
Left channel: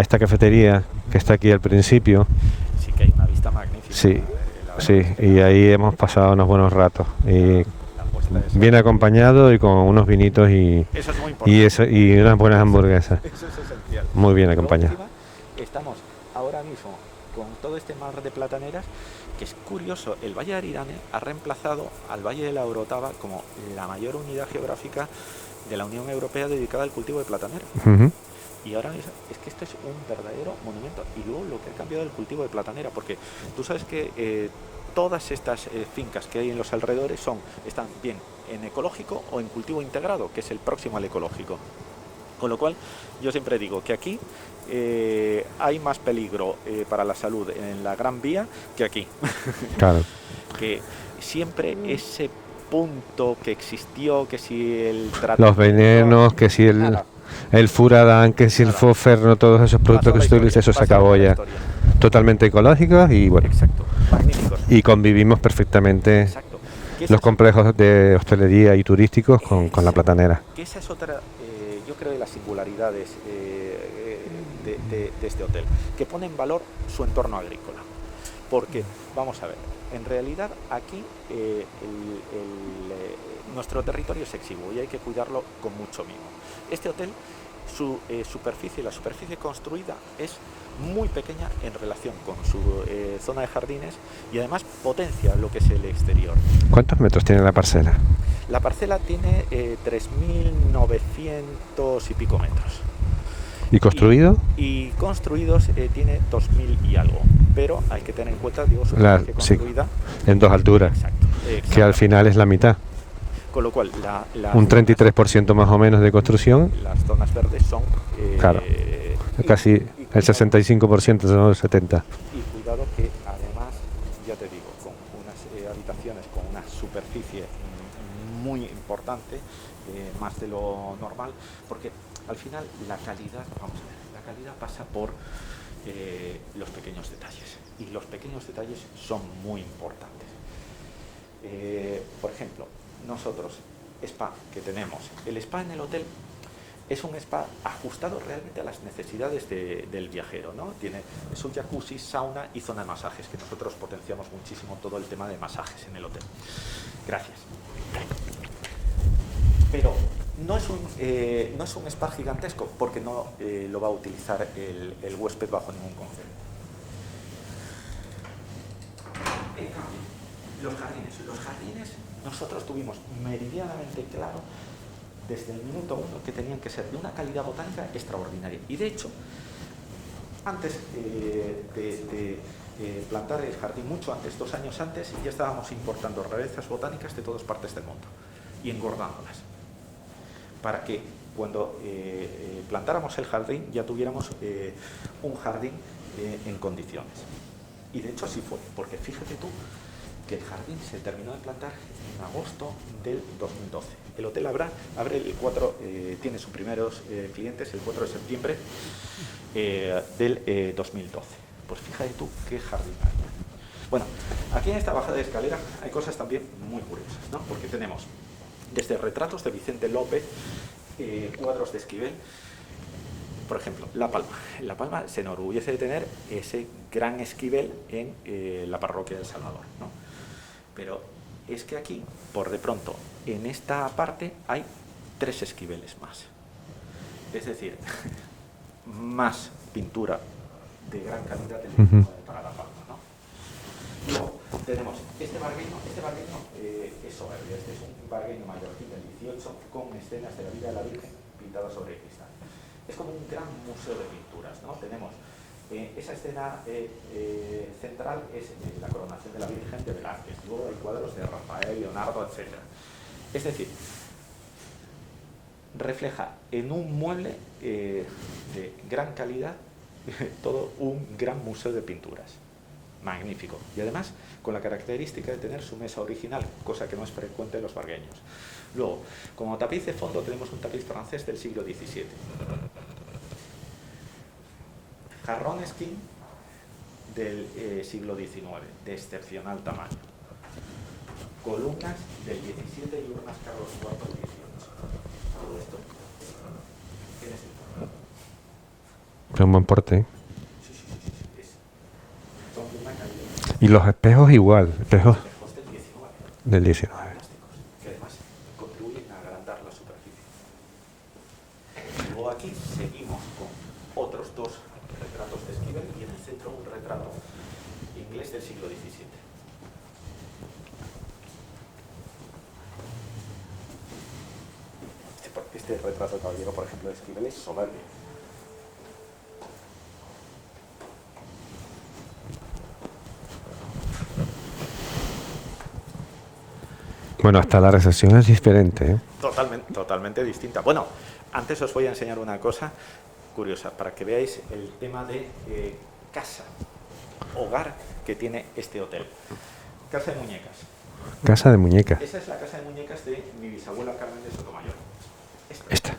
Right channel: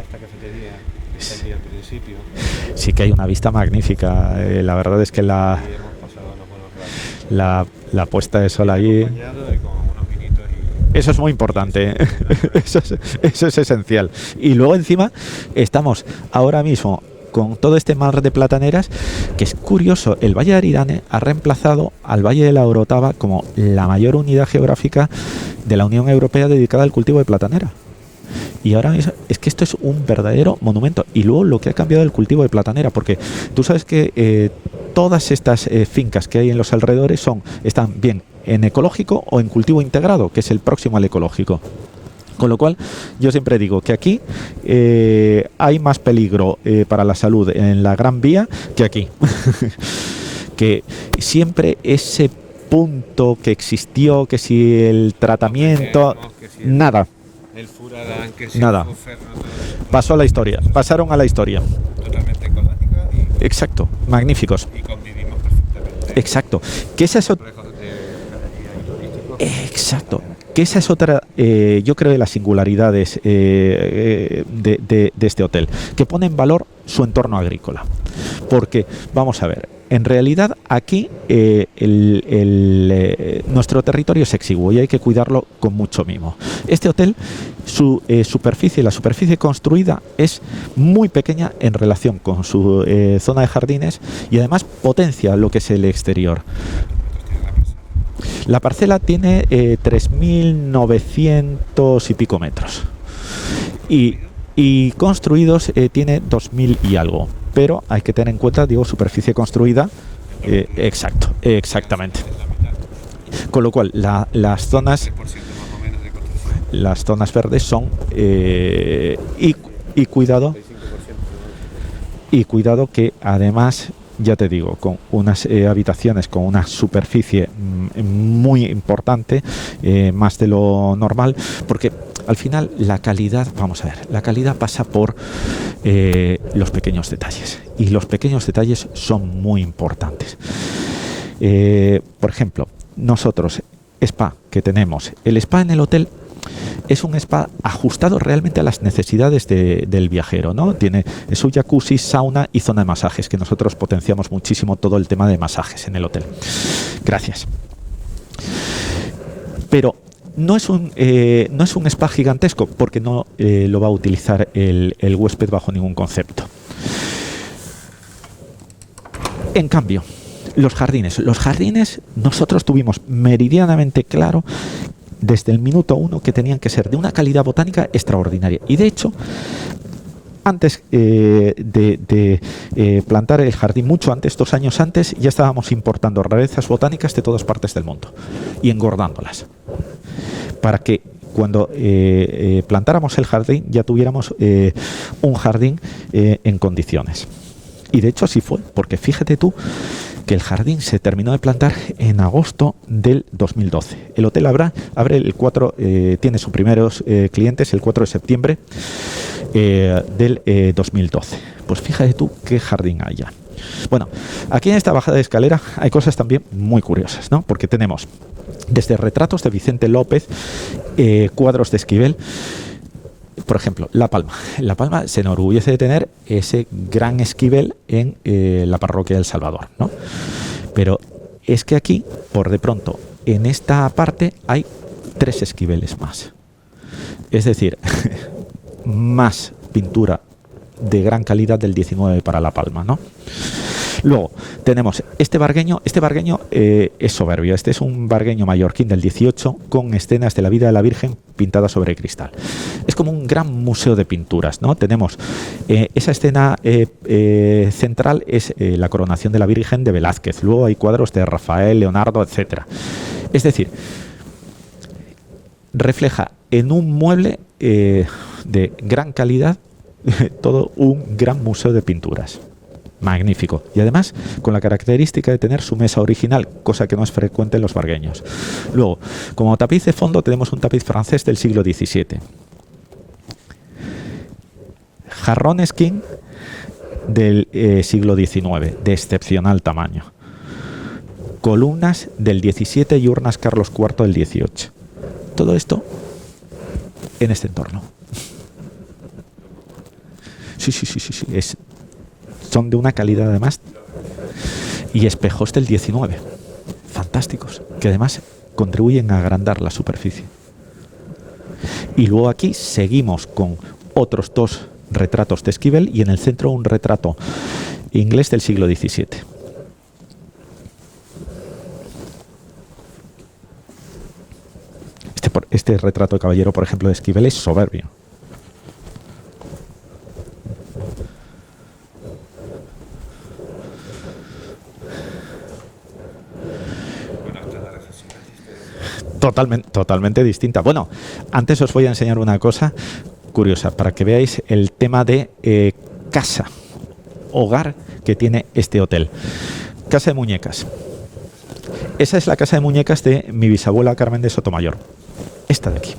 esta cafetería que está aquí al principio. Sí que hay una vista magnífica, sí, la verdad es que ahí hemos pasado unos buenos ratos. La puesta de sol bien acompañado y con unos vinitos y... Eso es muy importante. Y unas buenas hamburguesas. Eso es esencial. Muy bien. Y luego encima estamos ahora mismo con todo este mar de plataneras, que es curioso, el Valle de Aridane ha reemplazado al Valle de la Orotava como la mayor unidad geográfica de la Unión Europea dedicada al cultivo de platanera. Y ahora es que esto es un verdadero monumento. Y luego lo que ha cambiado el cultivo de platanera, porque tú sabes que todas estas fincas que hay en los alrededores están bien en ecológico o en cultivo integrado, que es el próximo al ecológico. Con lo cual, yo siempre digo que aquí hay más peligro para la salud en la Gran Vía que aquí. Claro. Que siempre ese punto que existió, que si el tratamiento... Los venenos, que si el furadán, que si el fosferno, todos esos productos... Pasó a la historia, pasaron a la historia. Totalmente ecológicos y bueno. Exacto, magníficos. Y convivimos perfectamente. Exacto. Que los complejos de hostelería y turísticos con la platanera. Que esa es otra, yo creo, de las singularidades de este hotel, que pone en valor su entorno agrícola. Porque, vamos a ver, En realidad aquí nuestro territorio es exiguo y hay que cuidarlo con mucho mimo. Este hotel, su superficie, la superficie construida es muy pequeña en relación con su zona de jardines y además potencia lo que es el exterior. ¿Cuántos metros tiene la parcela? La parcela tiene 3.900 y pico metros. ¿Y construido? Y construidos tiene 2.000 y algo. Pero hay que tener en cuenta, digo, superficie construida. Sí. En dos alturas. Exacto. Que al final es la mitad. Con lo cual, las un 33% más o menos de construcción. Las zonas verdes son claro, casi y cuidado, el 65% son el 70%. Y cuidado que además, ya te digo, con unas habitaciones con una superficie muy importante, más de lo normal, porque al final la calidad, vamos a ver, la calidad pasa por los pequeños detalles y los pequeños detalles son muy importantes. Por ejemplo, nosotros, spa que tenemos, el spa en el hotel es un spa ajustado realmente a las necesidades del viajero, ¿no? Tiene su jacuzzi, sauna y zona de masajes, que nosotros potenciamos muchísimo todo el tema de masajes en el hotel. Gracias. Pero no es un spa gigantesco porque no lo va a utilizar el huésped bajo ningún concepto. En cambio, los jardines, nosotros tuvimos meridianamente claro desde el minuto 1 que tenían que ser de una calidad botánica extraordinaria. Y de hecho, antes de plantar el jardín, mucho antes, 2 años antes, ya estábamos importando rarezas botánicas de todas partes del mundo y engordándolas, para que cuando plantáramos el jardín ya tuviéramos un jardín en condiciones. Y de hecho así fue, porque fíjate tú que el jardín se terminó de plantar en agosto del 2012. El hotel abre el 4, tiene sus primeros clientes el 4 de septiembre del 2012. Pues fíjate tú qué jardín hay ya. Bueno, aquí en esta bajada de escalera hay cosas también muy curiosas, ¿no? Porque tenemos desde retratos de Vicente López, cuadros de Esquivel. Por ejemplo, La Palma. La Palma se enorgullece de tener ese gran Esquivel en la parroquia del Salvador, ¿no? Pero es que aquí, por de pronto, en esta parte hay 3 Esquiveles más. Es decir, más pintura de gran calidad del 19 para La Palma, ¿no? Luego tenemos este bargueño es soberbio. Este es un bargueño mallorquín del 18 con escenas de la vida de la Virgen pintadas sobre cristal. Es como un gran museo de pinturas, ¿no? Tenemos esa escena central es la coronación de la Virgen de Velázquez. Luego hay cuadros de Rafael, Leonardo, etcétera. Es decir, refleja en un mueble de gran calidad todo un gran museo de pinturas. Magnífico. Y además con la característica de tener su mesa original, cosa que no es frecuente en los bargueños. Luego, como tapiz de fondo tenemos un tapiz francés del siglo XVII. Jarrones King del siglo XIX, de excepcional tamaño. Columnas del XVII y urnas Carlos IV del XVIII. Todo esto en este entorno. Es un buen porte, ¿eh? Sí. Son de una calidad además. Y los espejos igual. Y espejos del 19. Del 19. Fantásticos. Que además contribuyen a agrandar la superficie. Y luego aquí seguimos con otros 2 retratos de Esquivel y en el centro un retrato inglés del siglo XVII. Este retrato de caballero, por ejemplo, de Esquivel es soberbio. Bueno, hasta la recepción es diferente, ¿eh? Totalmente distinta. Bueno, antes os voy a enseñar una cosa curiosa para que veáis el tema de casa, hogar que tiene este hotel. Casa de muñecas. Casa de muñecas. Esa es la casa de muñecas de mi bisabuela Carmen de Sotomayor. Esta de aquí.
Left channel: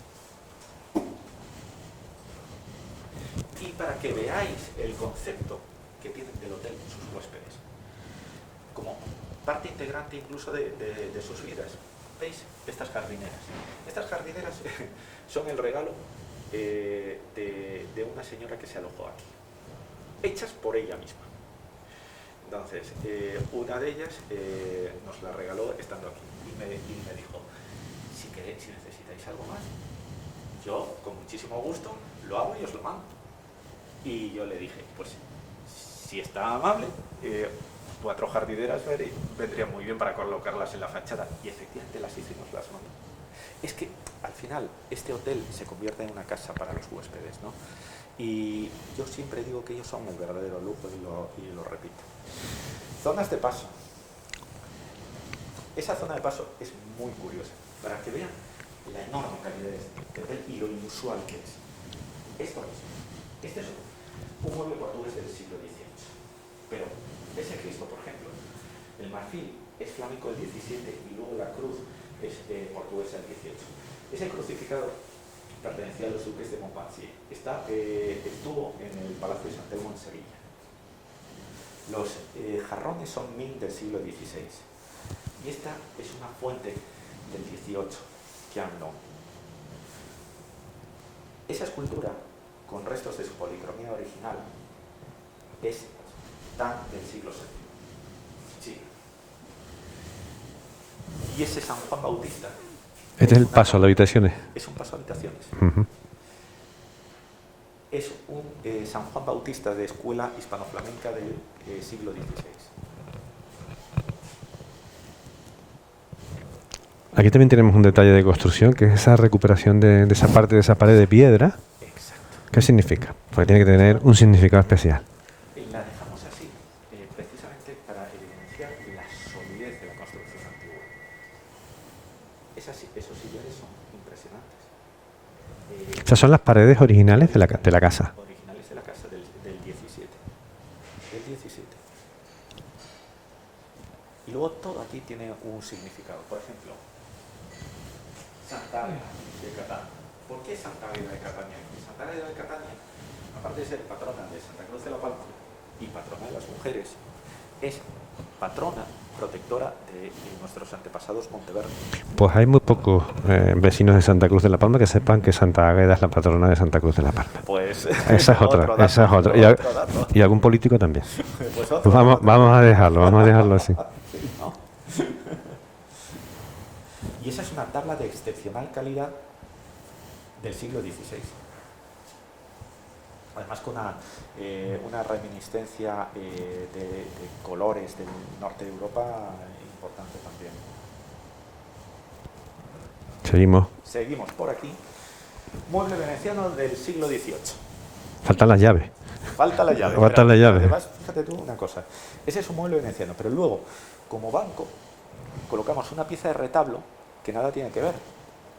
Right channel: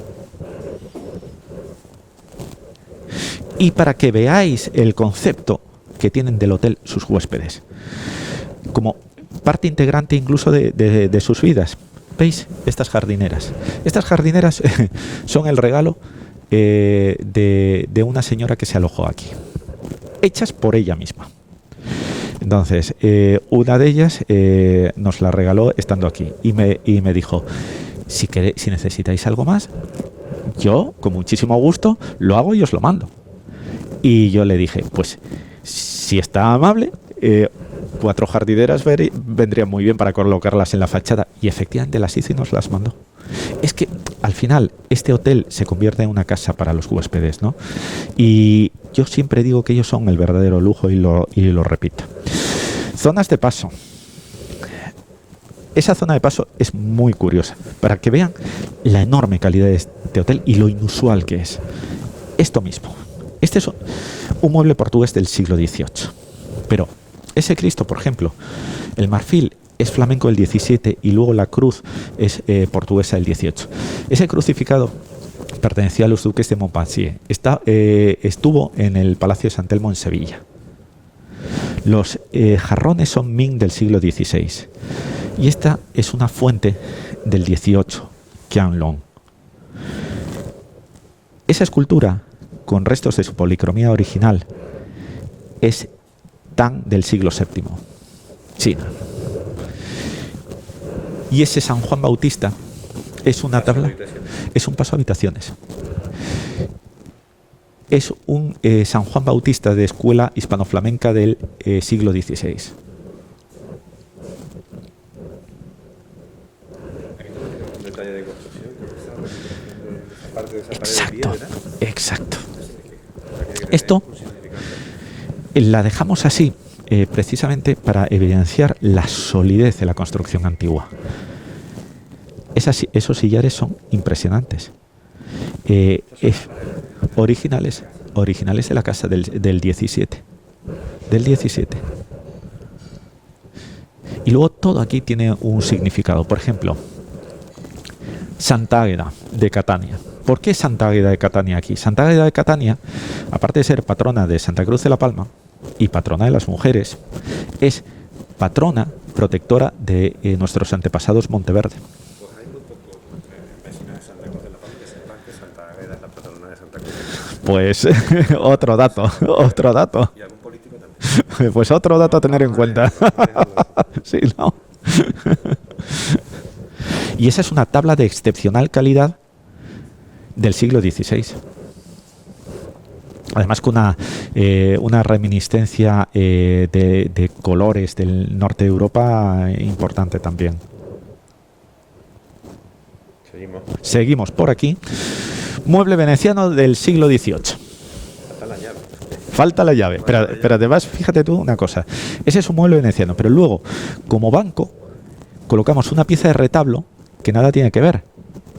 Y para que veáis el concepto que tienen del hotel sus huéspedes, como parte integrante incluso de sus vidas. ¿Veis? Estas jardineras. Estas jardineras son el regalo de una señora que se alojó aquí. Hechas por ella misma. Entonces, una de ellas nos la regaló estando aquí y me dijo, si necesitáis algo más, yo con muchísimo gusto lo hago y os lo mando. Y yo le dije, pues si está amable, 4 jardineras vendrían muy bien para colocarlas en la fachada. Y efectivamente las hizo y nos las mandó. Es que al final este hotel se convierte en una casa para los huéspedes, ¿no? Y yo siempre digo que ellos son el verdadero lujo y lo repito. Zonas de paso. Esa zona de paso es muy curiosa, para que vean la enorme calidad de este hotel y lo inusual que es. Esto mismo. Este es un mueble portugués del siglo XVIII. Pero ese Cristo, por ejemplo, el marfil es flamenco del XVII y luego la cruz es portuguesa del XVIII. Ese crucificado pertenecía a los duques de Montpensier. Estuvo en el Palacio de San Telmo en Sevilla. Los jarrones son Ming del siglo XVI. Y esta es una fuente del XVIII, Qianlong. Esa escultura, con restos de su policromía original, es Tang del siglo VII, China. Y ese San Juan Bautista es un paso de habitaciones. Es un paso a habitaciones. Uh-huh. Es un San Juan Bautista de escuela hispano-flamenca del siglo XVI. Aquí también tenemos un detalle de construcción, que es esa recuperación de esa parte de esa pared de piedra. Exacto. ¿Qué significa? Porque tiene que tener un significado especial. La dejamos así precisamente para evidenciar la solidez de la construcción antigua. Esos sillares son impresionantes. Esas son las paredes originales de la casa. Originales de la casa del 17. Del 17. Y luego todo aquí tiene un significado. Por ejemplo, Santa Águeda de Catania. ¿Por qué Santa Águeda de Catania aquí? Santa Águeda de Catania, aparte de ser patrona de Santa Cruz de la Palma y patrona de las mujeres, es patrona protectora de nuestros antepasados Monteverde. Pues hay muy pocos vecinos de Santa Cruz de la Palma que sepan que Santa Águeda es la patrona de Santa Cruz de la Palma. Pues otro dato. Y algún político también. Pues otro dato a tener en cuenta. Vamos a dejarlo así. Sí, ¿no? Y esa es una tabla de excepcional calidad del siglo XVI. Además con una reminiscencia de colores del norte de Europa importante también. Seguimos por aquí. Mueble veneciano del siglo XVIII. Faltan las llaves. Falta la llave. Pero además, fíjate tú una cosa. Ese es un mueble veneciano, pero luego, como banco, colocamos una pieza de retablo que nada tiene que ver.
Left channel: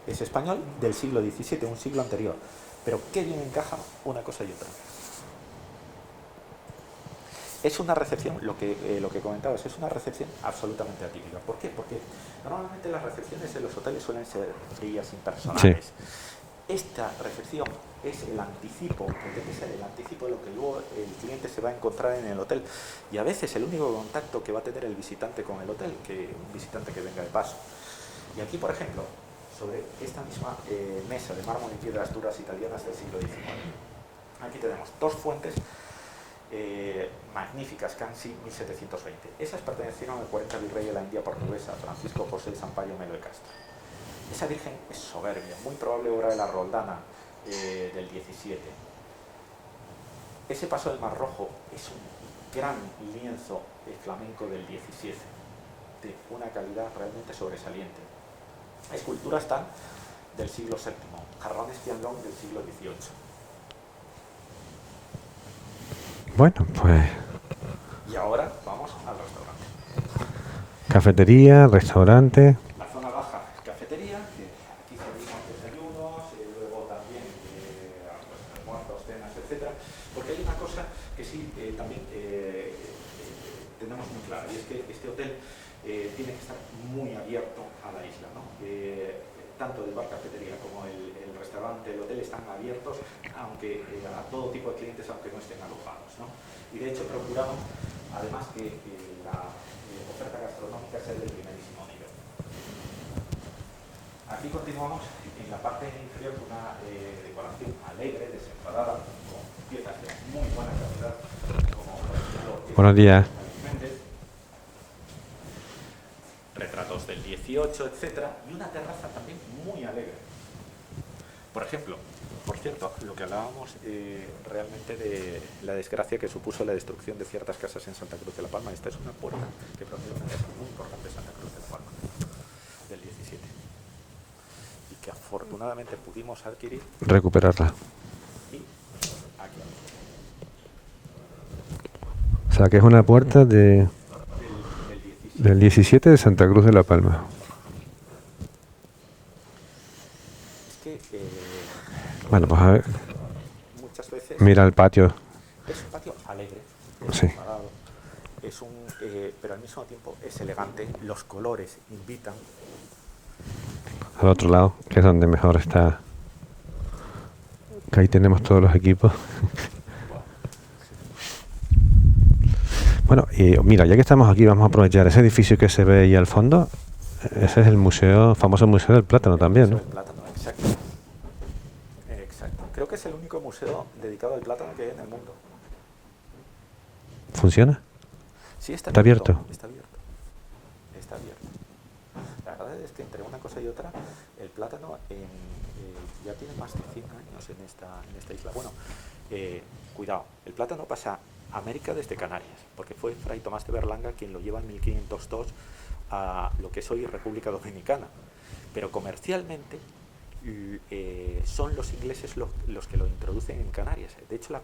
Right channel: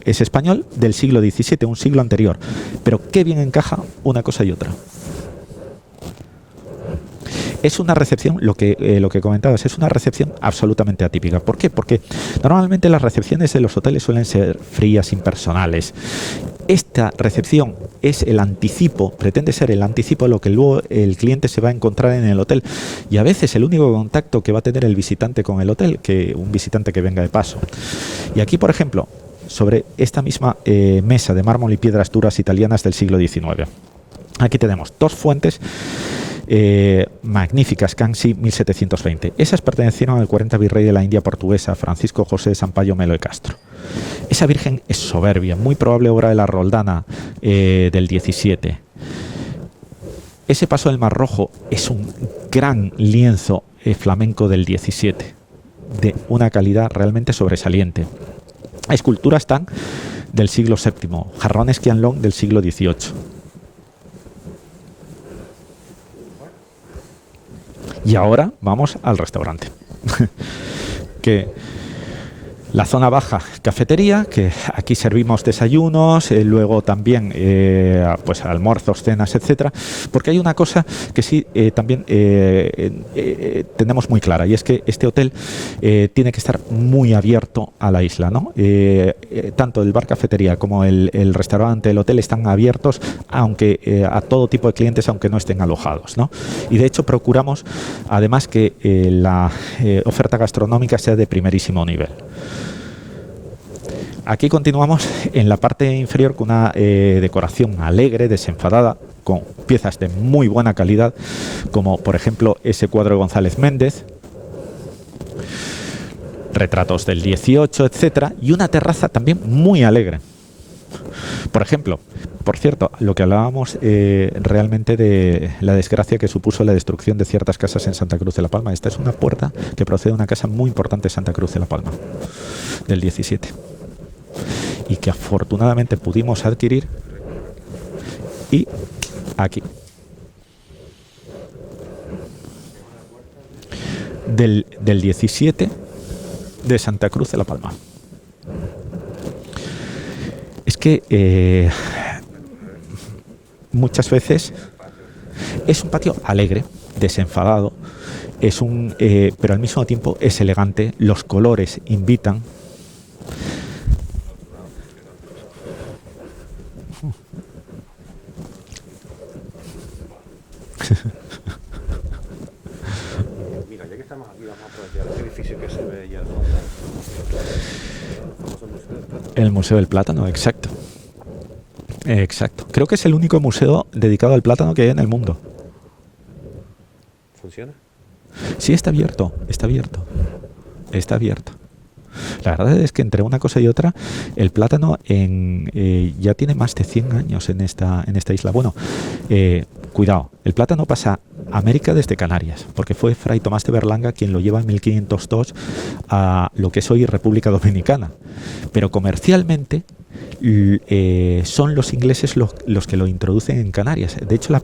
Es español del siglo XVII, un siglo anterior. Pero qué bien encaja una cosa y otra. Es una recepción, lo que comentabas, es una recepción absolutamente atípica. ¿Por qué? Porque normalmente las recepciones de los hoteles suelen ser frías, impersonales. Sí. Esta recepción es el anticipo, pretende ser el anticipo a lo que luego el cliente se va a encontrar en el hotel. Y a veces el único contacto que va a tener el visitante con el hotel, que un visitante que venga de paso. Y aquí, por ejemplo, sobre esta misma mesa de mármol y piedras duras italianas del siglo XIX. Aquí tenemos dos fuentes magníficas, Cansi 1720. Esas pertenecieron al 40 virrey de la India portuguesa, Francisco José de Sampaio Melo de Castro. Esa virgen es soberbia, muy probable obra de la Roldana del 17. Ese paso del Mar Rojo es un gran lienzo flamenco del 17, de una calidad realmente sobresaliente. Esculturas Tang del siglo VII, jarrones Qianlong del siglo XVIII. Bueno, pues... Y ahora vamos al restaurante. Cafetería, restaurante. La zona baja, cafetería, que aquí servimos desayunos, luego también pues almuerzos, cenas, etcétera. Porque hay una cosa que sí también tenemos muy clara, y es que este hotel tiene que estar muy abierto a la isla, ¿no? Tanto el bar cafetería como el restaurante, el hotel están abiertos, aunque a todo tipo de clientes, aunque no estén alojados, ¿no? Y de hecho procuramos, además, que la oferta gastronómica sea de primerísimo nivel. Aquí continuamos en la parte inferior con una decoración alegre, desenfadada, con piezas de muy buena calidad, como por ejemplo ese Buenos cuadro días. González Méndez, retratos del 18, etcétera, y una terraza también muy alegre. Por ejemplo, por cierto, lo que hablábamos realmente de la desgracia que supuso la destrucción de ciertas casas en Santa Cruz de la Palma. Esta es una puerta que procede de una casa muy importante de Santa Cruz de la Palma, del 17, y que afortunadamente pudimos adquirir. Recuperarla. Y aquí, O sea, que es una puerta del del 17, 17 de Santa Cruz de de la Santa Palma. Cruz de la Palma. Es que Bueno, pues a ver, muchas veces mira el patio. es un patio alegre, desenfadado, es pero al mismo tiempo es elegante, los colores invitan. Al otro lado, que es donde mejor está. Que ahí tenemos todos los equipos. Bueno, y mira, ya que estamos aquí, vamos a aprovechar ese edificio que se ve ahí al fondo. Ese es el museo, famoso Museo del Plátano El también. Museo ¿no? del Plátano, exacto. Exacto. Creo que es el único museo dedicado al plátano que hay en el mundo. ¿Funciona? Sí, está ¿Está abierto. abierto? Está abierto. Está abierto. La verdad es que entre una cosa y otra, el plátano ya tiene más de 100 años en esta isla. Bueno, cuidado, el plátano pasa a América desde Canarias, porque fue Fray Tomás de Berlanga quien lo lleva en 1502 a lo que es hoy República Dominicana. Pero comercialmente son los ingleses los que lo introducen en Canarias. De hecho, las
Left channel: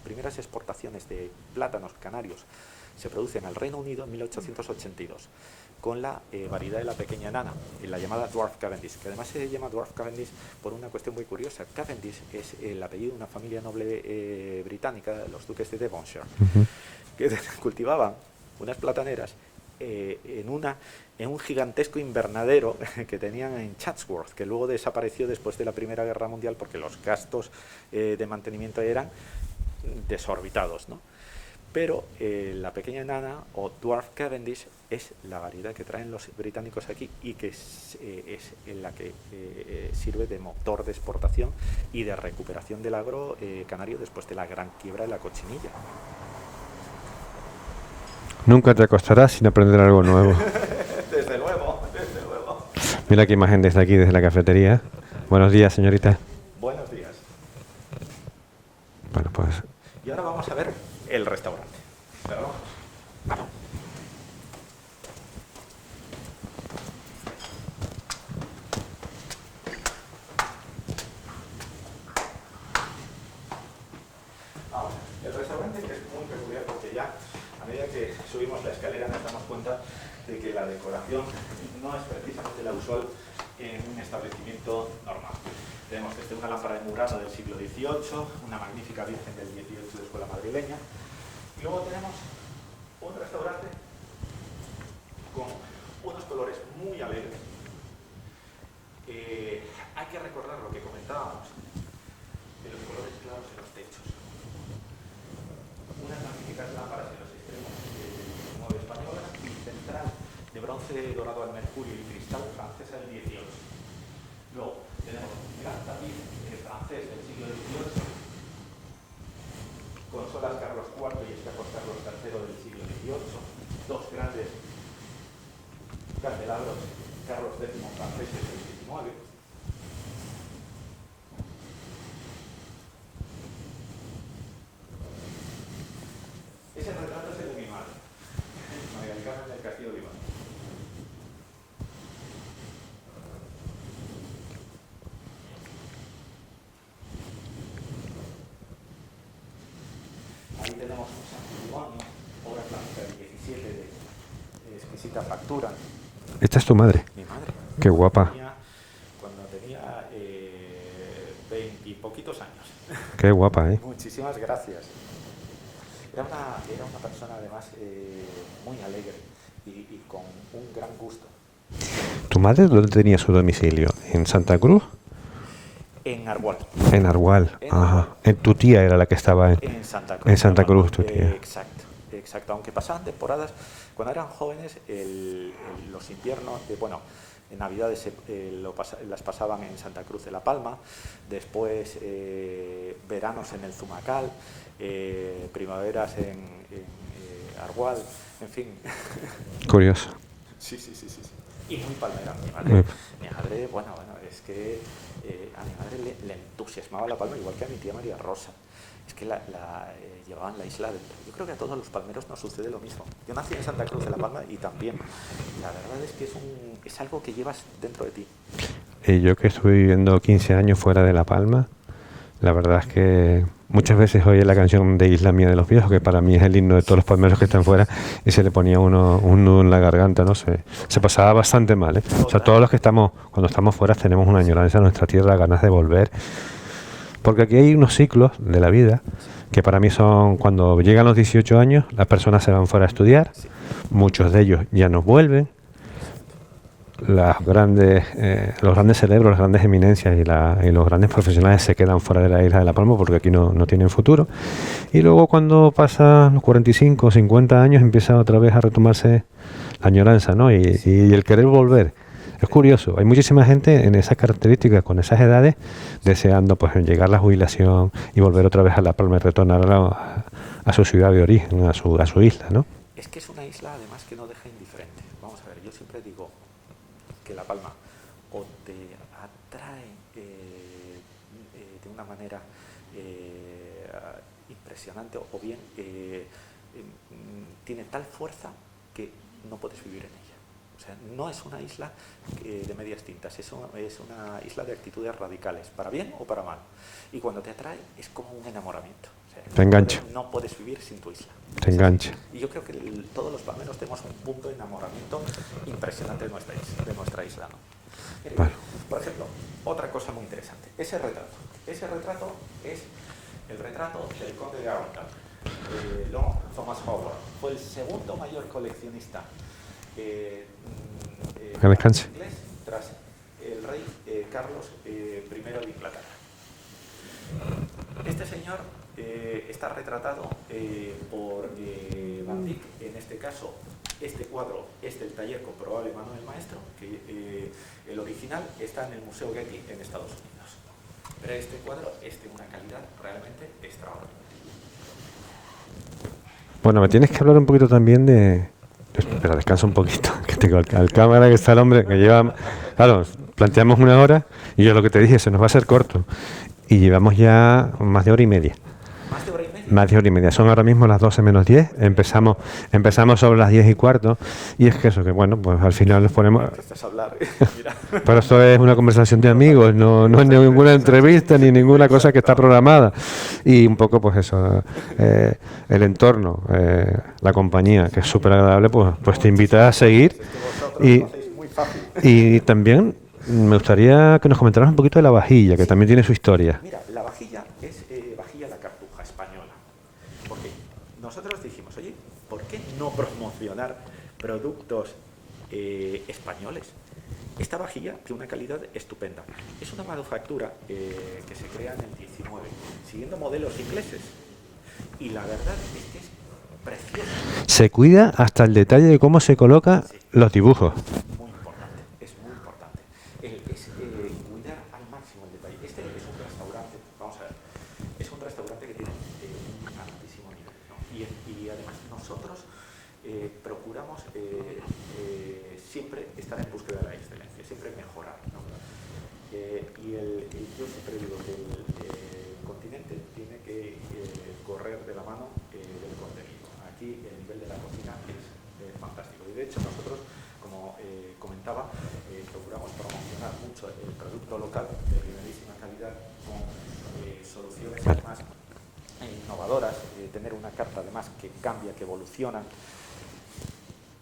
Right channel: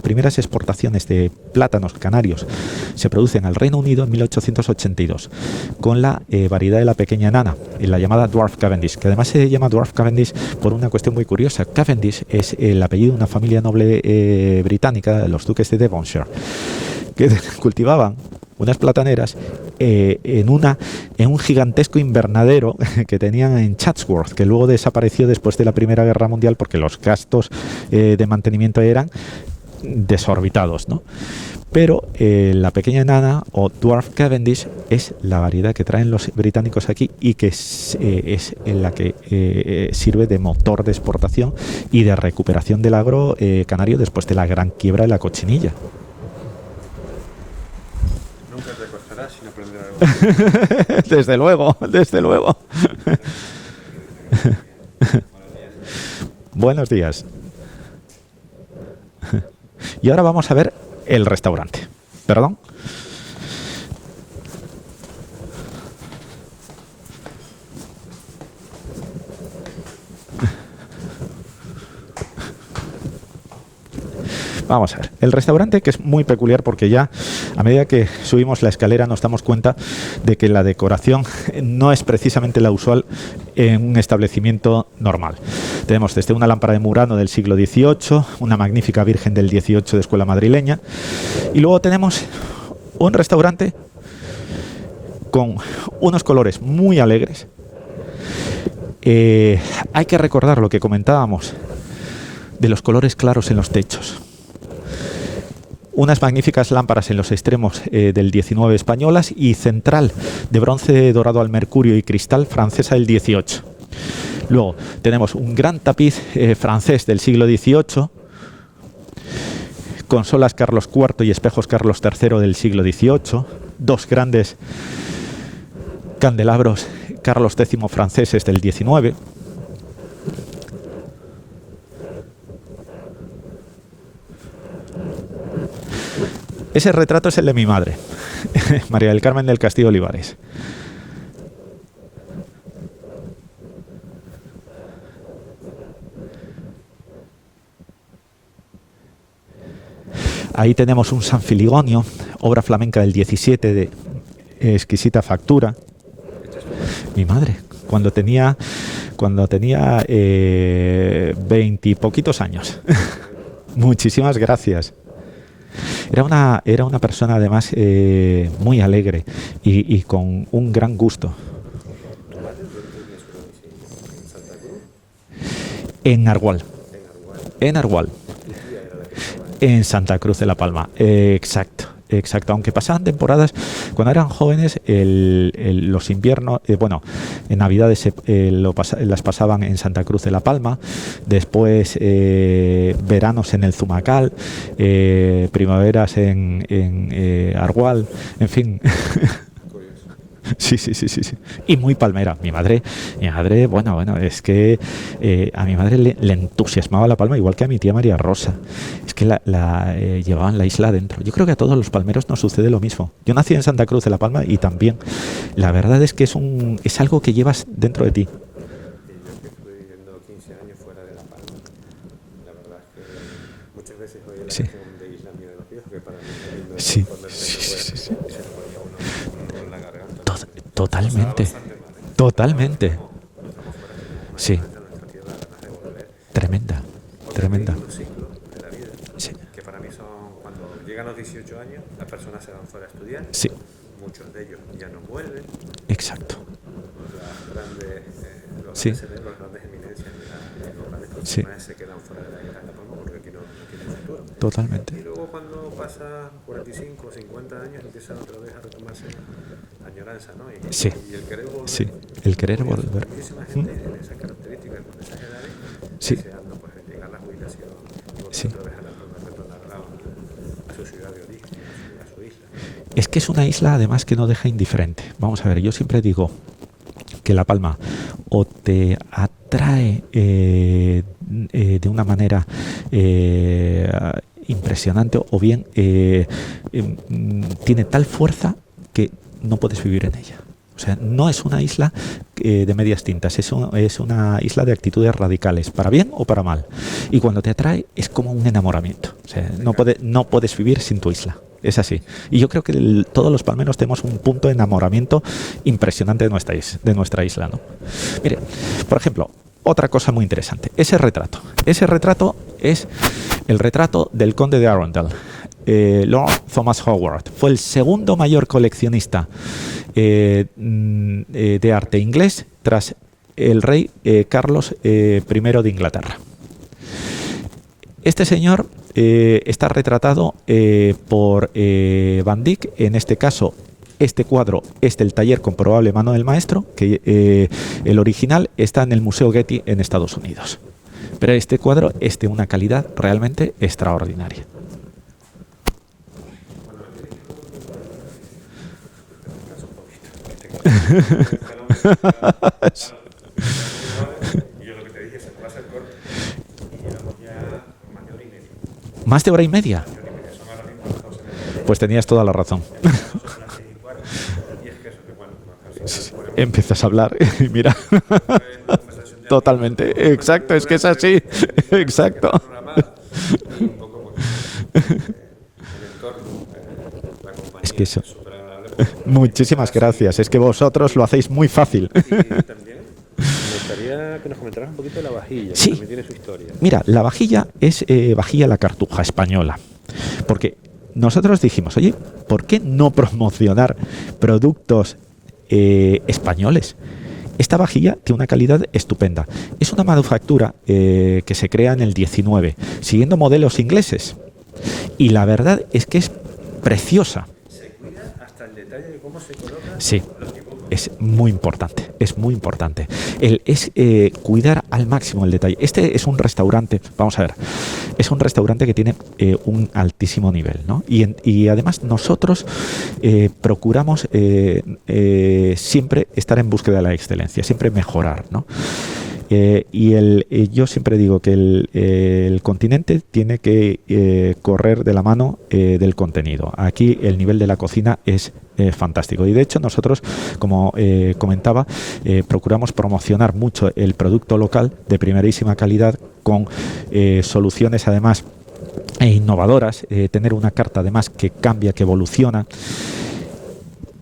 primeras exportaciones de plátanos canarios se producen al Reino Unido en 1882 con la variedad de la pequeña nana, la llamada Dwarf Cavendish, que además se llama Dwarf Cavendish por una cuestión muy curiosa. Cavendish es el apellido de una familia noble británica, los duques de Devonshire, que cultivaban unas plataneras en un gigantesco invernadero que tenían en Chatsworth, que luego desapareció después de la Primera Guerra Mundial porque los gastos de mantenimiento eran desorbitados, ¿no? Pero la pequeña nana o Dwarf Cavendish es la variedad que traen los británicos aquí y que es en la que sirve de motor de exportación y de recuperación del agro canario después de la gran quiebra de la cochinilla. Nunca te acostarás sin aprender algo nuevo. Desde luego, desde luego. Mira qué imagen desde aquí, desde la cafetería. Buenos días, señorita. Buenos días. Bueno, pues, Y ahora vamos a ver el restaurante. ¿Perdón? Vamos a ver, el restaurante, que es muy peculiar porque ya a medida que subimos la escalera nos damos cuenta de que la decoración no es precisamente la usual en un establecimiento normal. Tenemos desde una lámpara de Murano del siglo XVIII, una magnífica Virgen del XVIII de escuela madrileña, y luego tenemos un restaurante con unos colores muy alegres. Hay que recordar lo que comentábamos de los colores claros en los techos. Unas magníficas lámparas en los extremos del 19 españolas y central de bronce dorado al mercurio y cristal francesa del 18. Luego tenemos un gran tapiz francés del siglo XVIII, consolas Carlos IV y espejos Carlos III del siglo XVIII, dos grandes candelabros Carlos X franceses del 19. Ese retrato es el de mi madre, María del Carmen del Castillo Olivares. Ahí tenemos un San Filigonio, obra flamenca del 17 de exquisita factura. esta es tu madre. Mi madre, Qué cuando guapa. tenía 20 y poquitos años. Qué guapa, ¿eh? Muchísimas gracias. Era una persona además muy alegre y con un gran gusto. ¿Tu madre dónde tenía su domicilio? ¿En Santa Cruz? En Argual. En Argual. En Argual. Tu tía era la que estaba En Santa Cruz En de la Santa Palma. Cruz, tu tía. Exacto. Exacto, aunque pasaban temporadas, cuando eran jóvenes, los inviernos, bueno, en Navidades las pasaban en Santa Cruz de la Palma, después veranos en el Zumacal, primaveras en Argual, en fin. Curioso. Sí. Y muy palmera. Mi madre, bueno, es que a mi madre le entusiasmaba la palma, igual que a mi tía María Rosa. Es que llevaban la isla adentro. Yo creo que a todos los palmeros nos sucede lo mismo. Yo nací en Santa Cruz de la Palma y también. La verdad es que es algo que llevas dentro de ti. Yo que estuve viviendo 15 años fuera de La Palma, la verdad es que muchas veces oye la canción de Isla Mía de los Viejos, que para mí es el himno de todos los palmeros que están fuera, y se le ponía un nudo en la garganta, no sé. Se pasaba bastante mal, ¿eh? O sea, todos los que cuando estamos fuera tenemos una añoranza a nuestra tierra, ganas de volver. Tremenda. Porque aquí hay unos ciclos de la vida que para mí son cuando llegan los 18 años, las personas se van fuera a estudiar, muchos de ellos ya no vuelven. Exacto. Los grandes cerebros, las grandes eminencias y los grandes profesionales se quedan fuera de la isla de La Palma porque aquí no tienen futuro. Totalmente. Y luego cuando pasan los 45 o 50 años empieza otra vez a retomarse la añoranza, ¿no? Y el querer volver. Es curioso. Hay muchísima gente en esas características, con esas edades, deseando pues llegar a la jubilación y volver otra vez a La Palma y retornar a su ciudad de origen, a su isla, ¿no? Es que es una isla además que no deja indiferente. Vamos a ver, yo siempre digo que La Palma o te atrae de una manera impresionante o bien tiene tal fuerza que no puedes vivir en ella. O sea, no es una isla de medias tintas, es una isla de actitudes radicales, para bien o para mal. Y cuando te atrae es como un enamoramiento. O sea, no puedes vivir sin tu isla. Es así. Y yo creo que todos los palmeros tenemos un punto de enamoramiento impresionante de nuestra isla, ¿no? Mire, por ejemplo, otra cosa muy interesante, ese retrato. Ese retrato es el retrato del conde de Arundel, Lord Thomas Howard. Fue el segundo mayor coleccionista de arte inglés tras el rey Carlos I de Inglaterra. Este señor está retratado por Van Dyck. En este caso, este cuadro es del taller con probable mano del maestro, que el original está en el Museo Getty en Estados Unidos. Pero este cuadro es de una calidad realmente extraordinaria. Bueno, me tienes que hablar un poquito también de... Pero descansa un poquito, que tengo la cámara, que está el hombre que lleva... Claro, planteamos 1 hora y yo lo que te dije, se nos va a hacer corto. Y llevamos ya más de hora y media. ¿Más de hora y media? Más de hora y media. Son ahora mismo las 12 menos 10. Pues tenías toda la razón. Empezamos sobre las 10 y cuarto. Y es que eso, que bueno, pues al final nos ponemos... Empiezas a hablar, mira. Pero eso es una conversación de amigos, no es ninguna entrevista ni ninguna cosa que está programada. Y un poco, pues eso, el entorno, la compañía, que es súper agradable, pues te invita a seguir. Gracias. Es que vosotros lo hacéis muy fácil. Y también me gustaría que nos comentaras un poquito de la vajilla, que también tiene su historia. Mira, la vajilla es vajilla la Cartuja española. Porque nosotros dijimos, oye, ¿por qué no promocionar productos españoles? Esta vajilla tiene una calidad estupenda. Es una manufactura que se crea en el 19, siguiendo modelos ingleses. Y la verdad es que es preciosa. Se cuida hasta el detalle de cómo se coloca los dibujos. Es muy importante, es muy importante. Es cuidar al máximo el detalle. Este es un restaurante, vamos a ver, es un restaurante que tiene un altísimo nivel, ¿no? Y además nosotros procuramos siempre estar en búsqueda de la excelencia, siempre mejorar, ¿no? Yo siempre digo que el continente tiene que correr de la mano del contenido. Aquí el nivel de la cocina es fantástico. Y de hecho nosotros, como comentaba, procuramos promocionar mucho el producto local de primerísima calidad con soluciones además innovadoras, tener una carta además que cambia, que evoluciona.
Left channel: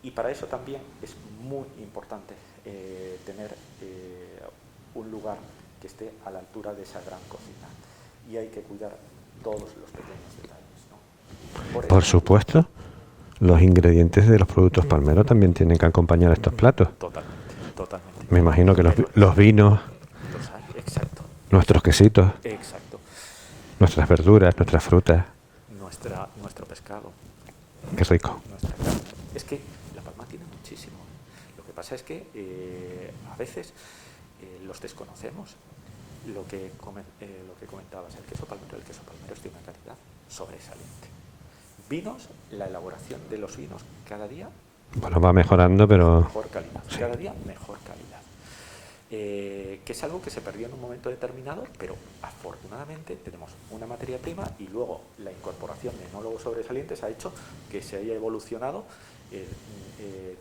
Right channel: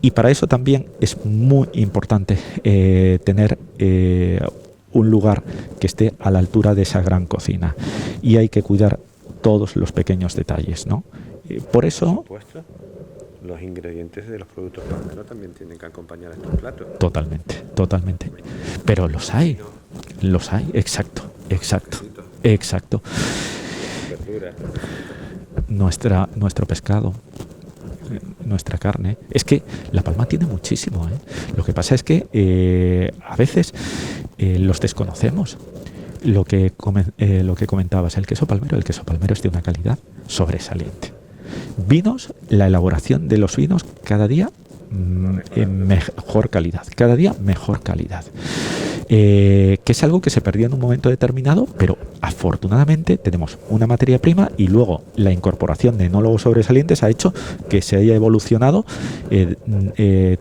Y para eso también es muy importante tener un lugar que esté a la altura de esa gran cocina, y hay que cuidar todos los pequeños detalles, ¿no? Por supuesto, los ingredientes de los productos palmeros también tienen que acompañar estos platos. Totalmente. Me imagino que los vinos, los hay, exacto. Nuestros quesitos, exacto. Nuestras verduras, nuestras frutas, nuestro pescado. Qué rico. Nuestra carne. Es que La Palma tiene muchísimo, ¿eh? Lo que pasa es que a veces los desconocemos. Lo que comentabas, el queso palmero es de una calidad sobresaliente. Vinos, la elaboración de los vinos cada día va mejorando, pero mejor calidad. Cada día mejor calidad. Que es algo que se perdió en un momento determinado, pero afortunadamente tenemos una materia prima y luego la incorporación de enólogos sobresalientes ha hecho que se haya evolucionado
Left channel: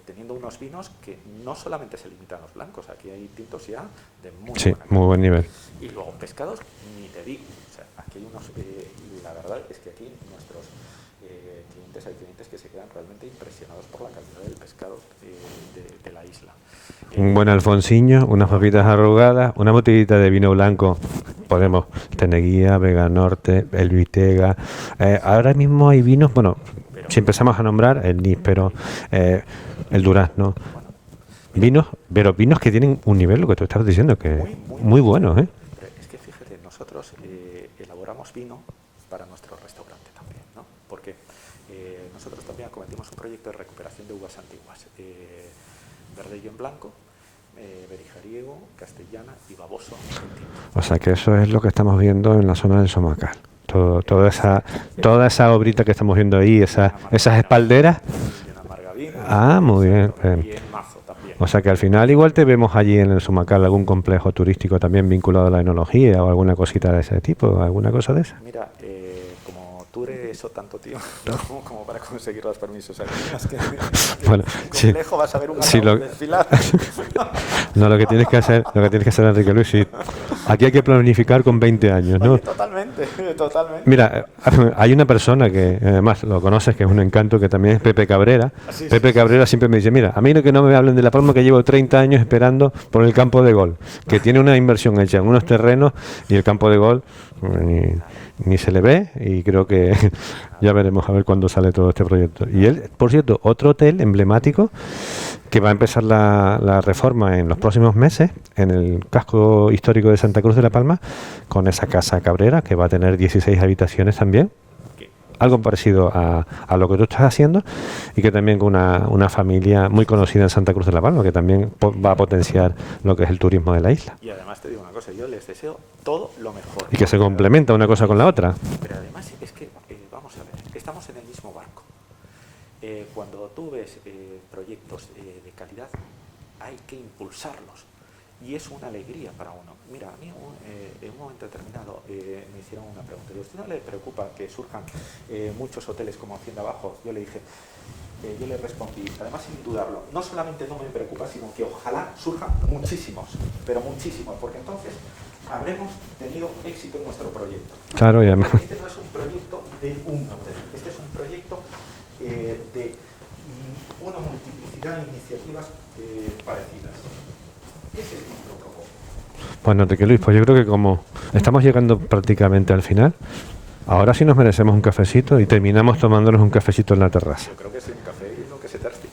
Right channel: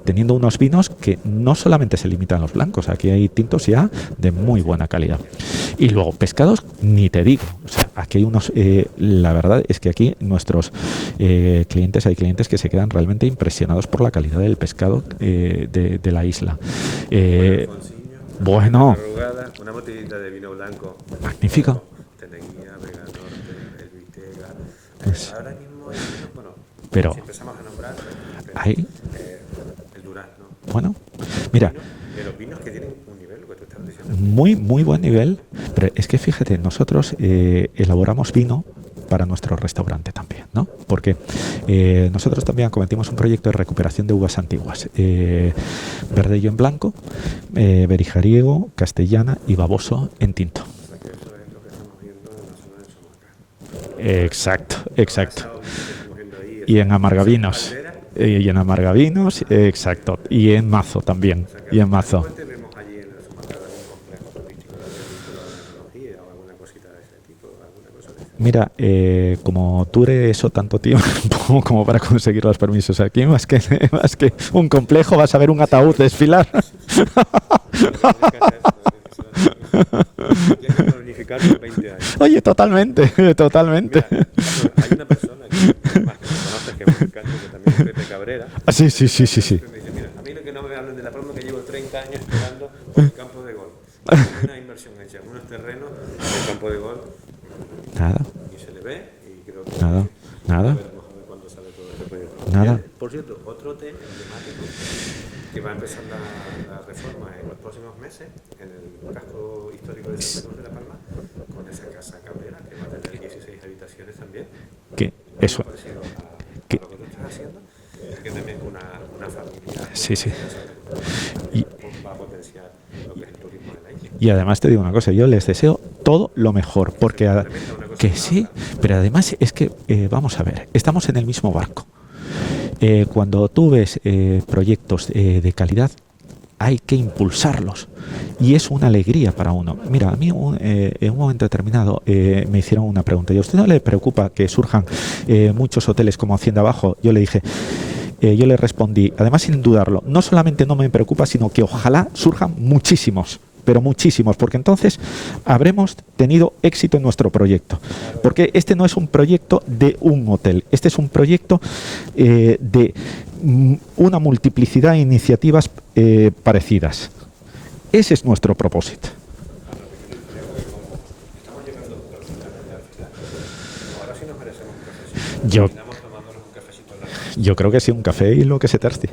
teniendo unos vinos que no solamente se limitan a los blancos, aquí hay tintos ya de muy buena calidad. Muy buen nivel. Y luego pescados, ni te digo. O sea, aquí hay unos, la verdad es que aquí nuestros clientes, hay clientes que se quedan realmente impresionados por la calidad del pescado de la isla. Un buen alfonsiño, unas hojitas arrugadas, una botellita de vino blanco. Magnífico. Podemos Teneguía, Vega Norte, el Vitega. Ahora mismo hay vinos, pero si empezamos a nombrar el Níspero, el Durazno. Bueno, mira, vinos que tienen un nivel, lo que tú estabas diciendo, que muy buen bueno, nivel. Pero es que fíjate, nosotros elaboramos vino para nuestro restaurante también, ¿no? Porque nosotros también cometimos un proyecto de recuperación de uvas antiguas, Verdello en blanco, Berijariego, Castellana y Baboso en tinto. O sea que eso es lo que estamos viendo en la zona del Somacal. Toda esa obrita que estamos viendo ahí, esas espalderas. Y en Amargavinos, exacto. Bien. Y en Mazo también. O sea que al final igual te vemos allí en el Somacal algún complejo turístico también vinculado a la enología o alguna cosita de ese tipo, alguna cosa de esa. Mira, como dure eso tanto tiempo como para conseguir los permisos aquí, más que bueno, un complejo, vas a ver un ataúd desfilar. No, lo que tienes que hacer, Enrique Luis, sí. Aquí hay que planificar con 20 años, ¿no? Oye, totalmente. Mira, hay una persona que además lo conoces, que es un encanto, que también es Pepe Cabrera. Pepe Cabrera siempre me dice, mira, a mí no que no me hablen de La Palma, que llevo 30 años esperando por el campo de gol, que tiene una inversión hecha en unos terrenos y el campo de gol ni se le ve, y creo que ya veremos a ver cuándo sale todo este proyecto. Y por cierto, otro hotel emblemático que va a empezar la reforma en los próximos meses en el casco histórico de Santa Cruz de la Palma, con esa Casa Cabrera, que va a tener 16 habitaciones también, algo parecido a lo que tú estás haciendo, y que también con una familia muy conocida en Santa Cruz de la Palma, que también va a potenciar lo que es el turismo de la isla. Y además te digo una cosa, yo les deseo todo lo mejor. Y que se complementa una cosa con la otra. Pero además es que, vamos a ver, estamos en el mismo barco. Cuando tú ves proyectos de calidad, hay que impulsarlos y es una alegría para uno. Mira, a mí en un momento determinado me hicieron una pregunta: ¿y a usted no le preocupa que surjan muchos hoteles como Hacienda Abajo? Yo le dije, yo le respondí, además sin dudarlo, no solamente no me preocupa, sino que ojalá surjan muchísimos, pero muchísimos, porque entonces habremos tenido éxito en nuestro proyecto. Claro, porque este no es un proyecto de un hotel, este es un proyecto de una multiplicidad de iniciativas parecidas. Ese es nuestro propósito. Bueno, Enrique Luis, pues yo creo que como estamos llegando prácticamente al final, ahora sí nos merecemos un cafecito y terminamos tomándonos un cafecito en la terraza. Yo creo que sí, un café y lo que se tercie.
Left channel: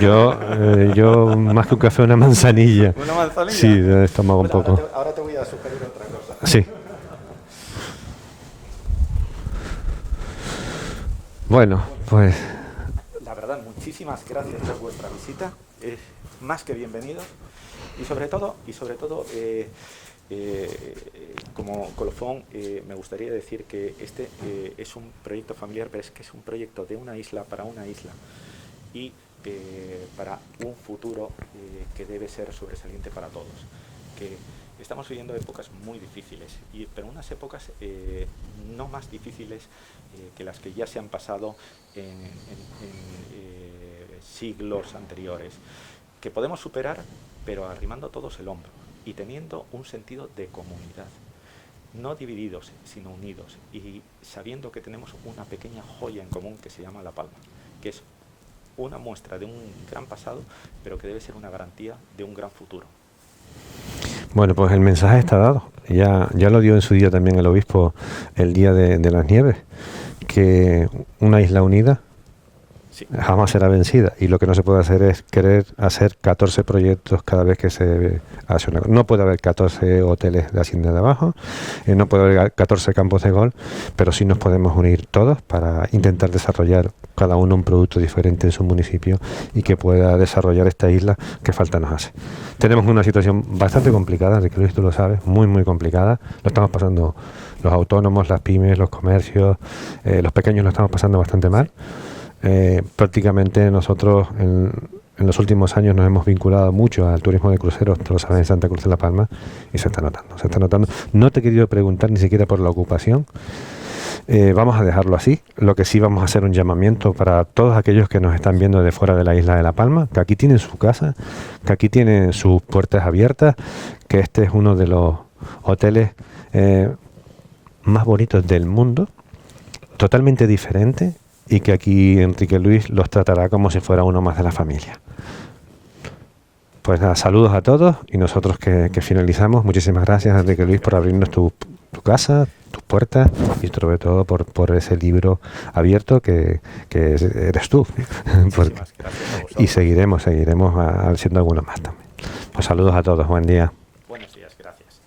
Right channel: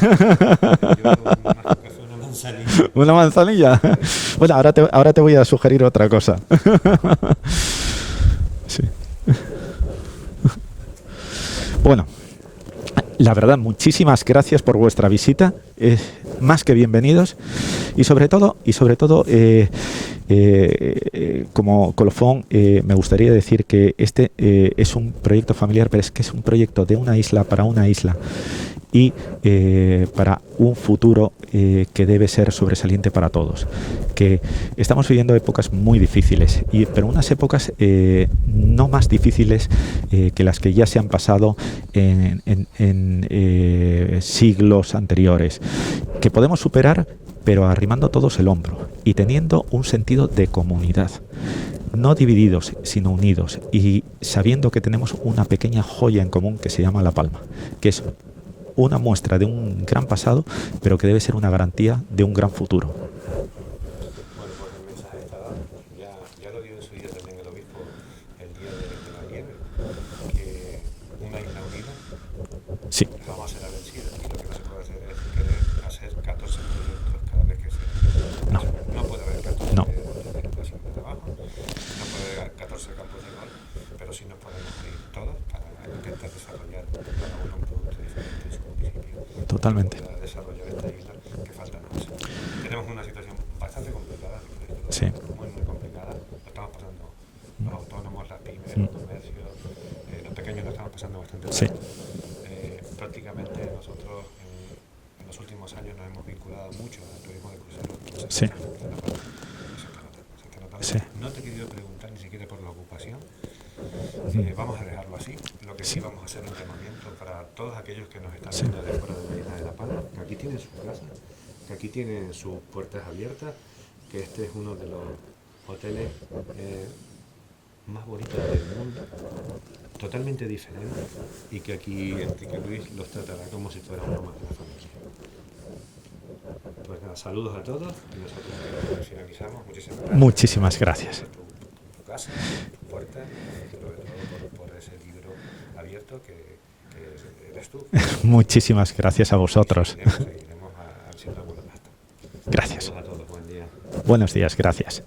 Yo más que un café, una manzanilla. ¿Una manzanilla? Sí, bueno, ahora te voy a sugerir otra cosa. Sí. Sí. Bueno, pues la verdad, muchísimas gracias por vuestra visita. Más que bienvenidos. Y sobre todo, como colofón, me gustaría decir que este es un proyecto familiar, pero es que es un proyecto de una isla para una isla y para un futuro que debe ser sobresaliente para todos. Que estamos viviendo épocas muy difíciles, pero unas épocas no más difíciles que las que ya se han pasado en siglos anteriores, que podemos superar, pero arrimando todos el hombro y teniendo un sentido de comunidad, no divididos sino unidos, y sabiendo que tenemos una pequeña joya en común que se llama La Palma, que es una muestra de un gran pasado, pero que debe ser una garantía de un gran futuro. Bueno, pues el mensaje está dado. Ya lo dio en su día también el obispo el día de las nieves, que una isla unida Sí. Jamás será vencida. Y lo que no se puede hacer es querer hacer 14 proyectos cada vez que se hace una cosa. No puede haber 14 hoteles de Hacienda de Abajo, no puede haber 14 campos de golf, pero sí nos podemos unir todos para intentar desarrollar cada uno un producto diferente en su municipio. Totalmente. Y que pueda desarrollar esta isla que falta nos hace. Tenemos una situación bastante complicada, de que Luis, tú lo sabes, muy complicada. Lo estamos pasando los autónomos, las pymes, los comercios, los pequeños lo estamos pasando bastante mal. Prácticamente nosotros en los últimos años nos hemos vinculado mucho al turismo de cruceros, tú lo sabes, en Santa Cruz de la Palma, y se está notando. No te he querido preguntar ni siquiera por la ocupación. Vamos a dejarlo así. Lo que sí vamos a hacer un llamamiento para todos aquellos que nos están viendo de fuera de la isla de La Palma, que aquí tienen su casa, que aquí tienen sus puertas abiertas, que este es uno de los hoteles más bonitos del mundo, totalmente diferente, y que aquí Enrique Luis los tratará como si fuera uno más de la familia. Pues nada, saludos a todos, y nosotros que finalizamos. Muchísimas gracias, Enrique Luis, por abrirnos tu casa, tus puertas, y sobre todo por ese libro abierto que eres tú. Muchísimas gracias a vosotros. Y seguiremos haciendo algunos más también. Saludos a todos, buen día. Buenos días, gracias.